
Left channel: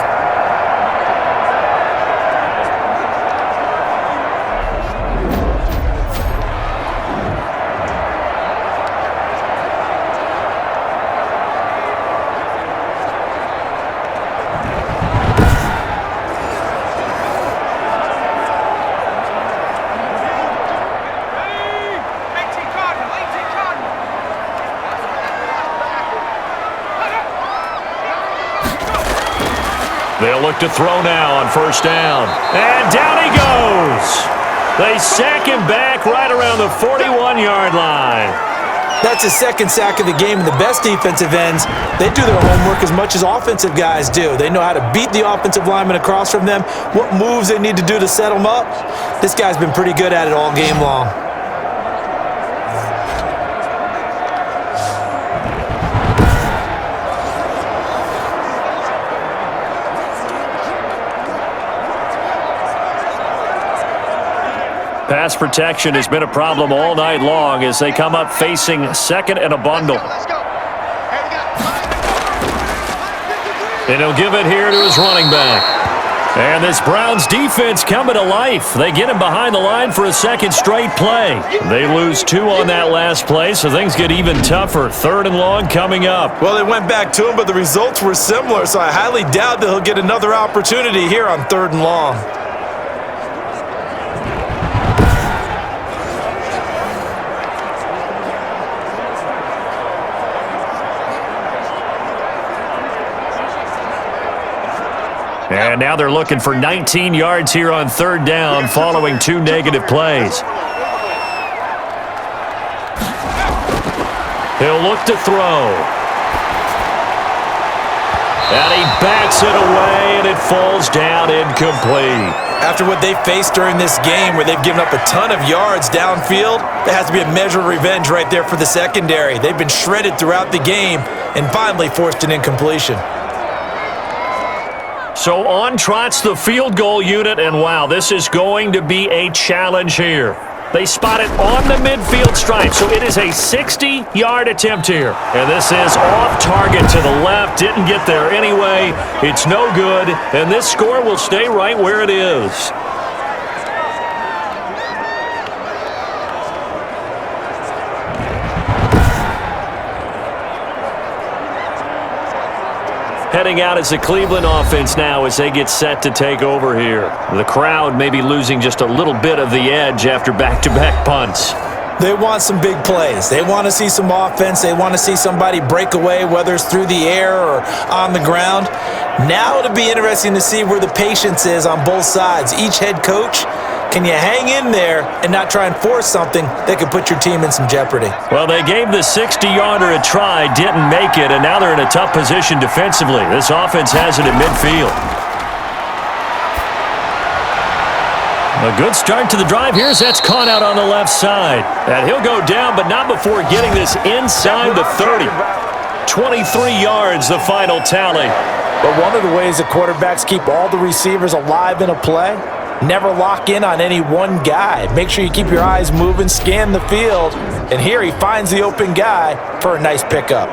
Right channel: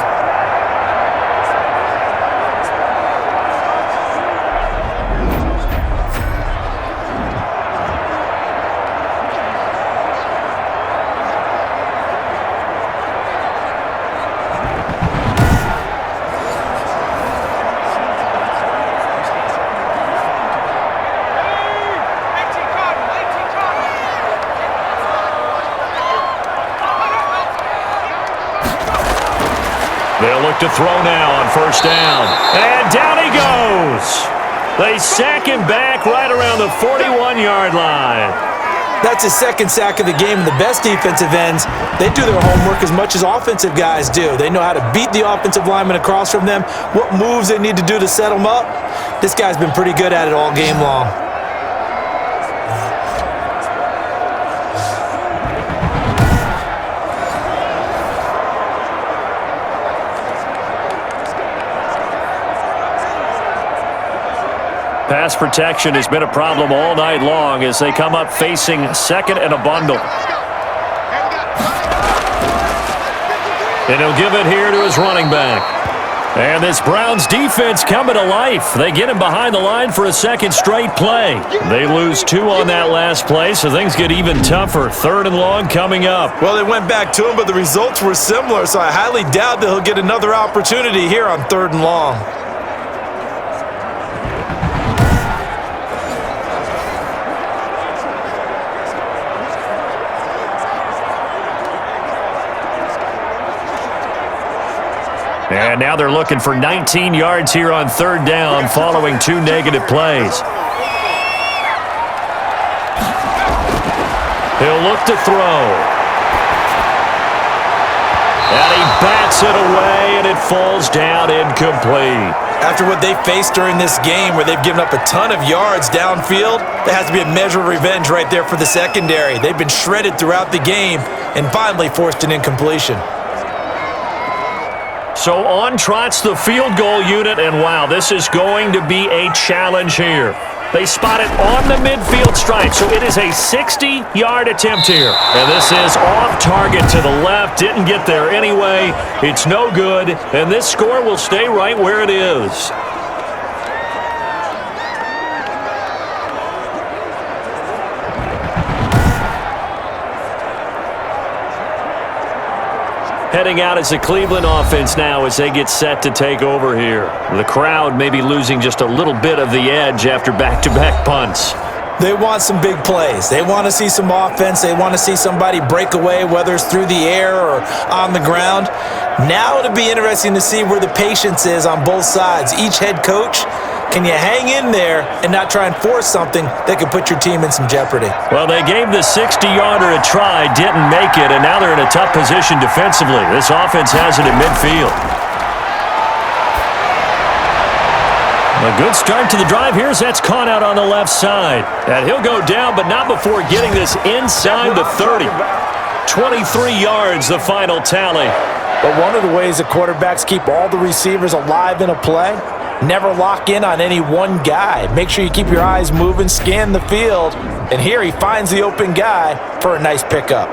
They'll look to throw now on first down. And down he goes. They sack him back right around the 41-yard line. That's his 2nd sack of the game, and the best defensive ends, they do their homework as much as offensive guys do. They know how to beat the offensive lineman across from them, what moves they need to do to set them up. This guy's been pretty good at it all game long. Pass protection has been a problem all night long as they come up facing 2nd and a bundle. Let's go. Hey, we got And he'll give it here to his running back. And this Browns defense coming to life. They get him behind the line for a second straight play. They lose 2 on that last play, so things get even tougher. 3rd and long coming up. Well, they went back to him, but the results were similar, so I highly doubt that he'll get another opportunity here on 3rd and long. And now they're looking for 19 yards here on 3rd down following 2 negative plays. He'll look to throw. And he bats it away, and it falls down incomplete. After what they faced during this game where they've given up a ton of yards downfield, there has to be a measure of revenge right there for the secondary. They've been shredded throughout the game and finally forced an incompletion. So on trots the field goal unit, and wow, this is going to be a challenge here. They spot it on the midfield stripe, so it is a 60-yard attempt here. And this is off target to the left, didn't get there anyway. It's no good, and this score will stay right where it is. Heading out as the Cleveland offense now as they get set to take over here. The crowd may be losing just a little bit of the edge after back-to-back punts. They want some big plays. They want to see some offense. They want to see somebody break away, whether it's through the air or on the ground. Now it'll be interesting to see where the patience is on both sides. Each head coach, can you hang in there and not try and force something that could put your team in some jeopardy? Well, they gave the 60-yarder a try, didn't make it, and now they're in a tough position defensively. This offense has it in midfield. A good start to the drive. Here's that's caught out on the left side. And he'll go down, but not before getting this inside the 30. 23 yards, the final tally. But one of the ways the quarterbacks keep all the receivers alive in a play, never lock in on any one guy. Make sure you keep your eyes moving, scan the field, and here he finds the open guy for a nice pickup.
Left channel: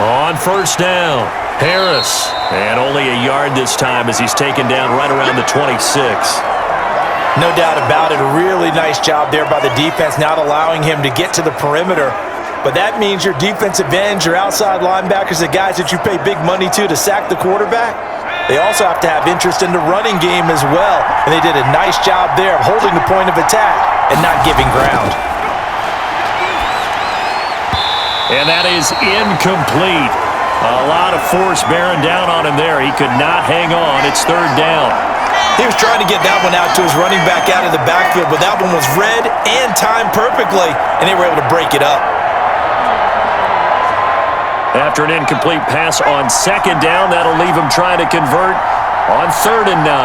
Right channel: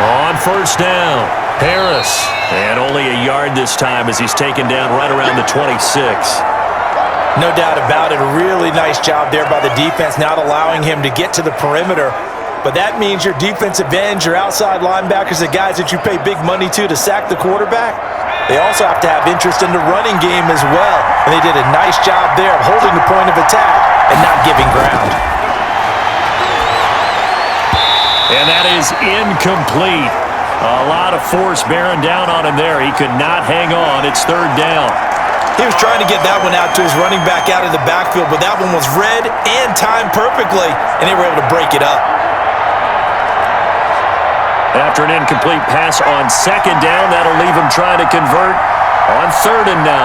On 1st down, Harris. And only a yard this time as he's taken down right around the 26. No doubt about it. A really nice job there by the defense, not allowing him to get to the perimeter. But that means your defensive ends, your outside linebackers, the guys that you pay big money to sack the quarterback, they also have to have interest in the running game as well. And they did a nice job there of holding the point of attack and not giving ground. And that is incomplete. A lot of force bearing down on him there. He could not hang on. It's 3rd down. He was trying to get that one out to his running back out of the backfield, but that one was read and timed perfectly, and they were able to break it up. After an incomplete pass on 2nd down, that'll leave him trying to convert on 3rd and 9.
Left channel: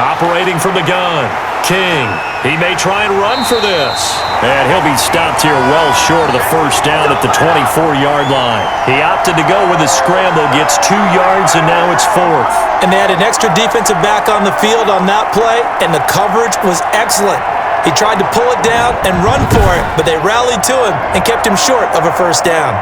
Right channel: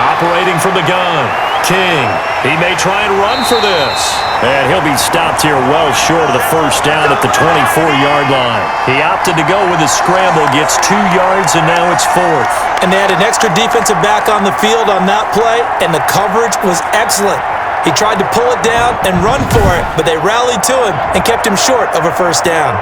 Operating from the gun, King. He may try and run for this. And he'll be stopped here well short of the 1st down at the 24-yard line. He opted to go with a scramble, gets 2 yards, and now it's 4th. And they had an extra defensive back on the field on that play, and the coverage was excellent. He tried to pull it down and run for it, but they rallied to him and kept him short of a 1st down.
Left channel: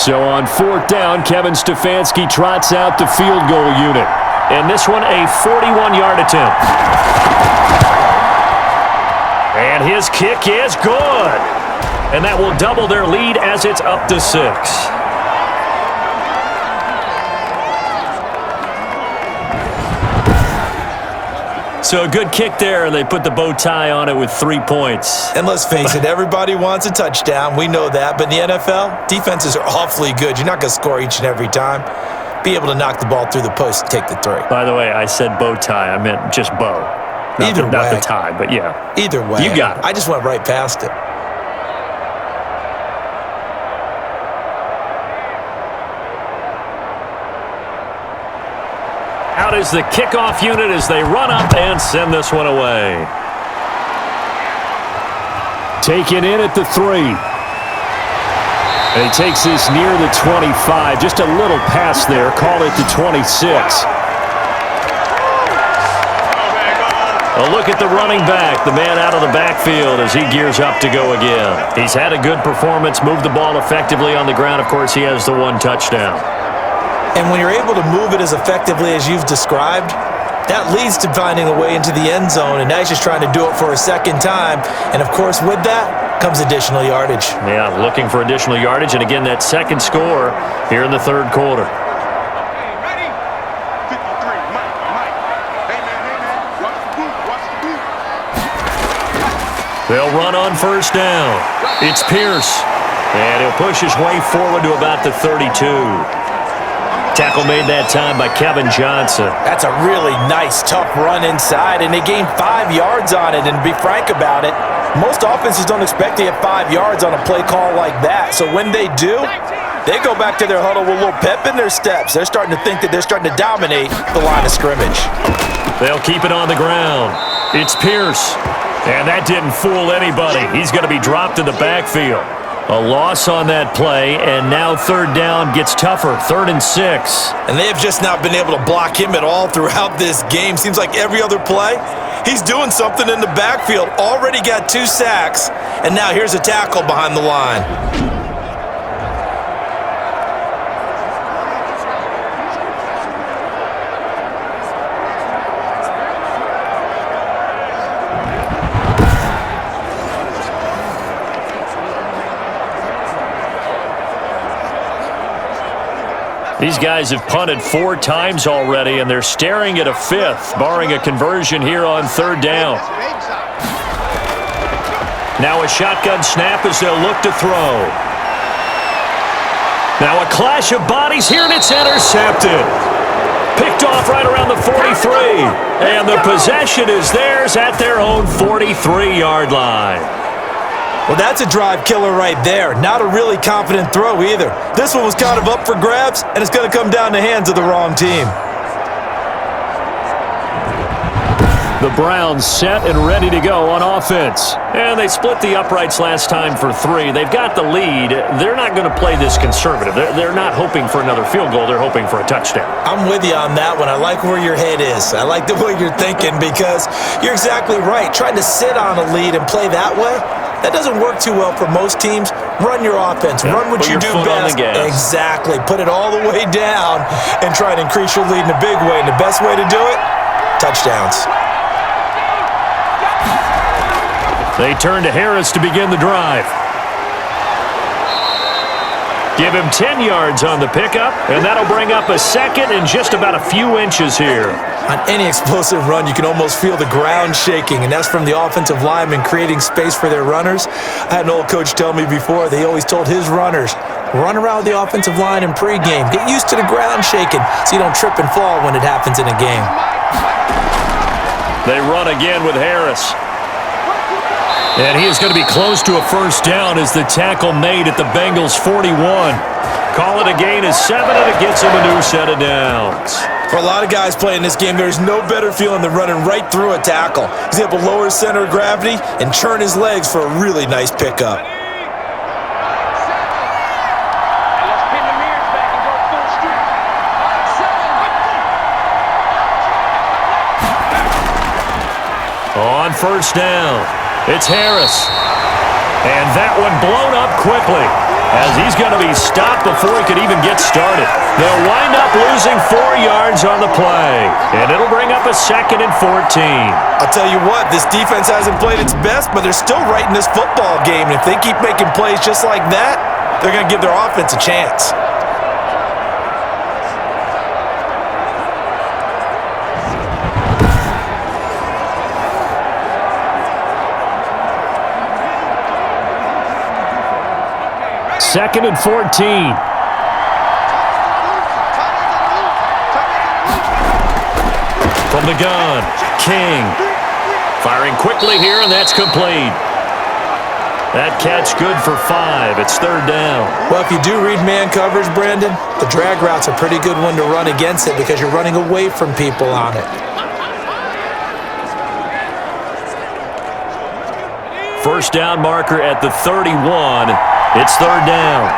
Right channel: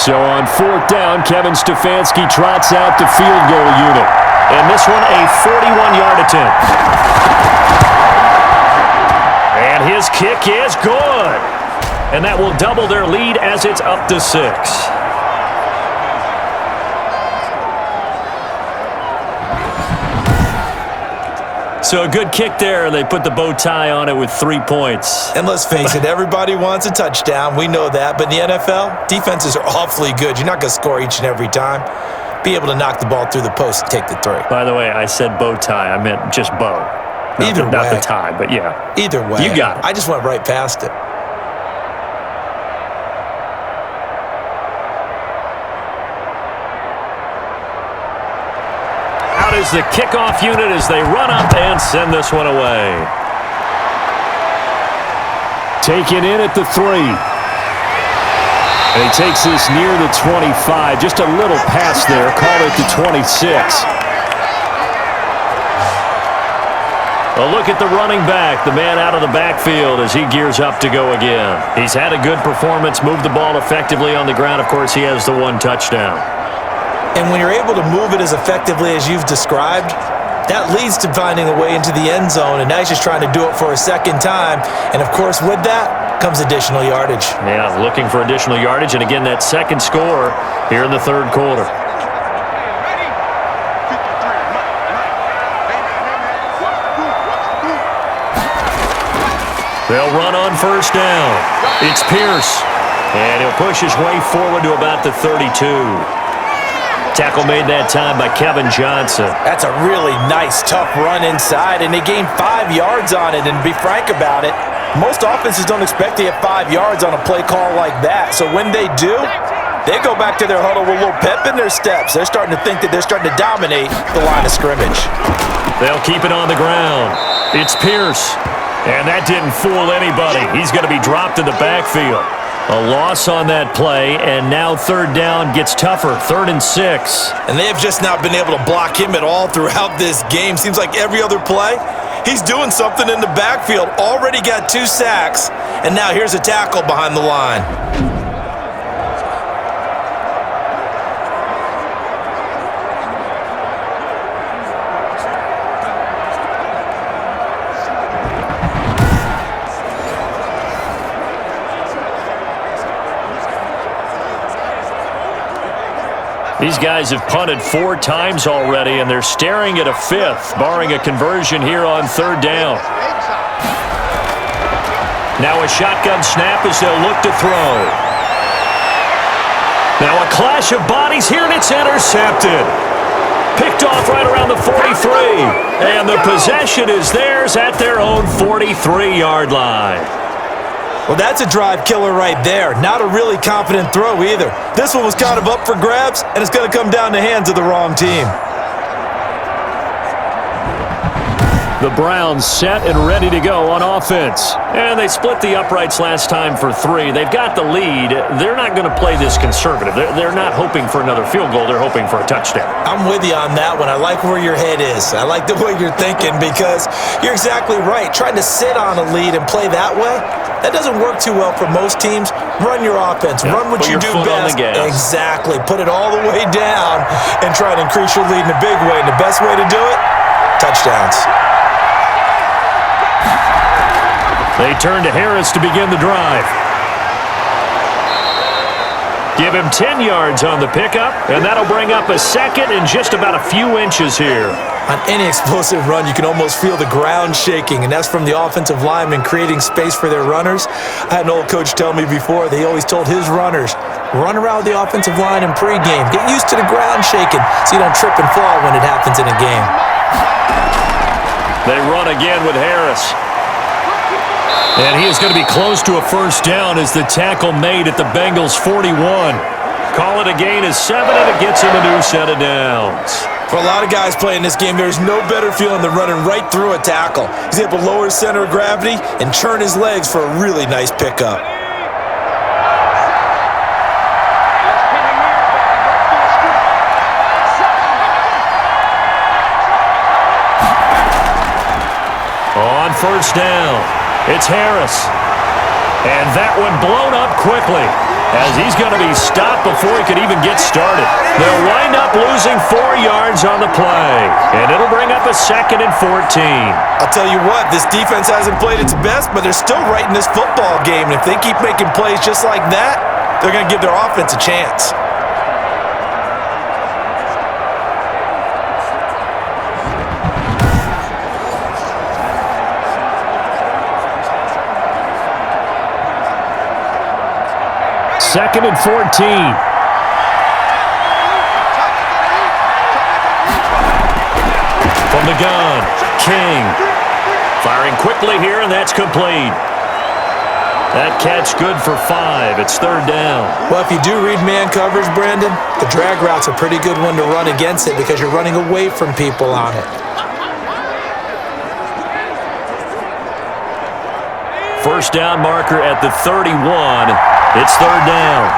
So on 4th down, Kevin Stefanski trots out the field goal unit. And this one, a 41-yard attempt. And his kick is good. And that will double their lead as it's up to 6. So a good kick there, and they put the bow tie on it with 3 points. And let's face it, everybody wants a touchdown. We know that. But in the NFL, defenses are awfully good. You're not going to score each and every time. Be able to knock the ball through the post and take the 3. By the way, I said bow tie. I meant just bow. Not the tie, but yeah. Either way. You got it. I just went right past it. Out is the kickoff unit as they run up and send this one away. Taken in at the 3. And he takes this near the 25. Just a little pass there. Call it the 26. A look at the running back, the man out of the backfield as he gears up to go again. He's had a good performance, moved the ball effectively on the ground. Of course, he has the 1 touchdown. And when you're able to move it as effectively as you've described, that leads to finding a way into the end zone, and now he's just trying to do it for a second time. And, of course, with that comes additional yardage. Yeah, looking for additional yardage, and again, that second score here in the third quarter. Okay, ready? 53, Mike. Hey, man, watch the boot, They'll run on first down. It's Pierce, and he'll push his way forward to about the 32. Tackle made that time by Kevin Johnson. That's a really nice, tough run inside, and they gained 5 yards on it. And to be frank about it, most offenses don't expect to get 5 yards on a play call like that. So when they do, they go back to their huddle with a little pep in their steps. They're starting to think that they're starting to dominate the line of scrimmage. They'll keep it on the ground. It's Pierce, and that didn't fool anybody. He's going to be dropped in the backfield. A loss on that play, and now third down gets tougher, 3rd and 6. And they have just not been able to block him at all throughout this game. Seems like every other play, he's doing something in the backfield. Already got 2 sacks, and now here's a tackle behind the line. These guys have punted 4 times already, and they're staring at a 5th, barring a conversion here on third down. Now a shotgun snap as they'll look to throw. Now a clash of bodies here, and it's intercepted. Picked off right around the 43, and the possession is theirs at their own 43-yard line. Well, that's a drive killer right there. Not a really confident throw either. This one was kind of up for grabs, and it's going to come down the hands of the wrong team. The Browns set and ready to go on offense. And they split the uprights last time for 3. They've got the lead. They're not going to play this conservative. They're not hoping for another field goal. They're hoping for a touchdown. I'm with you on that one. I like where your head is. I like the way you're thinking because you're exactly right. Trying to sit on a lead and play that way, that doesn't work too well for most teams. Run your offense. Yeah, run what you do best. Exactly. Put it all the way down and try to increase your lead in a big way. And the best way to do it, touchdowns. They turn to Harris to begin the drive. Give him 10 yards on the pickup, and that'll bring up a second and just about a few inches here. On any explosive run, you can almost feel the ground shaking, and that's from the offensive linemen creating space for their runners. I had an old coach tell me before, they always told his runners, run around the offensive line in pregame. Get used to the ground shaking so you don't trip and fall when it happens in a game. They run again with Harris. And he is going to be close to a first down as the tackle made at the Bengals' 41. Call it a gain of 7, and it gets him a new set of downs. For a lot of guys playing this game, there's no better feeling than running right through a tackle. He's able to lower his center of gravity and turn his legs for a really nice pickup. On first down, it's Harris. And that one blown up quickly as he's going to be stopped before he could even get started. They'll wind up losing 4 yards on the play, and it'll bring up a 2nd and 14. I'll tell you what, this defense hasn't played its best, but they're still right in this football game. And if they keep making plays just like that, they're going to give their offense a chance. Second and 14. From the gun, King. Firing quickly here, and that's complete. That catch good for 5. It's 3rd down. Well, if you do read man coverage, Brandon, the drag route's a pretty good one to run against it because you're running away from people on it. First down marker at the 31. It's 3rd down.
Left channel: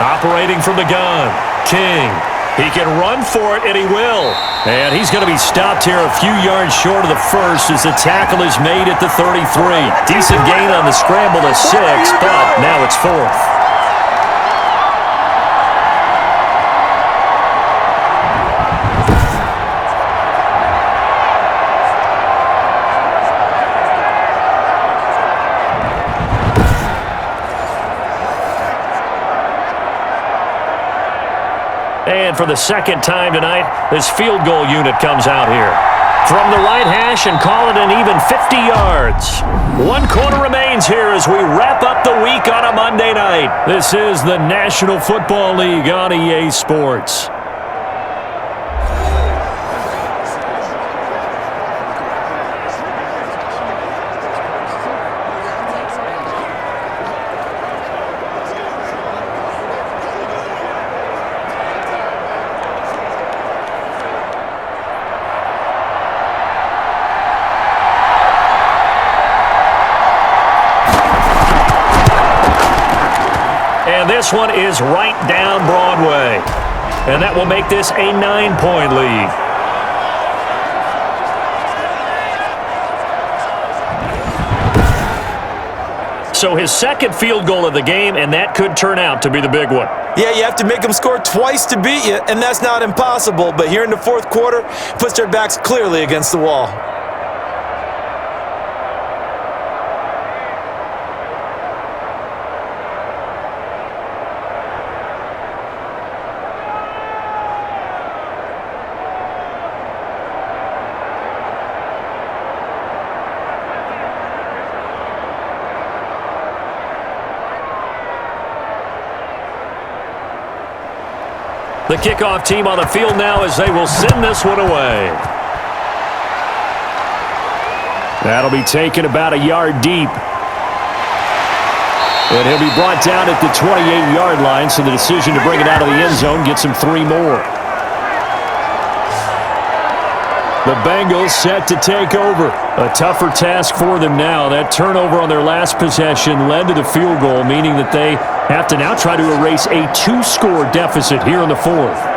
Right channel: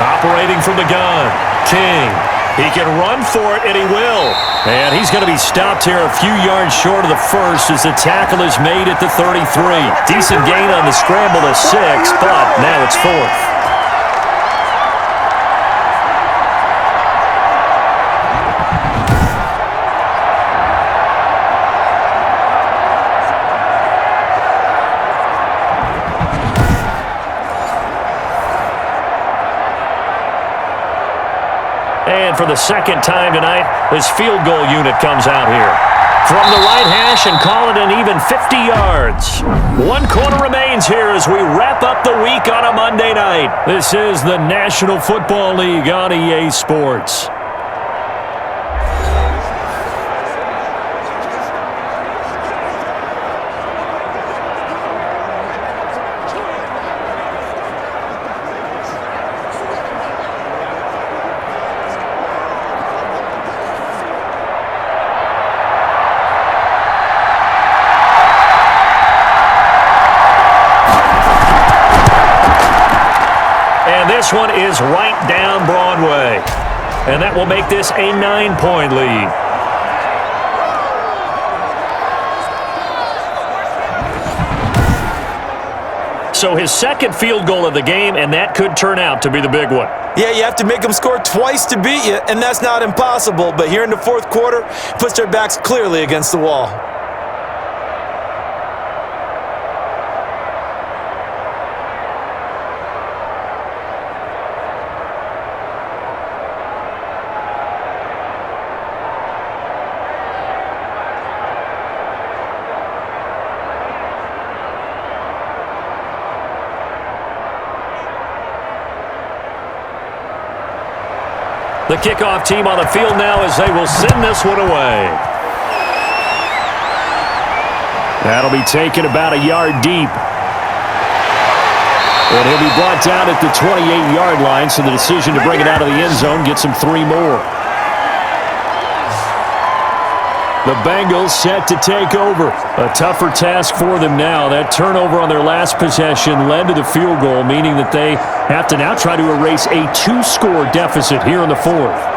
Operating from the gun, King. He can run for it, and he will. And he's going to be stopped here a few yards short of the first as the tackle is made at the 33. Decent gain on the scramble to 6, but now it's 4th. And for the second time tonight, this field goal unit comes out here. From the right hash and call it an even 50 yards. 1 quarter remains here as we wrap up the week on a Monday night. This is the National Football League on EA Sports. And this one is right down Broadway. And that will make this a 9-point lead. So his second field goal of the game, and that could turn out to be the big one. Yeah, you have to make them score twice to beat you, and that's not impossible. But here in the 4th quarter, puts their backs clearly against the wall. The kickoff team on the field now as they will send this one away. That'll be taken about a yard deep. And he'll be brought down at the 28-yard line, so the decision to bring it out of the end zone gets him 3 more. The Bengals set to take over. A tougher task for them now. That turnover on their last possession led to the field goal, meaning that they have to now try to erase a 2-score deficit here in the 4th.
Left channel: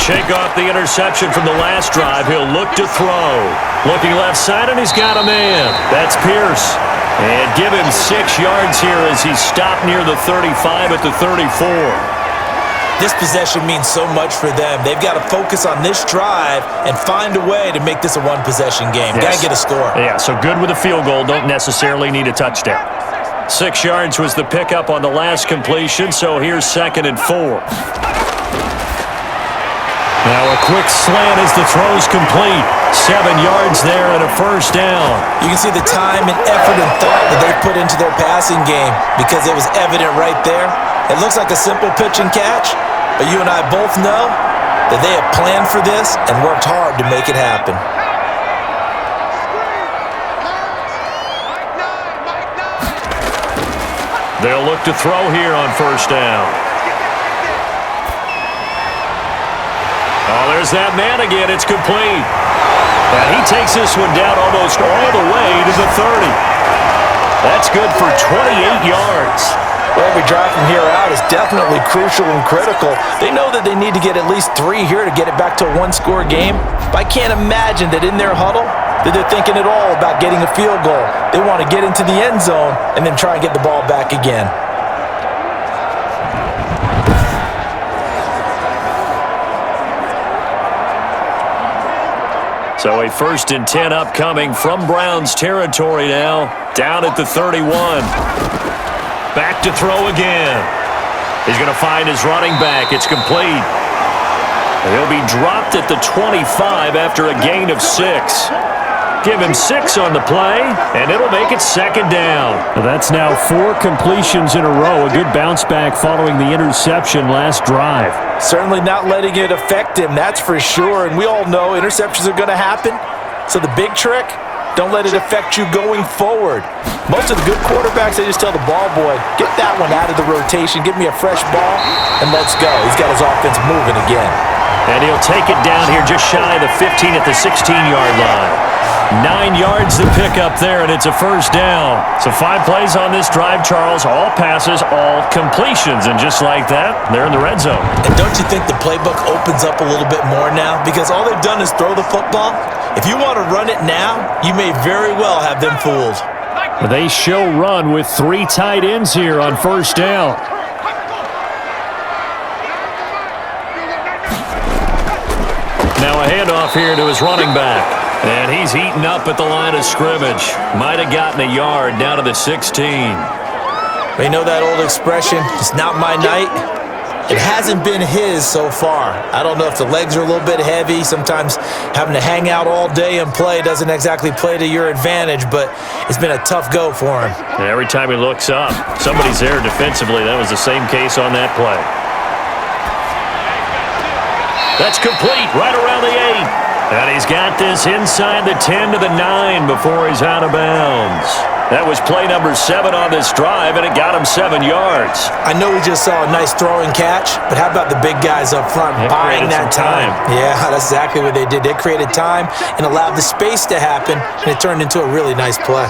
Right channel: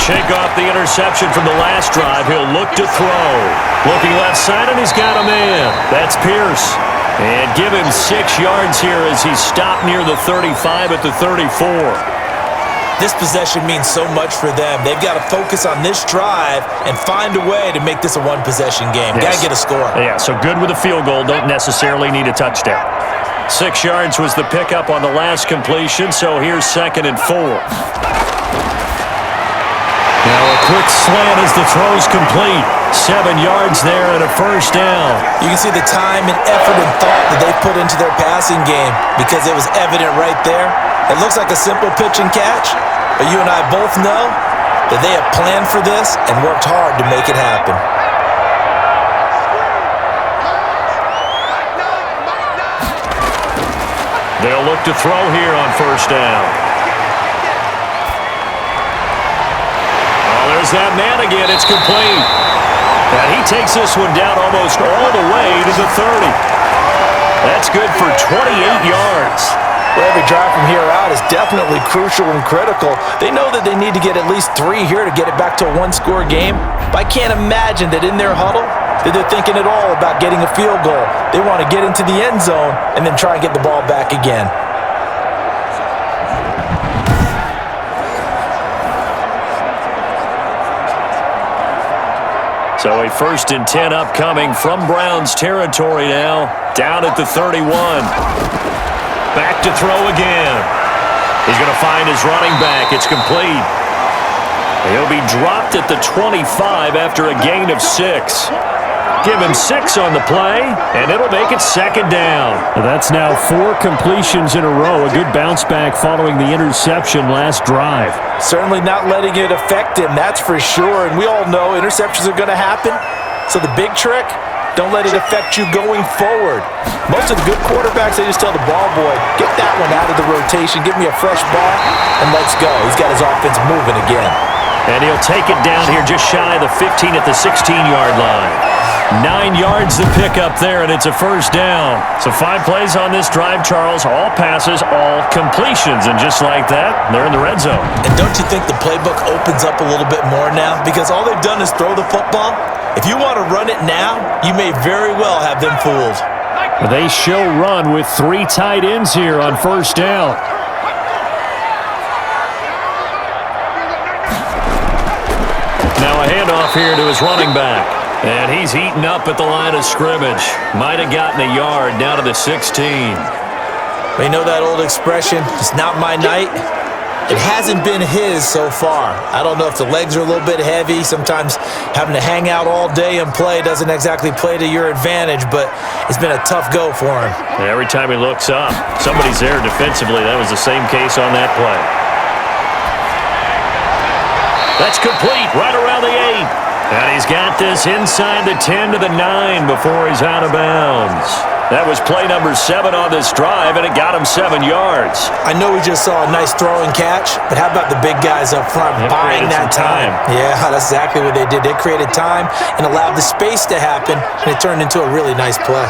Shake off the interception from the last drive. He'll look to throw. Looking left side, and he's got a man. That's Pierce. And give him 6 yards here as he's stopped near the 35 at the 34. This possession means so much for them. They've got to focus on this drive and find a way to make this a one-possession game. Yes. Got to get a score. Yeah, so good with a field goal. Don't necessarily need a touchdown. 6 yards was the pickup on the last completion, so here's 2nd and 4. Now a quick slant as the throw's complete. 7 yards there and a first down. You can see the time and effort and thought that they put into their passing game because it was evident right there. It looks like a simple pitch and catch, but you and I both know that they have planned for this and worked hard to make it happen. They'll look to throw here on first down. Oh, there's that man again. It's complete. And he takes this one down almost all the way to the 30. That's good for 28 yards. Well, every drive from here out is definitely crucial and critical. They know that they need to get at least 3 here to get it back to a 1-score game. But I can't imagine that in their huddle that they're thinking at all about getting a field goal. They want to get into the end zone and then try and get the ball back again. So a 1st and 10 upcoming from Browns territory now, down at the 31. Back to throw again. He's going to find his running back. It's complete. He'll be dropped at the 25 after a gain of 6. Give him 6 on the play, and it'll make it second down. That's now 4 completions in a row. A good bounce back following the interception last drive. Certainly not letting it affect him, that's for sure. And we all know interceptions are going to happen. So the big trick, don't let it affect you going forward. Most of the good quarterbacks, they just tell the ball boy, get that one out of the rotation, give me a fresh ball, and let's go. He's got his offense moving again. And he'll take it down here just shy of the 15 at the 16-yard line. 9 yards to pick up there, and it's a first down. So 5 plays on this drive, Charles. All passes, all completions. And just like that, they're in the red zone. And don't you think the playbook opens up a little bit more now? Because all they've done is throw the football. If you want to run it now, you may very well have them fooled. They show run with 3 tight ends here on first down. Now a handoff here to his running back. And he's eaten up at the line of scrimmage. Might have gotten a yard down to the 16. They know that old expression, it's not my night. It hasn't been his so far. I don't know if the legs are a little bit heavy. Sometimes having to hang out all day and play doesn't exactly play to your advantage, but it's been a tough go for him. Every time he looks up, somebody's there defensively. That was the same case on that play. That's complete right around the 8. And he's got this inside the 10 to the 9 before he's out of bounds. That was play number 7 on this drive, and it got him 7 yards. I know we just saw a nice throw and catch, but how about the big guys up front buying that time? Yeah, that's exactly what they did. They created time and allowed the space to happen, and it turned into a really nice play.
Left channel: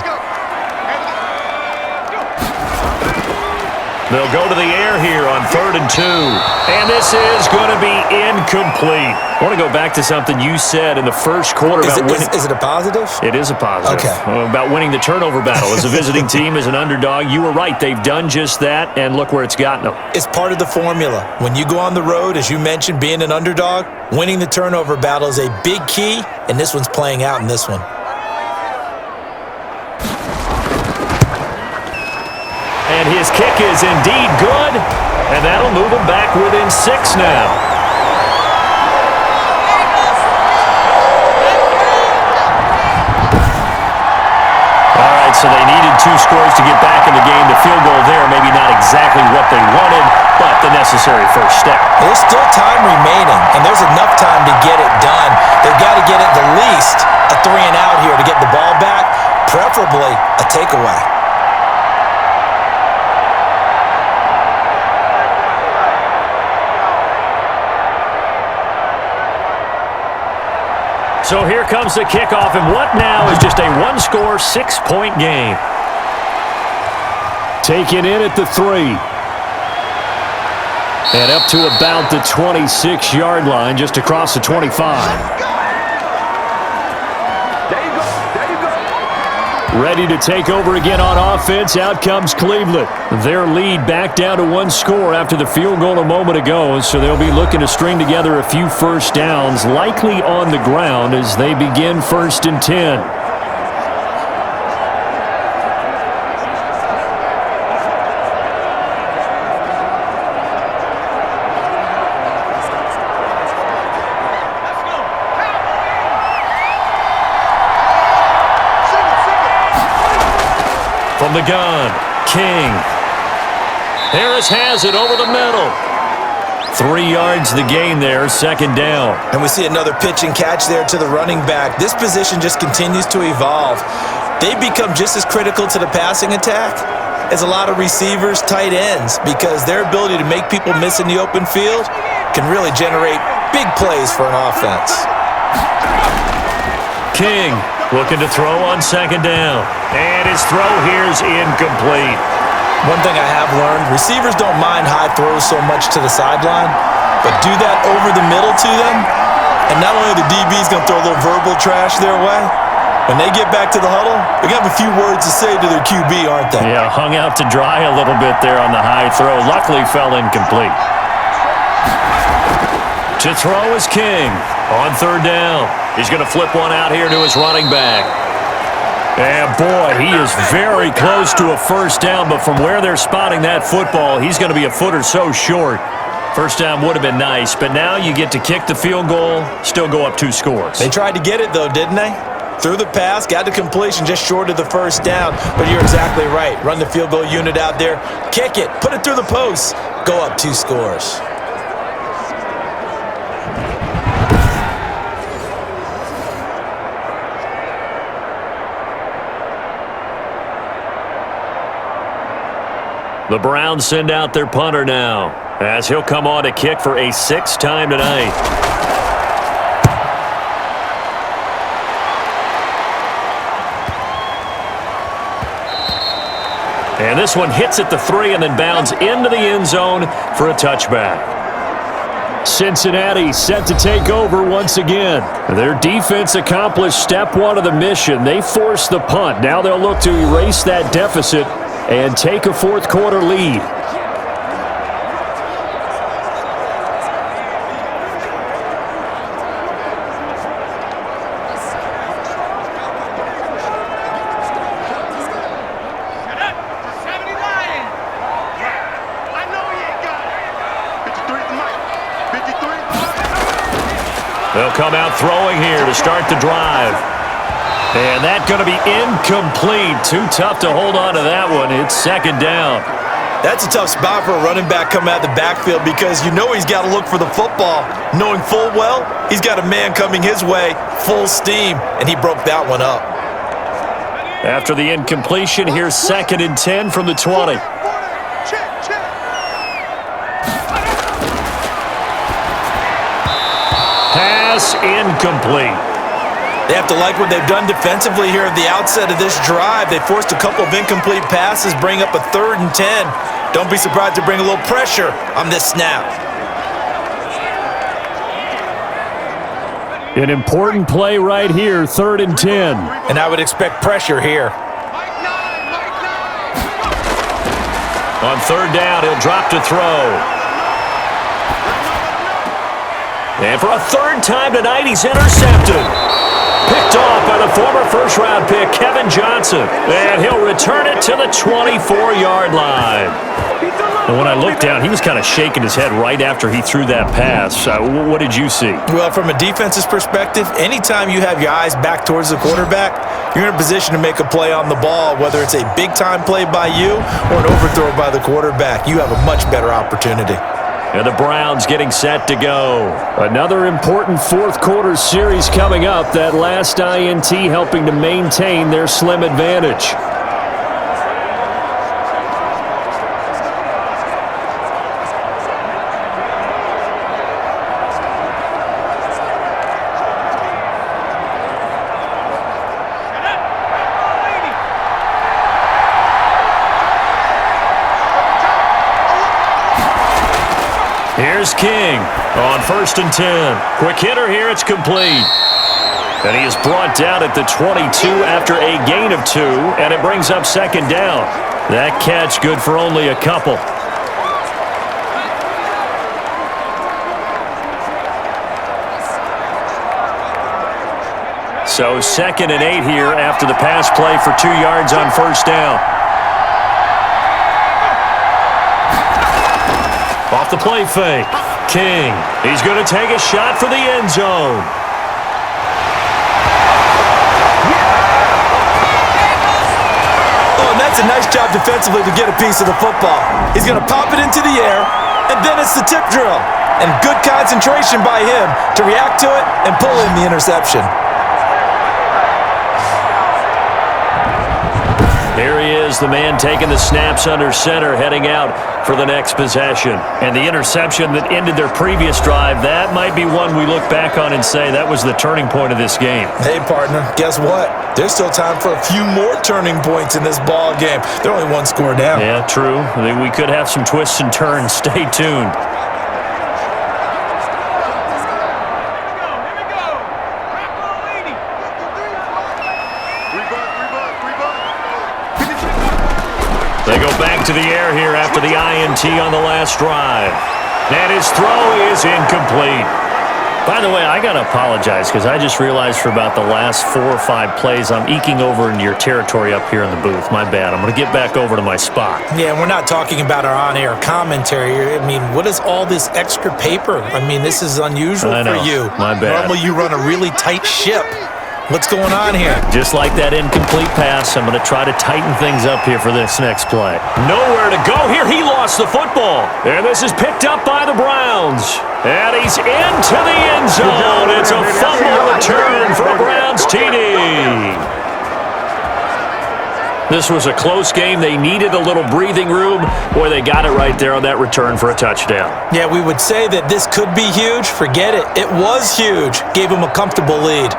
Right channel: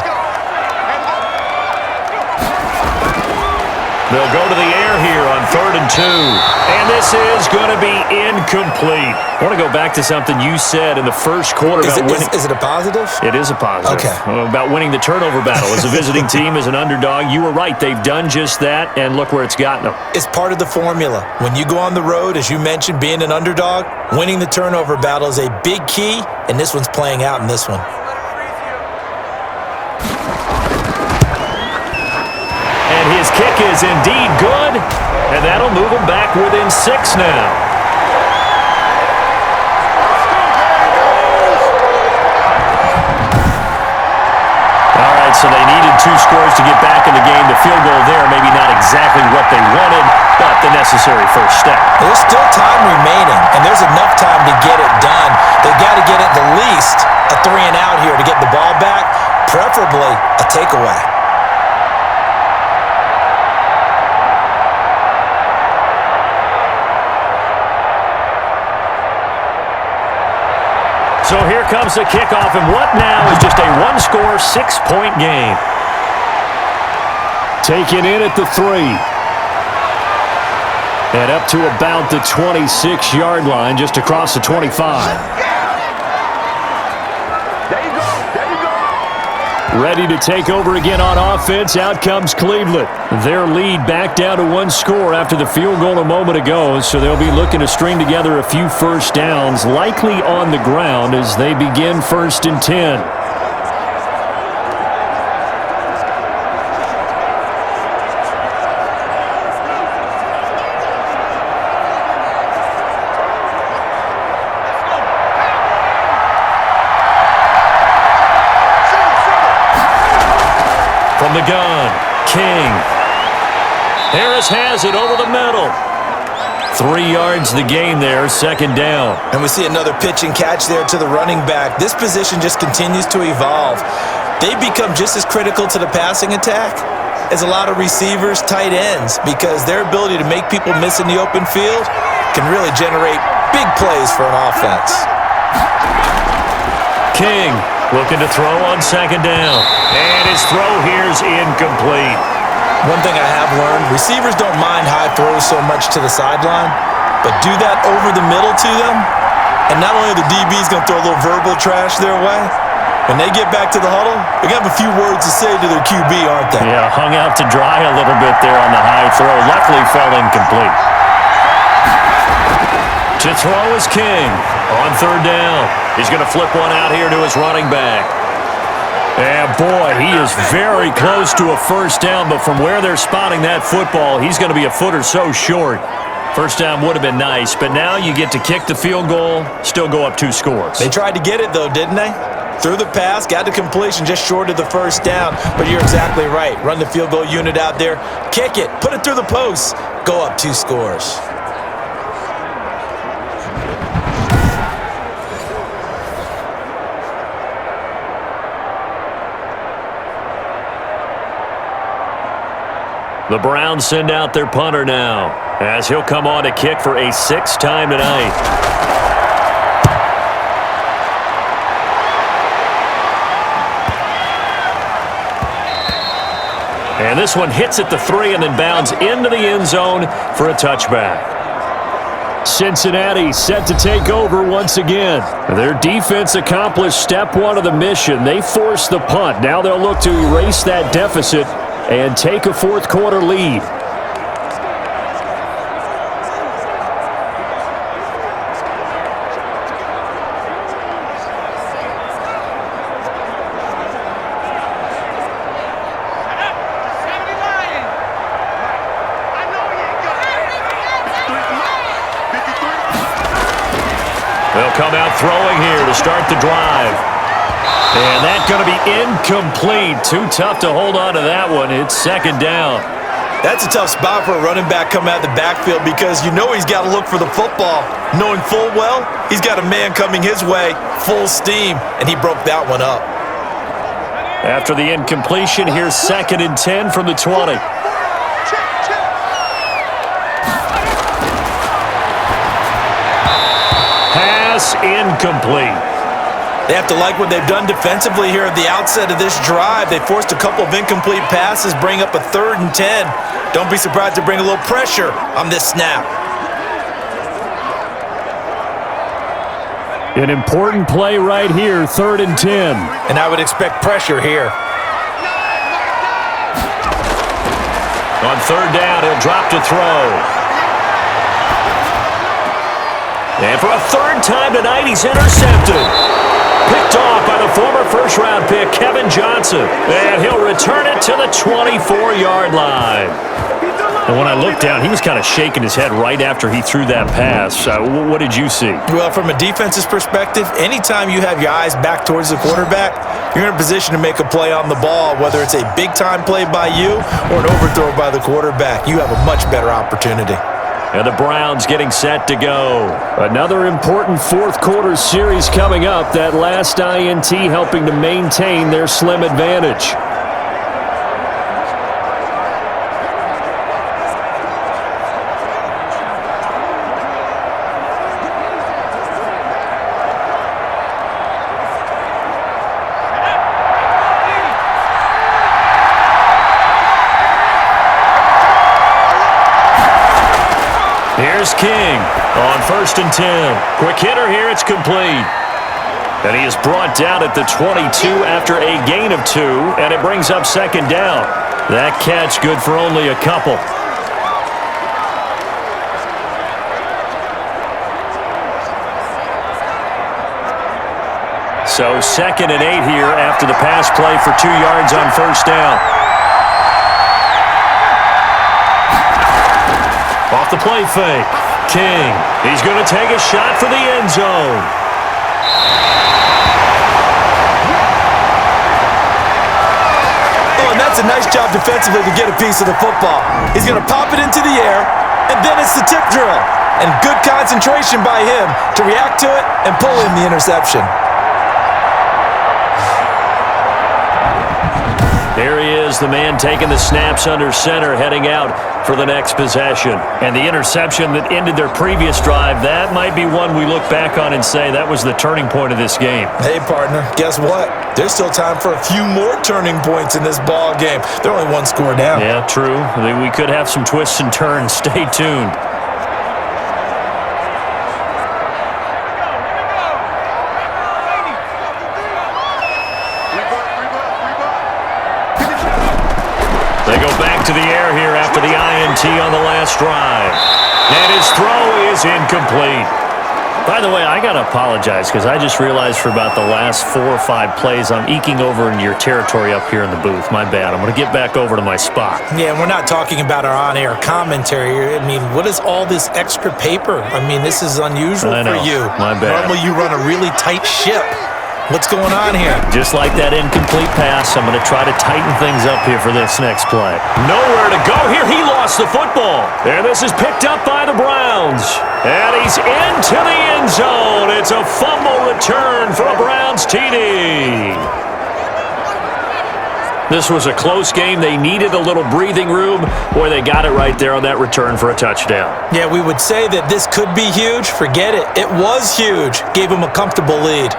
They'll go to the air here on 3rd and 2. And this is going to be incomplete. I want to go back to something you said in the first quarter about winning. Is it a positive? It is a positive. Okay. About winning the turnover battle. As a visiting team, as an underdog, you were right. They've done just that, and look where it's gotten them. It's part of the formula. When you go on the road, as you mentioned, being an underdog, winning the turnover battle is a big key, and this one's playing out in this one. And his kick is indeed good, and that'll move him back within 6 now. All right, so they needed 2 scores to get back in the game. The field goal there, maybe not exactly what they wanted, but the necessary first step. There's still time remaining, and there's enough time to get it done. They've got to get at the least a 3 and out here to get the ball back, preferably a takeaway. So here comes the kickoff, and what now is just a 1-score, 6-point game. Taken in at the 3. And up to about the 26-yard line, just across the 25. Ready to take over again on offense. Out comes Cleveland. Their lead back down to 1 score after the field goal a moment ago, so they'll be looking to string together a few first downs, likely on the ground as they begin 1st and 10. From the gun, King. Harris has it over the middle. 3 yards the gain there, 2nd down. And we see another pitch and catch there to the running back. This position just continues to evolve. They've become just as critical to the passing attack as a lot of receivers, tight ends, because their ability to make people miss in the open field can really generate big plays for an offense. King looking to throw on 2nd down. And his throw here's incomplete. One thing I have learned, receivers don't mind high throws so much to the sideline, but do that over the middle to them, and not only are the DBs going to throw a little verbal trash their way, when they get back to the huddle, they're going to have a few words to say to their QB, aren't they? Yeah, hung out to dry a little bit there on the high throw. Luckily fell incomplete. To throw is King on 3rd down. He's going to flip one out here to his running back. And boy, he is very close to a first down, but from where they're spotting that football, he's going to be a foot or so short. First down would have been nice, but now you get to kick the field goal, still go up 2 scores. They tried to get it, though, didn't they? Threw the pass, got to completion, just short of the first down. But you're exactly right. Run the field goal unit out there, kick it, put it through the post, go up 2 scores. The Browns send out their punter now, as he'll come on to kick for a 6th time tonight. And this one hits at the 3 and then bounds into the end zone for a touchback. Cincinnati set to take over once again. Their defense accomplished step 1 of the mission. They forced the punt. Now they'll look to erase that deficit and take a 4th quarter lead. They'll come out throwing here to start the drive. And that's going to be incomplete. Too tough to hold on to that one. It's 2nd down. That's a tough spot for a running back coming out of the backfield because you know he's got to look for the football, knowing full well he's got a man coming his way, full steam, and he broke that one up. After the incompletion, here's 2nd and 10 from the 20. Pass incomplete. They have to like what they've done defensively here at the outset of this drive. They forced a couple of incomplete passes, bring up a 3rd and 10. Don't be surprised to bring a little pressure on this snap. An important play right here, 3rd and 10. And I would expect pressure here. On 3rd down, he'll drop to throw. And for a 3rd time tonight, he's intercepted. Picked off by the former 1st-round pick, Kevin Johnson. And he'll return it to the 24-yard line. And when I looked down, he was kind of shaking his head right after he threw that pass. What did you see? Well, from a defense's perspective, anytime you have your eyes back towards the quarterback, you're in a position to make a play on the ball, whether it's a big-time play by you or an overthrow by the quarterback. You have a much better opportunity. And the Browns getting set to go. Another important 4th quarter series coming up. That last INT helping to maintain their slim advantage. Here's King on 1st and 10. Quick hitter here, it's complete. And he is brought down at the 22 after a gain of 2, and it brings up 2nd down. That catch good for only a couple. So 2nd and 8 here after the pass play for 2 yards on 1st down. Off the play fake. King. He's going to take a shot for the end zone. Oh, and that's a nice job defensively to get a piece of the football. He's going to pop it into the air, and then it's the tip drill. And good concentration by him to react to it and pull in the interception. Here he is, the man taking the snaps under center, heading out for the next possession. And the interception that ended their previous drive, that might be one we look back on and say that was the turning point of this game. Hey, partner, guess what? There's still time for a few more turning points in this ball game. They're only 1 score down. Yeah, true. We could have some twists and turns. Stay tuned. They go back to the air here after the INT on the last drive. And his throw is incomplete. By the way, I got to apologize because I just realized for about the last 4 or 5 plays, I'm eking over into your territory up here in the booth. My bad. I'm going to get back over to my spot. Yeah, and we're not talking about our on-air commentary. I mean, what is all this extra paper? I mean, this is unusual I know. for you. My bad. Normally you run a really tight ship. What's going on here? Just like that incomplete pass, I'm going to try to tighten things up here for this next play. Nowhere to go here. He lost the football. And this is picked up by the Browns. And he's into the end zone. It's a fumble return for a Browns TD. This was a close game. They needed a little breathing room. Boy, they got it right there on that return for a touchdown. Yeah, we would say that this could be huge. Forget it. It was huge. Gave him a comfortable lead.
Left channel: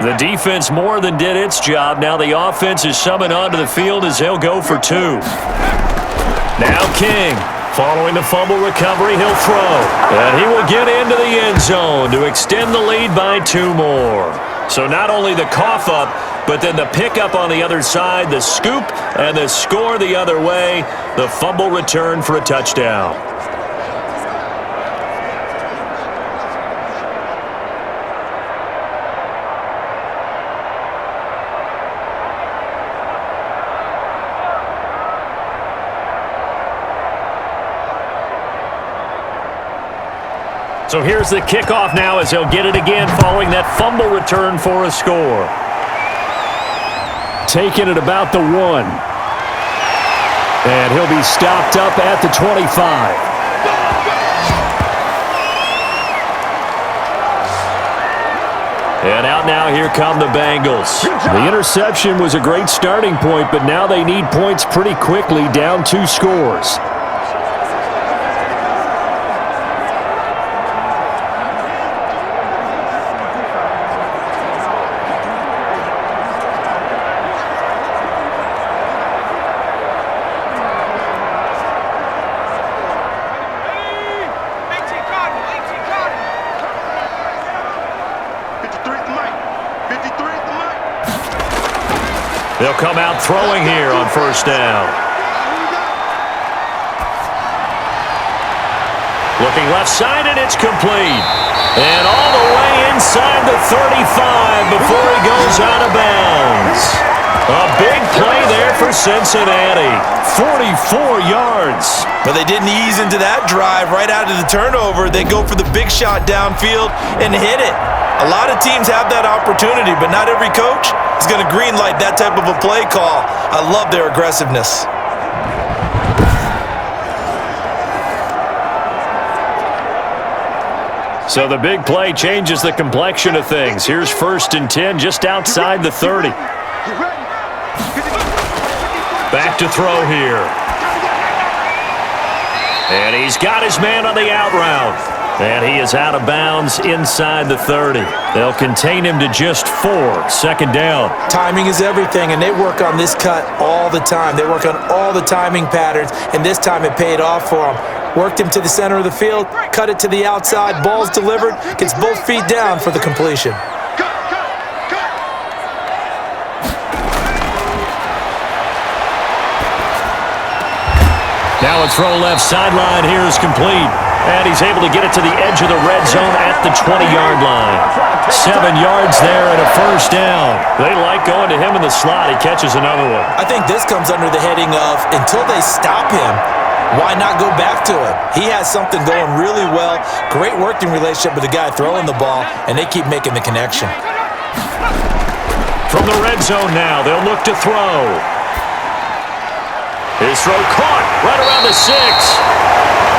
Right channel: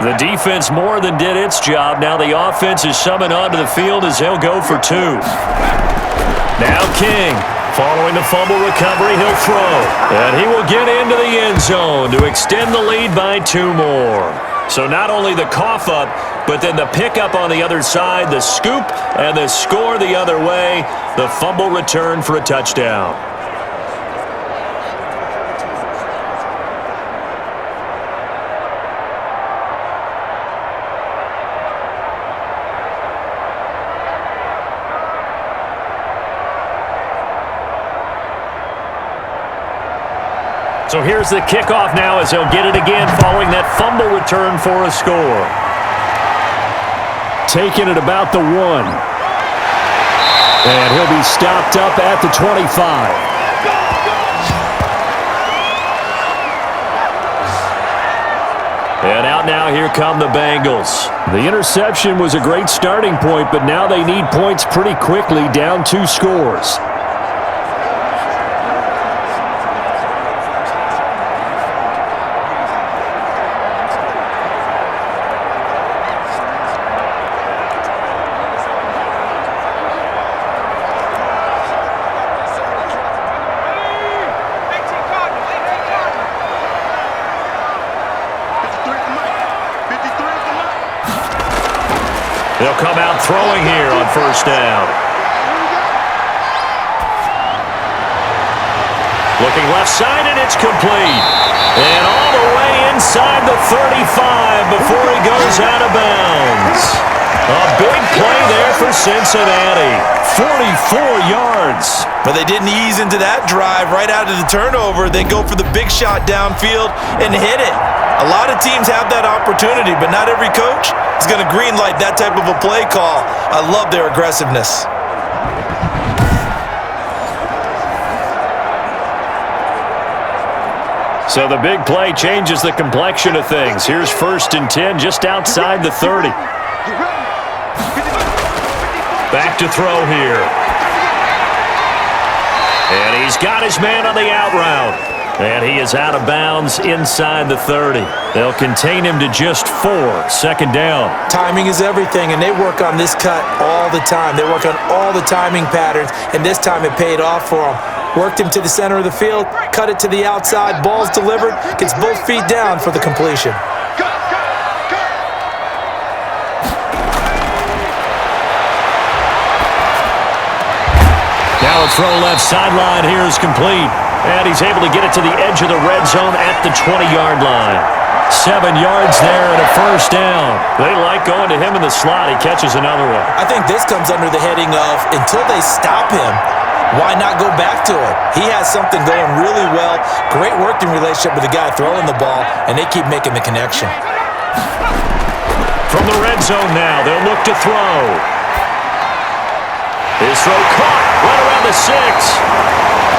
The defense more than did its job. Now the offense is summoned onto the field as they'll go for 2. Now King. Following the fumble recovery, he'll throw. And he will get into the end zone to extend the lead by 2 more. So not only the cough up, but then the pickup on the other side, the scoop, and the score the other way. The fumble return for a touchdown. So here's the kickoff now as they'll get it again following that fumble return for a score. Taking it about the 1. And he'll be stopped up at the 25. And out now, here come the Bengals. The interception was a great starting point, but now they need points pretty quickly, down 2 scores. They'll come out throwing here on first down. Looking left side, and it's complete. And all the way inside the 35 before he goes out of bounds. A big play there for Cincinnati. 44 yards. But they didn't ease into that drive right out of the turnover. They go for the big shot downfield and hit it. A lot of teams have that opportunity, but not every coach is going to greenlight that type of a play call. I love their aggressiveness. So the big play changes the complexion of things. Here's 1st and 10 just outside the 30. Back to throw here. And he's got his man on the out route. And he is out of bounds inside the 30. They'll contain him to just 4. 2nd down. Timing is everything, and they work on this cut all the time. They work on all the timing patterns, and this time it paid off for them. Worked him to the center of the field, cut it to the outside, ball's delivered, gets both feet down for the completion. Now a throw left sideline here is complete. And he's able to get it to the edge of the red zone at the 20-yard line. 7 yards there and a first down. They like going to him in the slot. He catches another one. I think this comes under the heading of until they stop him, why not go back to it? He has something going really well. Great working relationship with the guy throwing the ball, and they keep making the connection. From the red zone now, they'll look to throw. His throw caught right around the 6.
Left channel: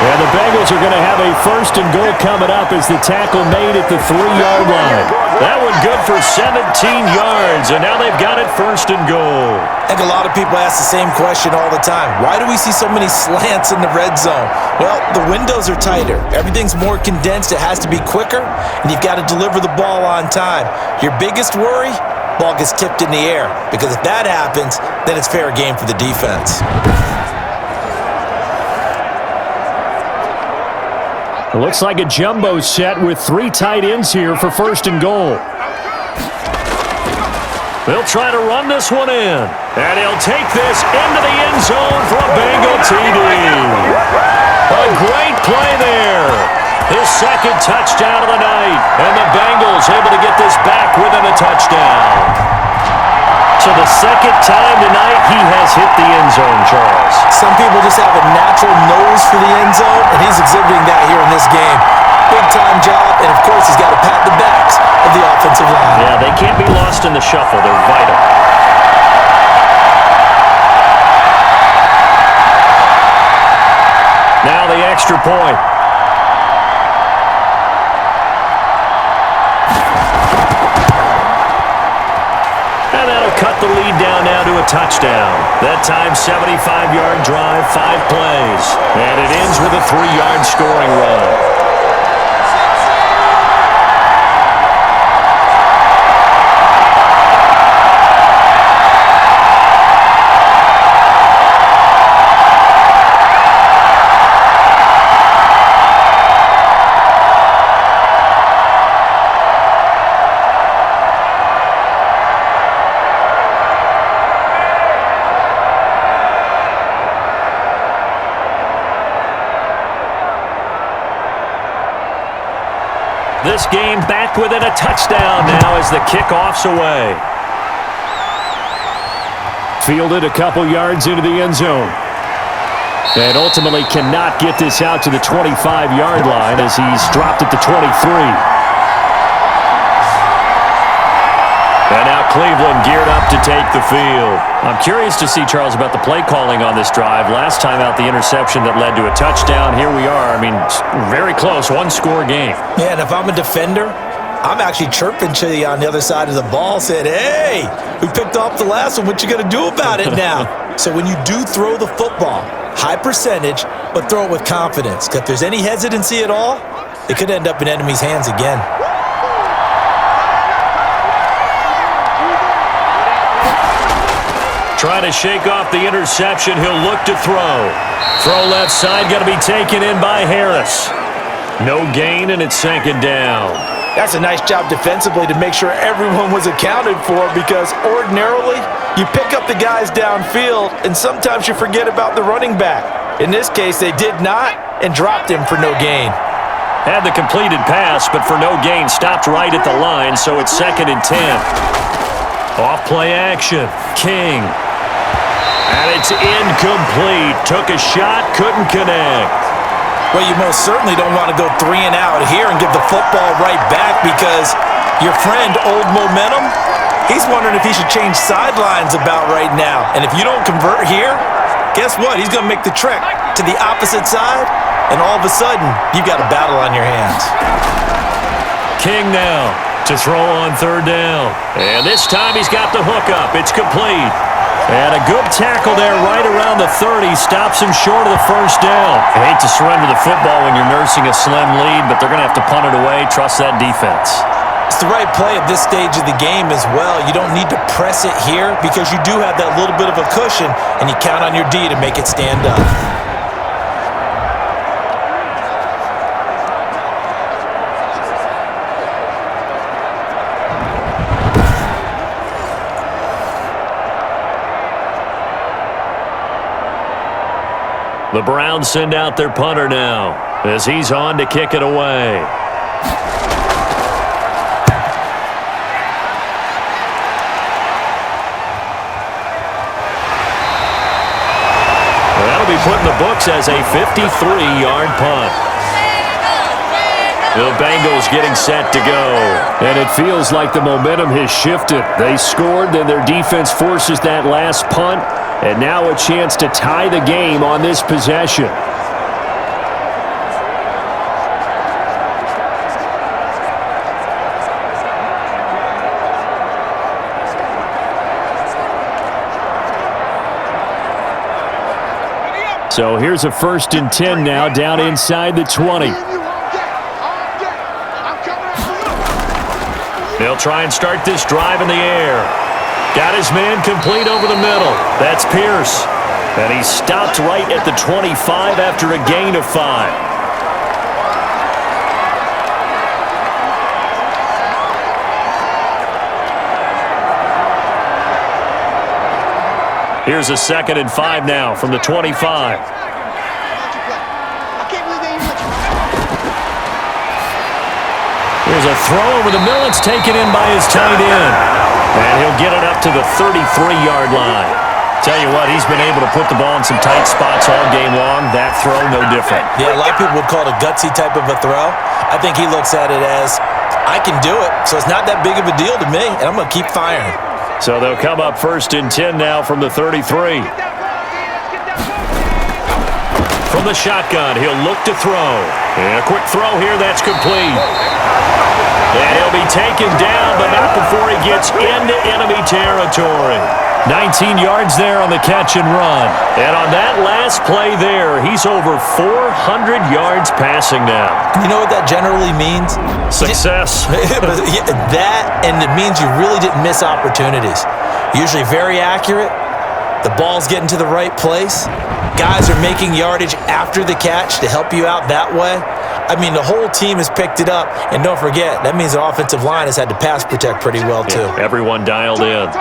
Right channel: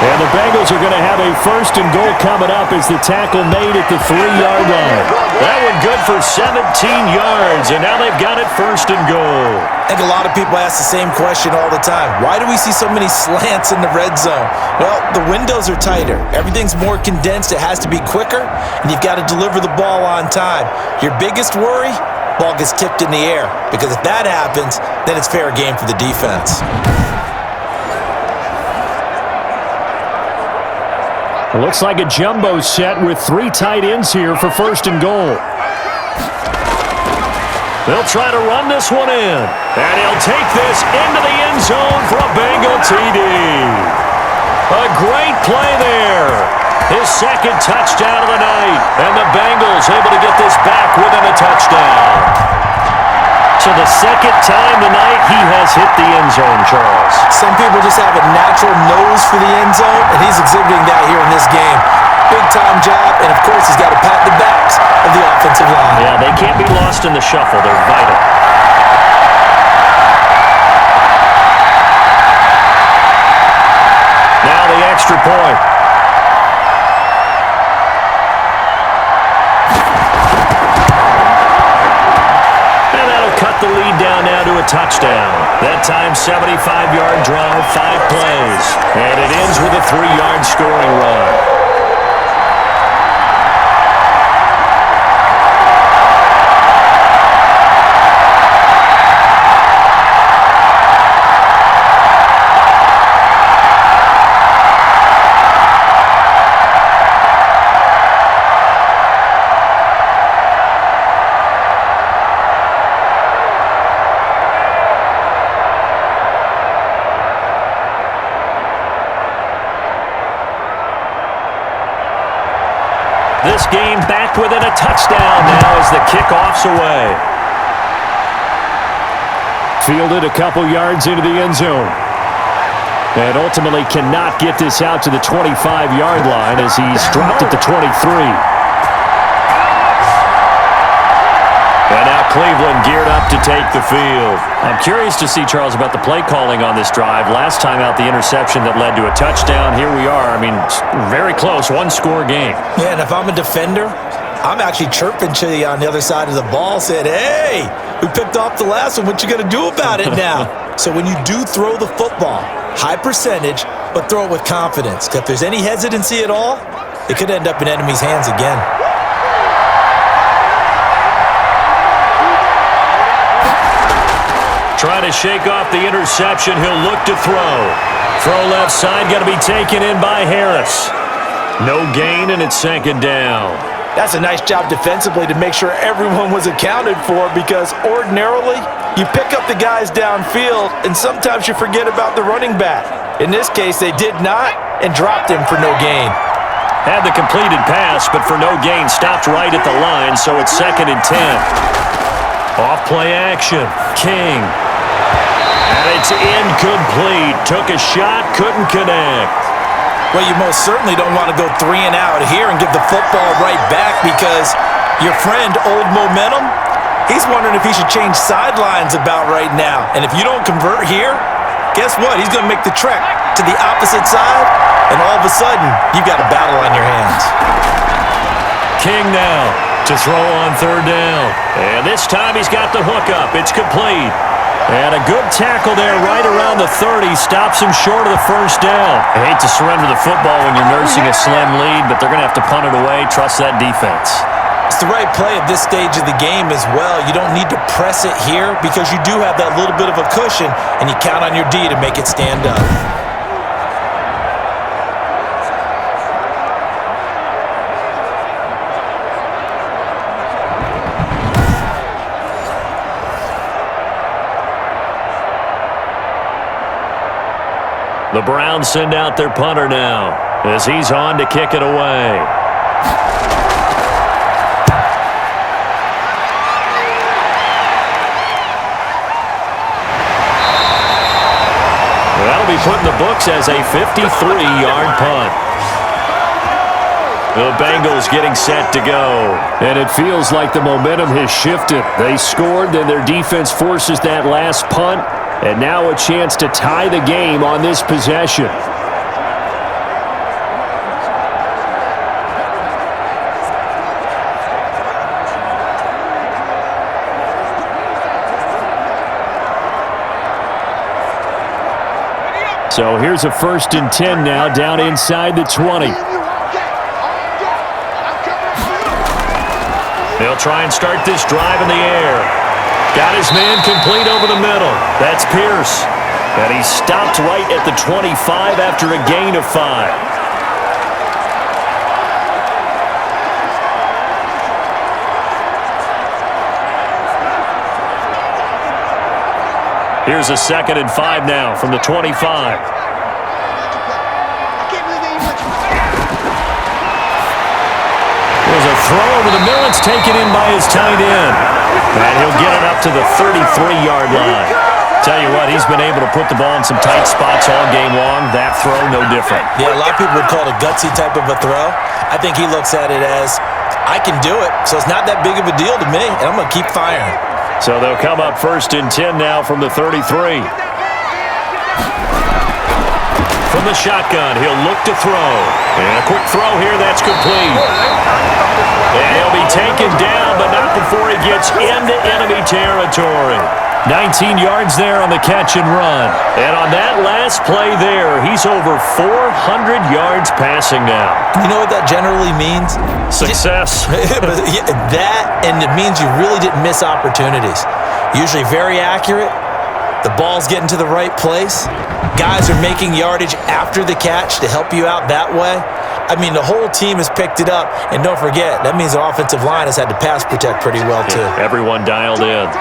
And the Bengals are going to have a 1st and goal coming up as the tackle made at the 3-yard line. That one good for 17 yards, and now they've got it 1st and goal. I think a lot of people ask the same question all the time. Why do we see so many slants in the red zone? Well, the windows are tighter. Everything's more condensed. It has to be quicker, and you've got to deliver the ball on time. Your biggest worry? ball gets tipped in the air. Because if that happens, then it's fair game for the defense. It looks like a jumbo set with 3 tight ends here for 1st and goal. They'll try to run this one in. And he'll take this into the end zone for a Bengal TD. A great play there. His 2nd touchdown of the night. And the Bengals able to get this back within a touchdown. So the 2nd time tonight he has hit the end zone, Charles. Some people just have a natural nose for the end zone, and he's exhibiting that here in this game. Big-time job, and of course he's got to pat the backs of the offensive line. Yeah, they can't be lost in the shuffle. They're vital. Now the extra point. And that'll cut the lead down now to a touchdown. That time, 75-yard drive, 5 plays. And it ends with a 3-yard scoring run. This game back within a touchdown now as the kickoff's away. Fielded a couple yards into the end zone. And ultimately cannot get this out to the 25-yard line as he's dropped at the 23. And now Cleveland geared up to take the field. I'm curious to see, Charles, about the play calling on this drive. Last time out, the interception that led to a touchdown. Here we are. I mean, very close, 1-score game. Yeah, and if I'm a defender, I'm actually chirping to you on the other side of the ball, saying, hey, we picked off the last one. What you going to do about it now? So when you do throw the football, high percentage, but throw it with confidence. Because if there's any hesitancy at all, it could end up in enemy's hands again. Trying to shake off the interception. He'll look to throw. Throw left side, got to be taken in by Harris. No gain, and it's 2nd down. That's a nice job defensively to make sure everyone was accounted for, because ordinarily you pick up the guys downfield and sometimes you forget about the running back. In this case, they did not and dropped him for no gain. Had the completed pass, but for no gain, stopped right at the line, so it's 2nd and 10. Off play action. King. And it's incomplete. Took a shot, couldn't connect. Well, you most certainly don't want to go 3 and out here and give the football right back, because your friend, Old Momentum, he's wondering if he should change sidelines about right now. And if you don't convert here, guess what? He's going to make the trek to the opposite side, and all of a sudden, you've got a battle on your hands. King now to throw on 3rd down. And this time he's got the hook up. It's complete. And a good tackle there right around the 30. Stops him short of the 1st down. I hate to surrender the football when you're nursing a slim lead, but they're going to have to punt it away. Trust that defense. It's the right play at this stage of the game as well. You don't need to press it here because you do have that little bit of a cushion, and you count on your D to make it stand up. The Browns send out their punter now as he's on to kick it away. That'll be put in the books as a 53-yard punt. The Bengals getting set to go. And it feels like the momentum has shifted. They scored, then their defense forces that last punt. And now a chance to tie the game on this possession. So here's a 1st and 10 now, down inside the 20. They'll try and start this drive in the air. Got his man complete over the middle. That's Pierce. And he stopped right at the 25 after a gain of 5. Here's a 2nd and 5 now from the 25. There's a throw over the middle. It's taken in by his tight end. And he'll get it up to the 33-yard line. Tell you what, he's been able to put the ball in some tight spots all game long. That throw, no different. Yeah, a lot of people would call it a gutsy type of a throw. I think he looks at it as, I can do it, so it's not that big of a deal to me, and I'm going to keep firing. So they'll come up 1st and 10 now from the 33. From the shotgun, he'll look to throw. And a quick throw here, that's complete. And he'll be taken down, but not before he gets into enemy territory. 19 yards there on the catch and run. And on that last play there, he's over 400 yards passing now. You know what that generally means? Success. That, and it means you really didn't miss opportunities. Usually very accurate. The ball's getting to the right place. Guys are making yardage after the catch to help you out that way. I mean, the whole team has picked it up. And don't forget, that means the offensive line has had to pass protect pretty well, too. Yeah, everyone dialed in.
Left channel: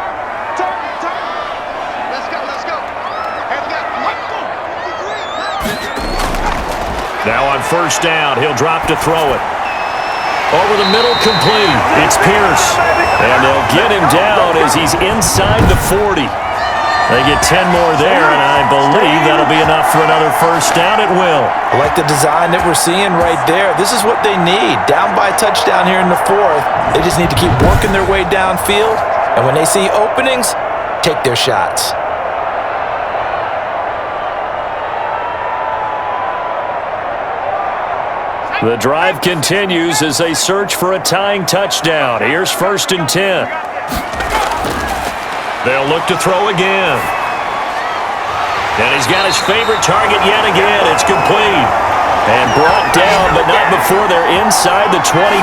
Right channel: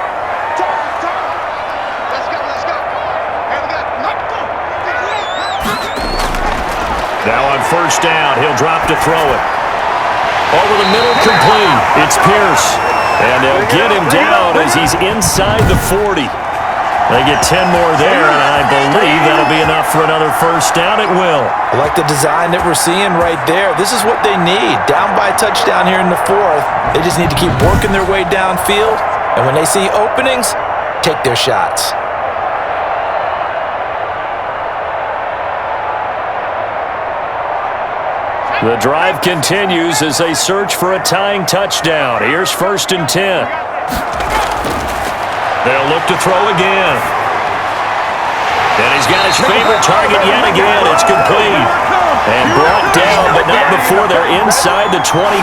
Now on 1st down, he'll drop to throw it. Over the middle, complete. It's Pierce. And they'll get him down as he's inside the 40. They get 10 more there, and I believe that'll be enough for another 1st down. It will. I like the design that we're seeing right there. This is what they need. Down by a touchdown here in the 4th. They just need to keep working their way downfield. And when they see openings, take their shots. The drive continues as they search for a tying touchdown. Here's 1st and 10. They'll look to throw again. And he's got his favorite target yet again. It's complete. And brought down, but not before they're inside the 25.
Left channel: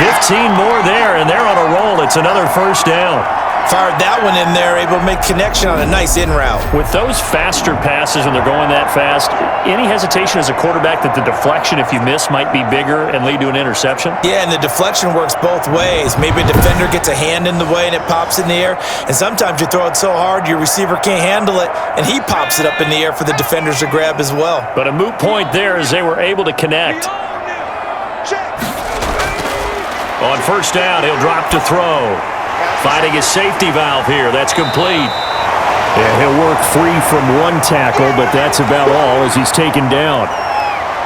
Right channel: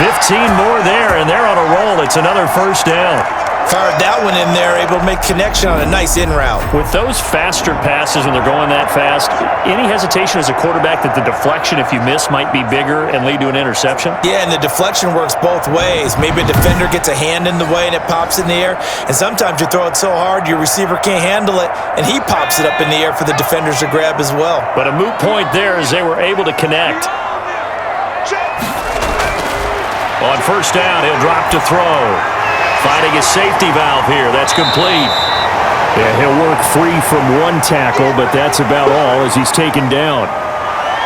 15 more there, and they're on a roll. It's another 1st down. Fired that one in there, able to make connection on a nice in route. With those faster passes when they're going that fast, any hesitation as a quarterback that the deflection, if you miss, might be bigger and lead to an interception? Yeah, and the deflection works both ways. Maybe a defender gets a hand in the way and it pops in the air, and sometimes you throw it so hard your receiver can't handle it, and he pops it up in the air for the defenders to grab as well. But a moot point there as they were able to connect. On 1st down, he'll drop to throw. Finding his safety valve here. That's complete. Yeah, he'll work free from one tackle, but that's about all as he's taken down.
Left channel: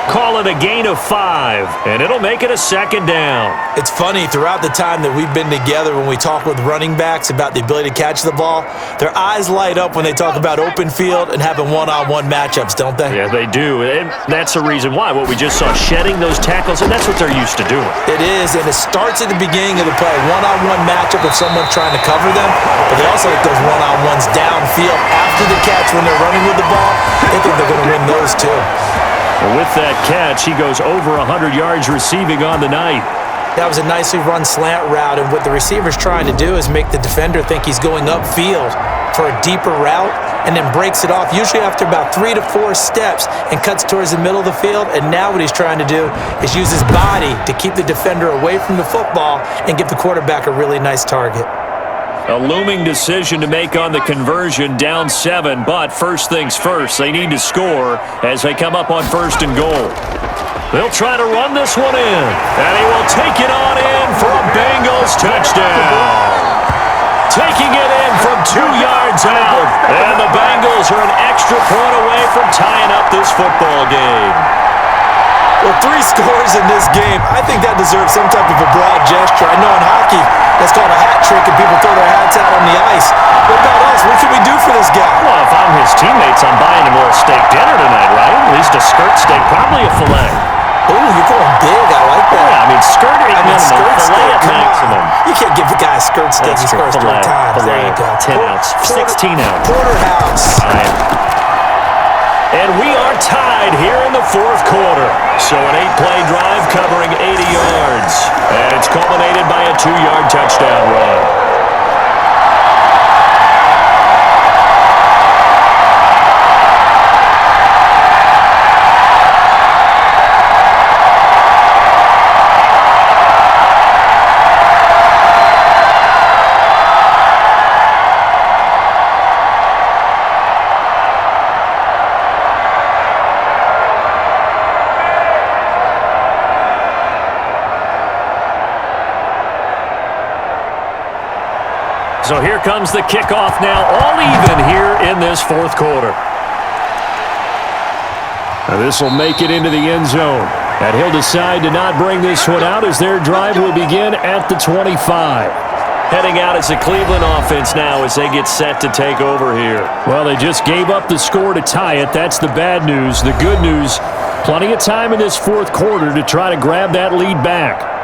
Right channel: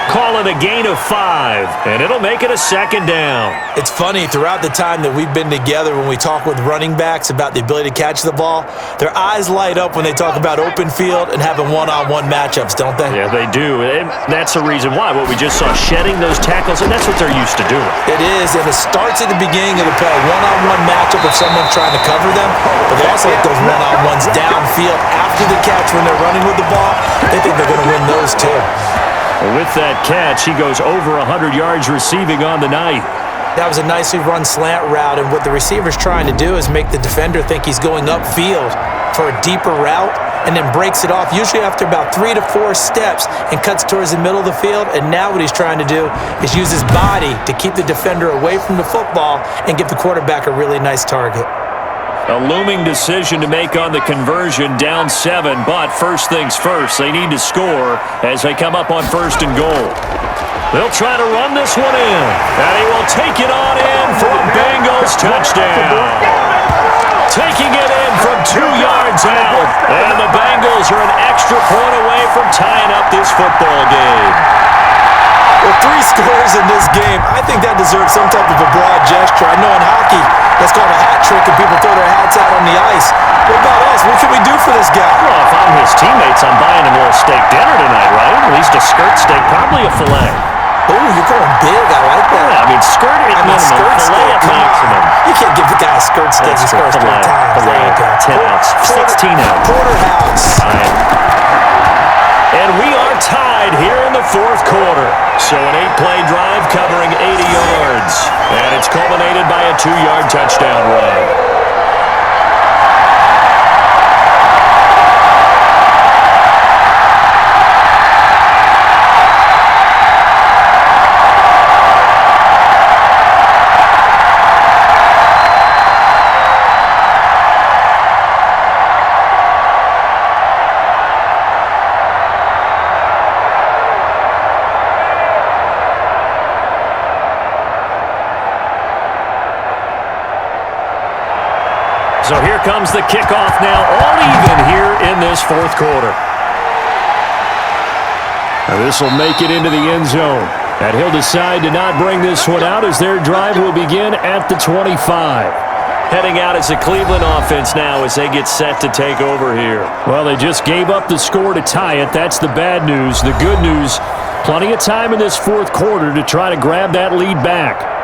Call it a gain of 5, and it'll make it a 2nd down. It's funny, throughout the time that we've been together, when we talk with running backs about the ability to catch the ball, their eyes light up when they talk about open field and having one-on-one matchups, don't they? Yeah, they do, and that's the reason why. What we just saw, shedding those tackles, and that's what they're used to doing. It is, and it starts at the beginning of the play. One-on-one matchup if someone's trying to cover them, but they also like those one-on-ones downfield after the catch when they're running with the ball. They think they're going to win those too. Well, with that catch, he goes over 100 yards receiving on the night. That was a nicely run slant route, and what the receiver's trying to do is make the defender think he's going upfield for a deeper route and then breaks it off, usually after about 3 to 4 steps, and cuts towards the middle of the field. And now what he's trying to do is use his body to keep the defender away from the football and give the quarterback a really nice target. A looming decision to make on the conversion, down 7, but first things first, they need to score as they come up on 1st and goal. They'll try to run this one in, and he will take it on in for a Bengals touchdown. Taking it in from 2 yards out, and the Bengals are an extra point away from tying up this football game. Well, 3 scores in this game, I think that deserves some type of a broad gesture. I know in hockey, that's called a hat trick and people throw their hats out on the ice. What about us? What can we do for this guy? Well, if I'm his teammates, I'm buying him a little steak dinner tonight, right? At least a skirt steak, probably a filet. Ooh, you're going big. I like that. Yeah, I mean, skirt at minimum, skirt filet steak, at come maximum. on. You can't give the guy a skirt steak. That's He scores 3 times. Filet, There you go. 10 ounce, 16 ounce. Porterhouse. Fine. And we are tied here in the fourth quarter. So an 8-play drive covering 80 yards. And it's culminated by a 2-yard touchdown run. So here comes the kickoff now, all even here in this fourth quarter. Now this will make it into the end zone. And he'll decide to not bring this one out as their drive will begin at the 25. Heading out is the Cleveland offense now as they get set to take over here. Well, they just gave up the score to tie it. That's the bad news. The good news, plenty of time in this fourth quarter to try to grab that lead back.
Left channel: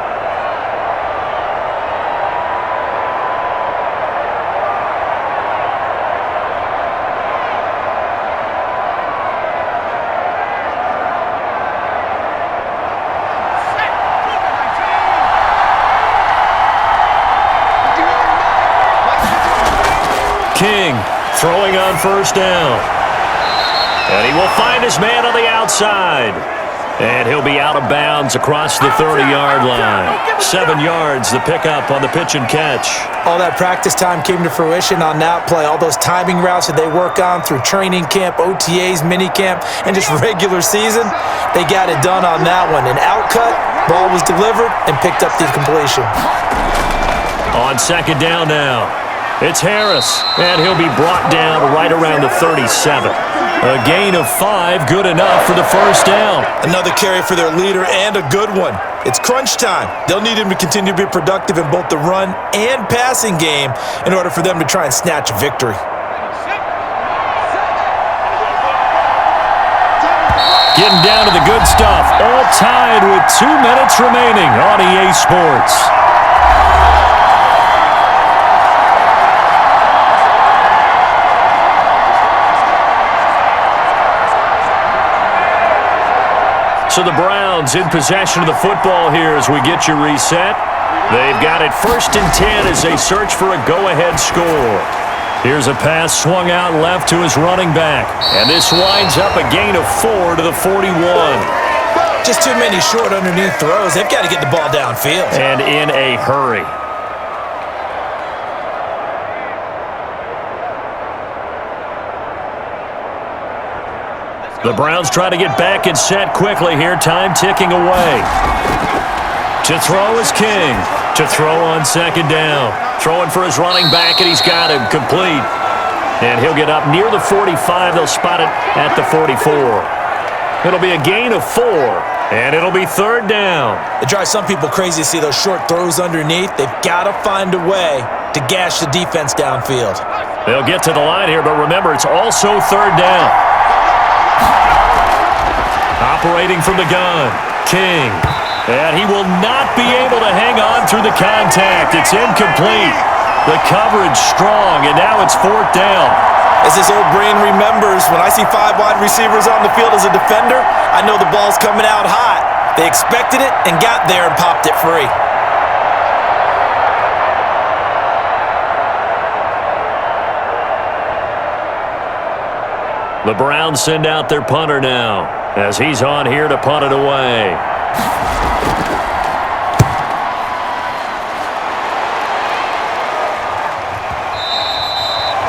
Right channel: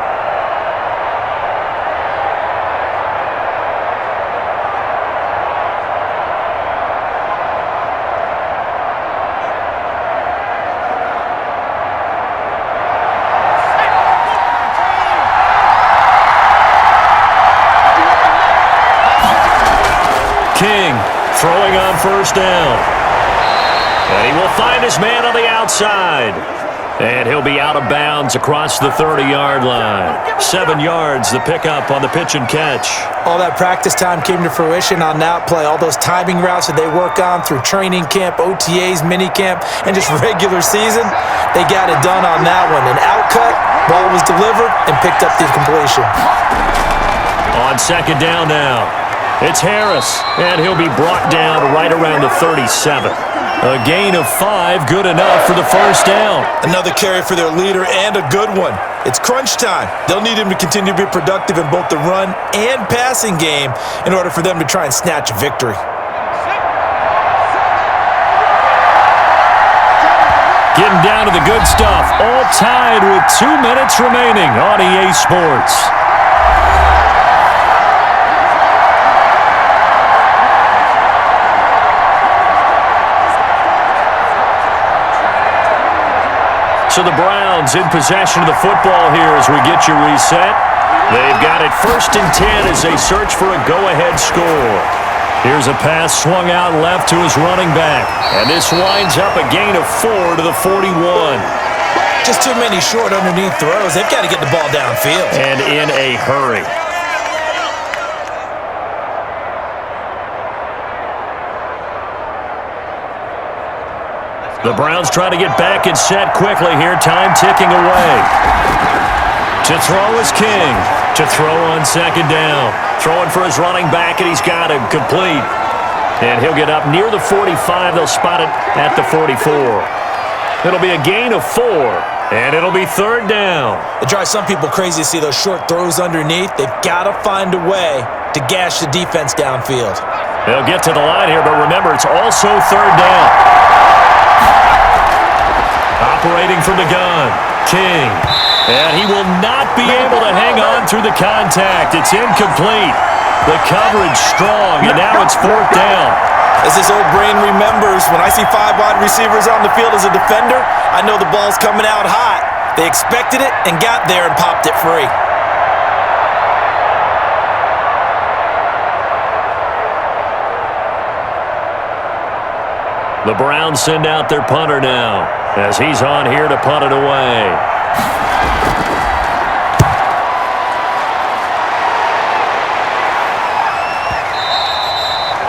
King throwing on first down. And he will find his man on the outside. And he'll be out of bounds across the 30-yard line. 7 yards, the pickup on the pitch and catch. All that practice time came to fruition on that play. All those timing routes that they work on through training camp, OTAs, minicamp, and just regular season, they got it done on that one. An outcut, ball was delivered, and picked up the completion. On second down now, it's Harris, and he'll be brought down right around the 37. A gain of 5, good enough for the first down. Another carry for their leader and a good one. It's crunch time. They'll need him to continue to be productive in both the run and passing game in order for them to try and snatch a victory. Getting down to the good stuff. All tied with 2 minutes remaining on EA Sports. So the Browns in possession of the football here as we get you reset. They've got it 1st and 10 as they search for a go-ahead score. Here's a pass swung out left to his running back. And this winds up a gain of 4 to the 41. Just too many short underneath throws. They've got to get the ball downfield. And in a hurry. The Browns try to get back and set quickly here. Time ticking away. To throw is King. To throw on second down. Throwing for his running back, and he's got him complete. And he'll get up near the 45. They'll spot it at the 44. It'll be a gain of 4, and it'll be third down. It drives some people crazy to see those short throws underneath. They've got to find a way to gash the defense downfield. They'll get to the line here, but remember, it's also third down. Operating from the gun, King. And he will not be able to hang on through the contact. It's incomplete. The coverage strong, and now it's fourth down. As this old brain remembers, when I see 5 wide receivers on the field as a defender, I know the ball's coming out hot. They expected it and got there and popped it free. The Browns send out their punter now as he's on here to punt it away.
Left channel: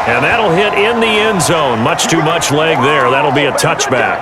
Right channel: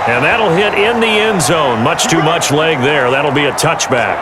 And that'll hit in the end zone. Much too much leg there. That'll be a touchback.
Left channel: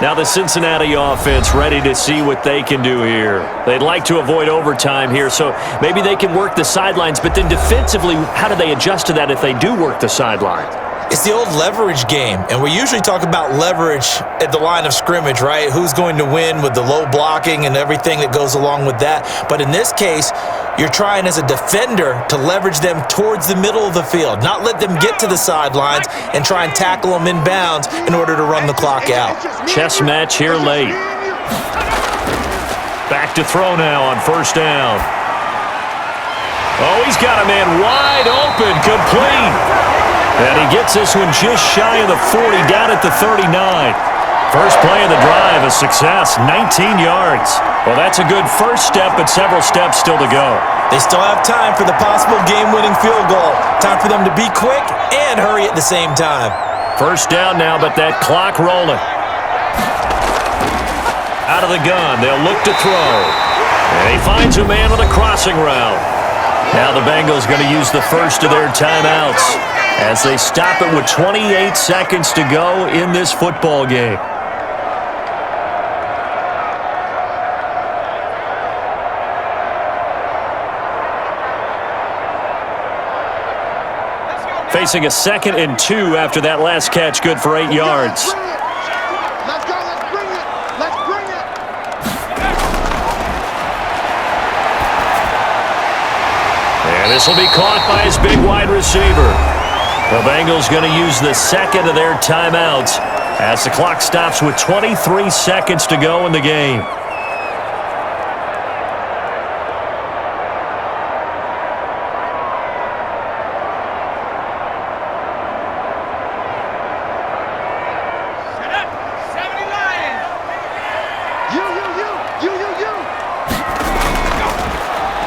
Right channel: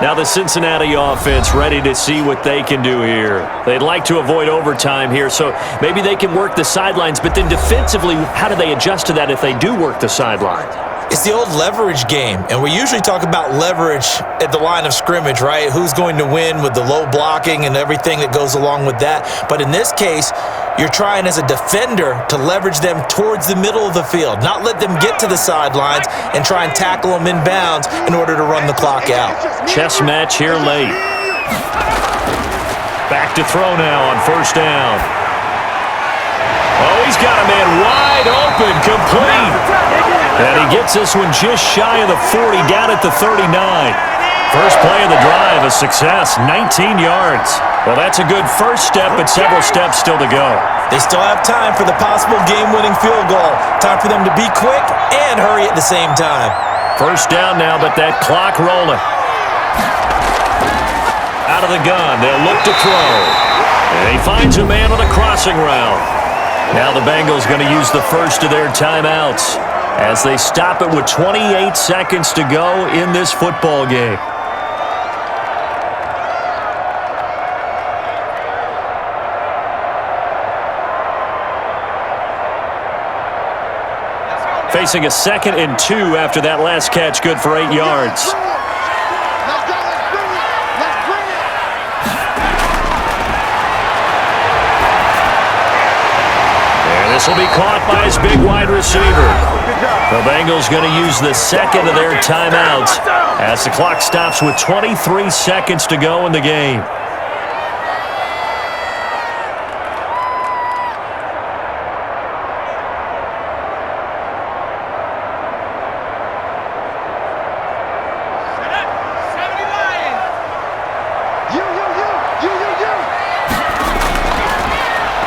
Now the Cincinnati offense ready to see what they can do here. They'd like to avoid overtime here, so maybe they can work the sidelines, but then defensively, how do they adjust to that if they do work the sideline? It's the old leverage game, and we usually talk about leverage at the line of scrimmage, right? Who's going to win with the low blocking and everything that goes along with that. But in this case, you're trying as a defender to leverage them towards the middle of the field, not let them get to the sidelines and try and tackle them in bounds in order to run the clock out. Chess match here late. Back to throw now on first down. Oh, he's got a man wide open, complete. And he gets this one just shy of the 40, down at the 39. First play of the drive, a success, 19 yards. Well, that's a good first step, but several steps still to go. They still have time for the possible game-winning field goal. Time for them to be quick and hurry at the same time. First down now, but that clock rolling. Out of the gun, they'll look to throw. And he finds a man on a crossing route. Now the Bengals going to use the first of their timeouts as they stop it with 28 seconds to go in this football game. Facing a 2nd and 2 after that last catch, good for 8 yards. Let's go, let's bring it. Let's bring it. And this will be caught by his big wide receiver. The Bengals going to use the second of their timeouts as the clock stops with 23 seconds to go in the game.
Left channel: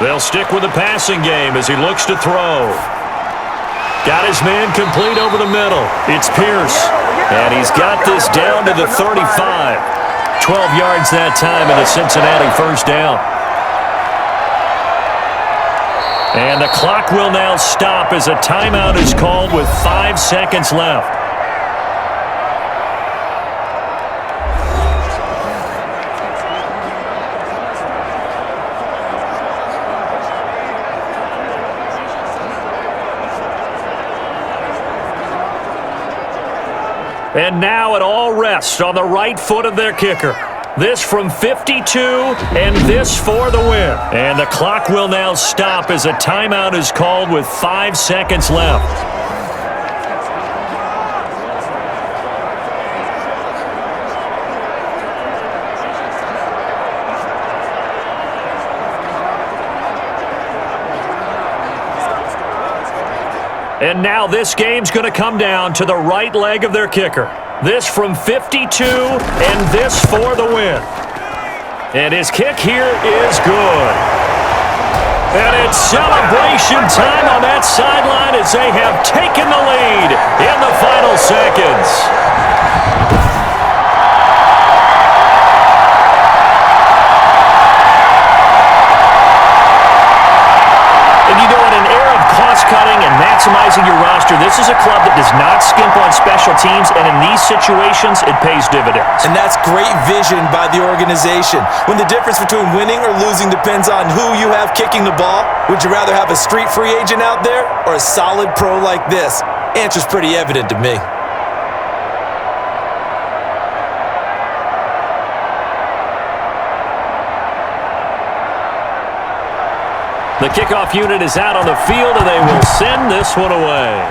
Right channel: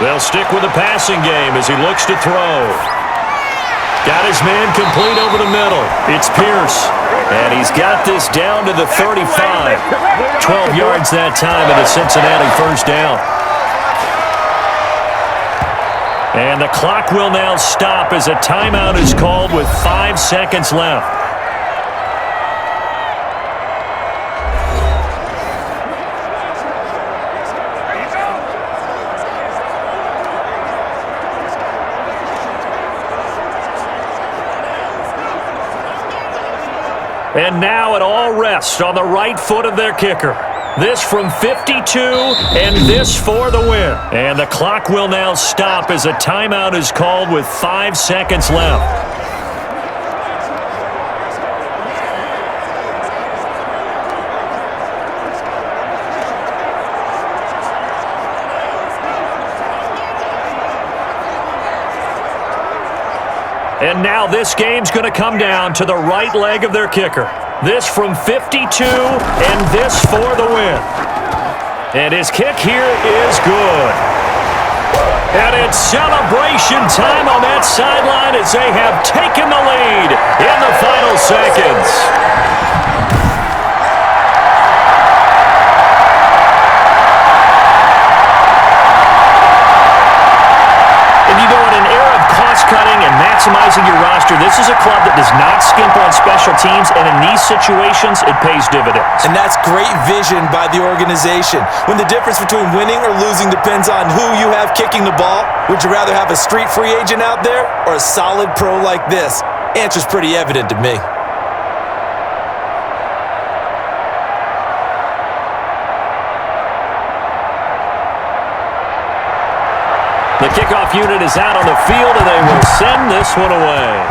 They'll stick with the passing game as he looks to throw. Got his man complete over the middle. It's Pierce. And he's got this down to the 35. 12 yards that time and a Cincinnati first down. And the clock will now stop as a timeout is called with 5 seconds left. And now it all rests on the right foot of their kicker. This from 52, and this for the win. And the clock will now stop as a timeout is called with 5 seconds left. And now this game's going to come down to the right leg of their kicker. This from 52, and this for the win. And his kick here is good. And it's celebration time on that sideline as they have taken the lead in the final seconds. And you know, in an era of cost-cutting and maximizing your roster, this is a club that does not skimp on special teams, and in these situations, it pays dividends. And that's great vision by the organization. When the difference between winning or losing depends on who you have kicking the ball, would you rather have a street free agent out there or a solid pro like this? Answer's pretty evident to me. The kickoff unit is out on the field, and they will send this one away.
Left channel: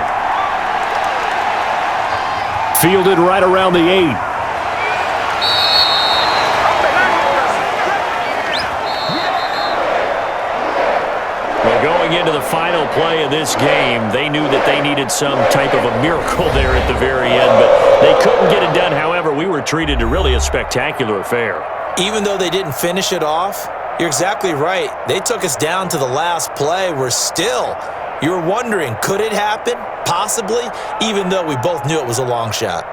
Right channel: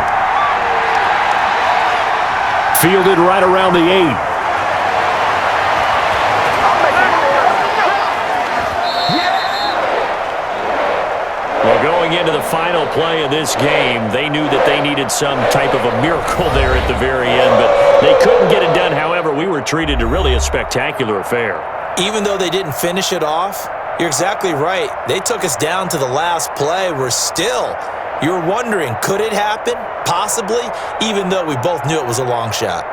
Fielded right around the 8. Well, going into the final play of this game, they knew that they needed some type of a miracle there at the very end, but they couldn't get it done. However, we were treated to really a spectacular affair. Even though they didn't finish it off, you're exactly right. They took us down to the last play. You're wondering, could it happen? Possibly, even though we both knew it was a long shot.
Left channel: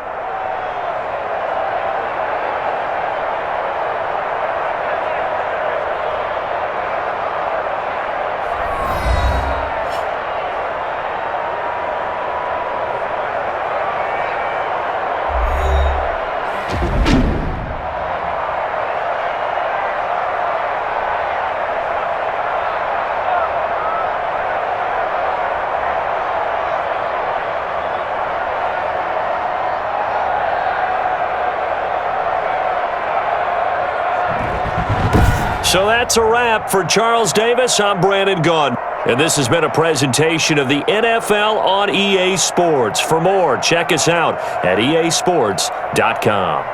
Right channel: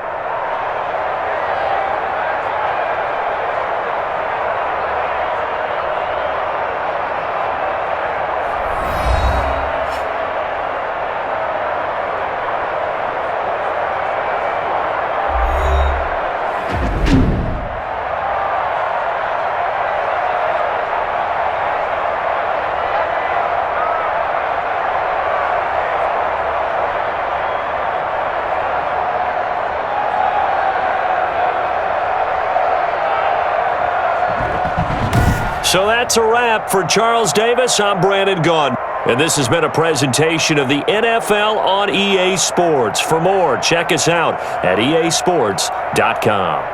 So that's a wrap for Charles Davis. I'm Brandon Gaudin. And this has been a presentation of the NFL on EA Sports. For more, check us out at easports.com.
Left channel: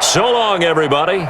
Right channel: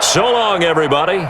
So long, everybody.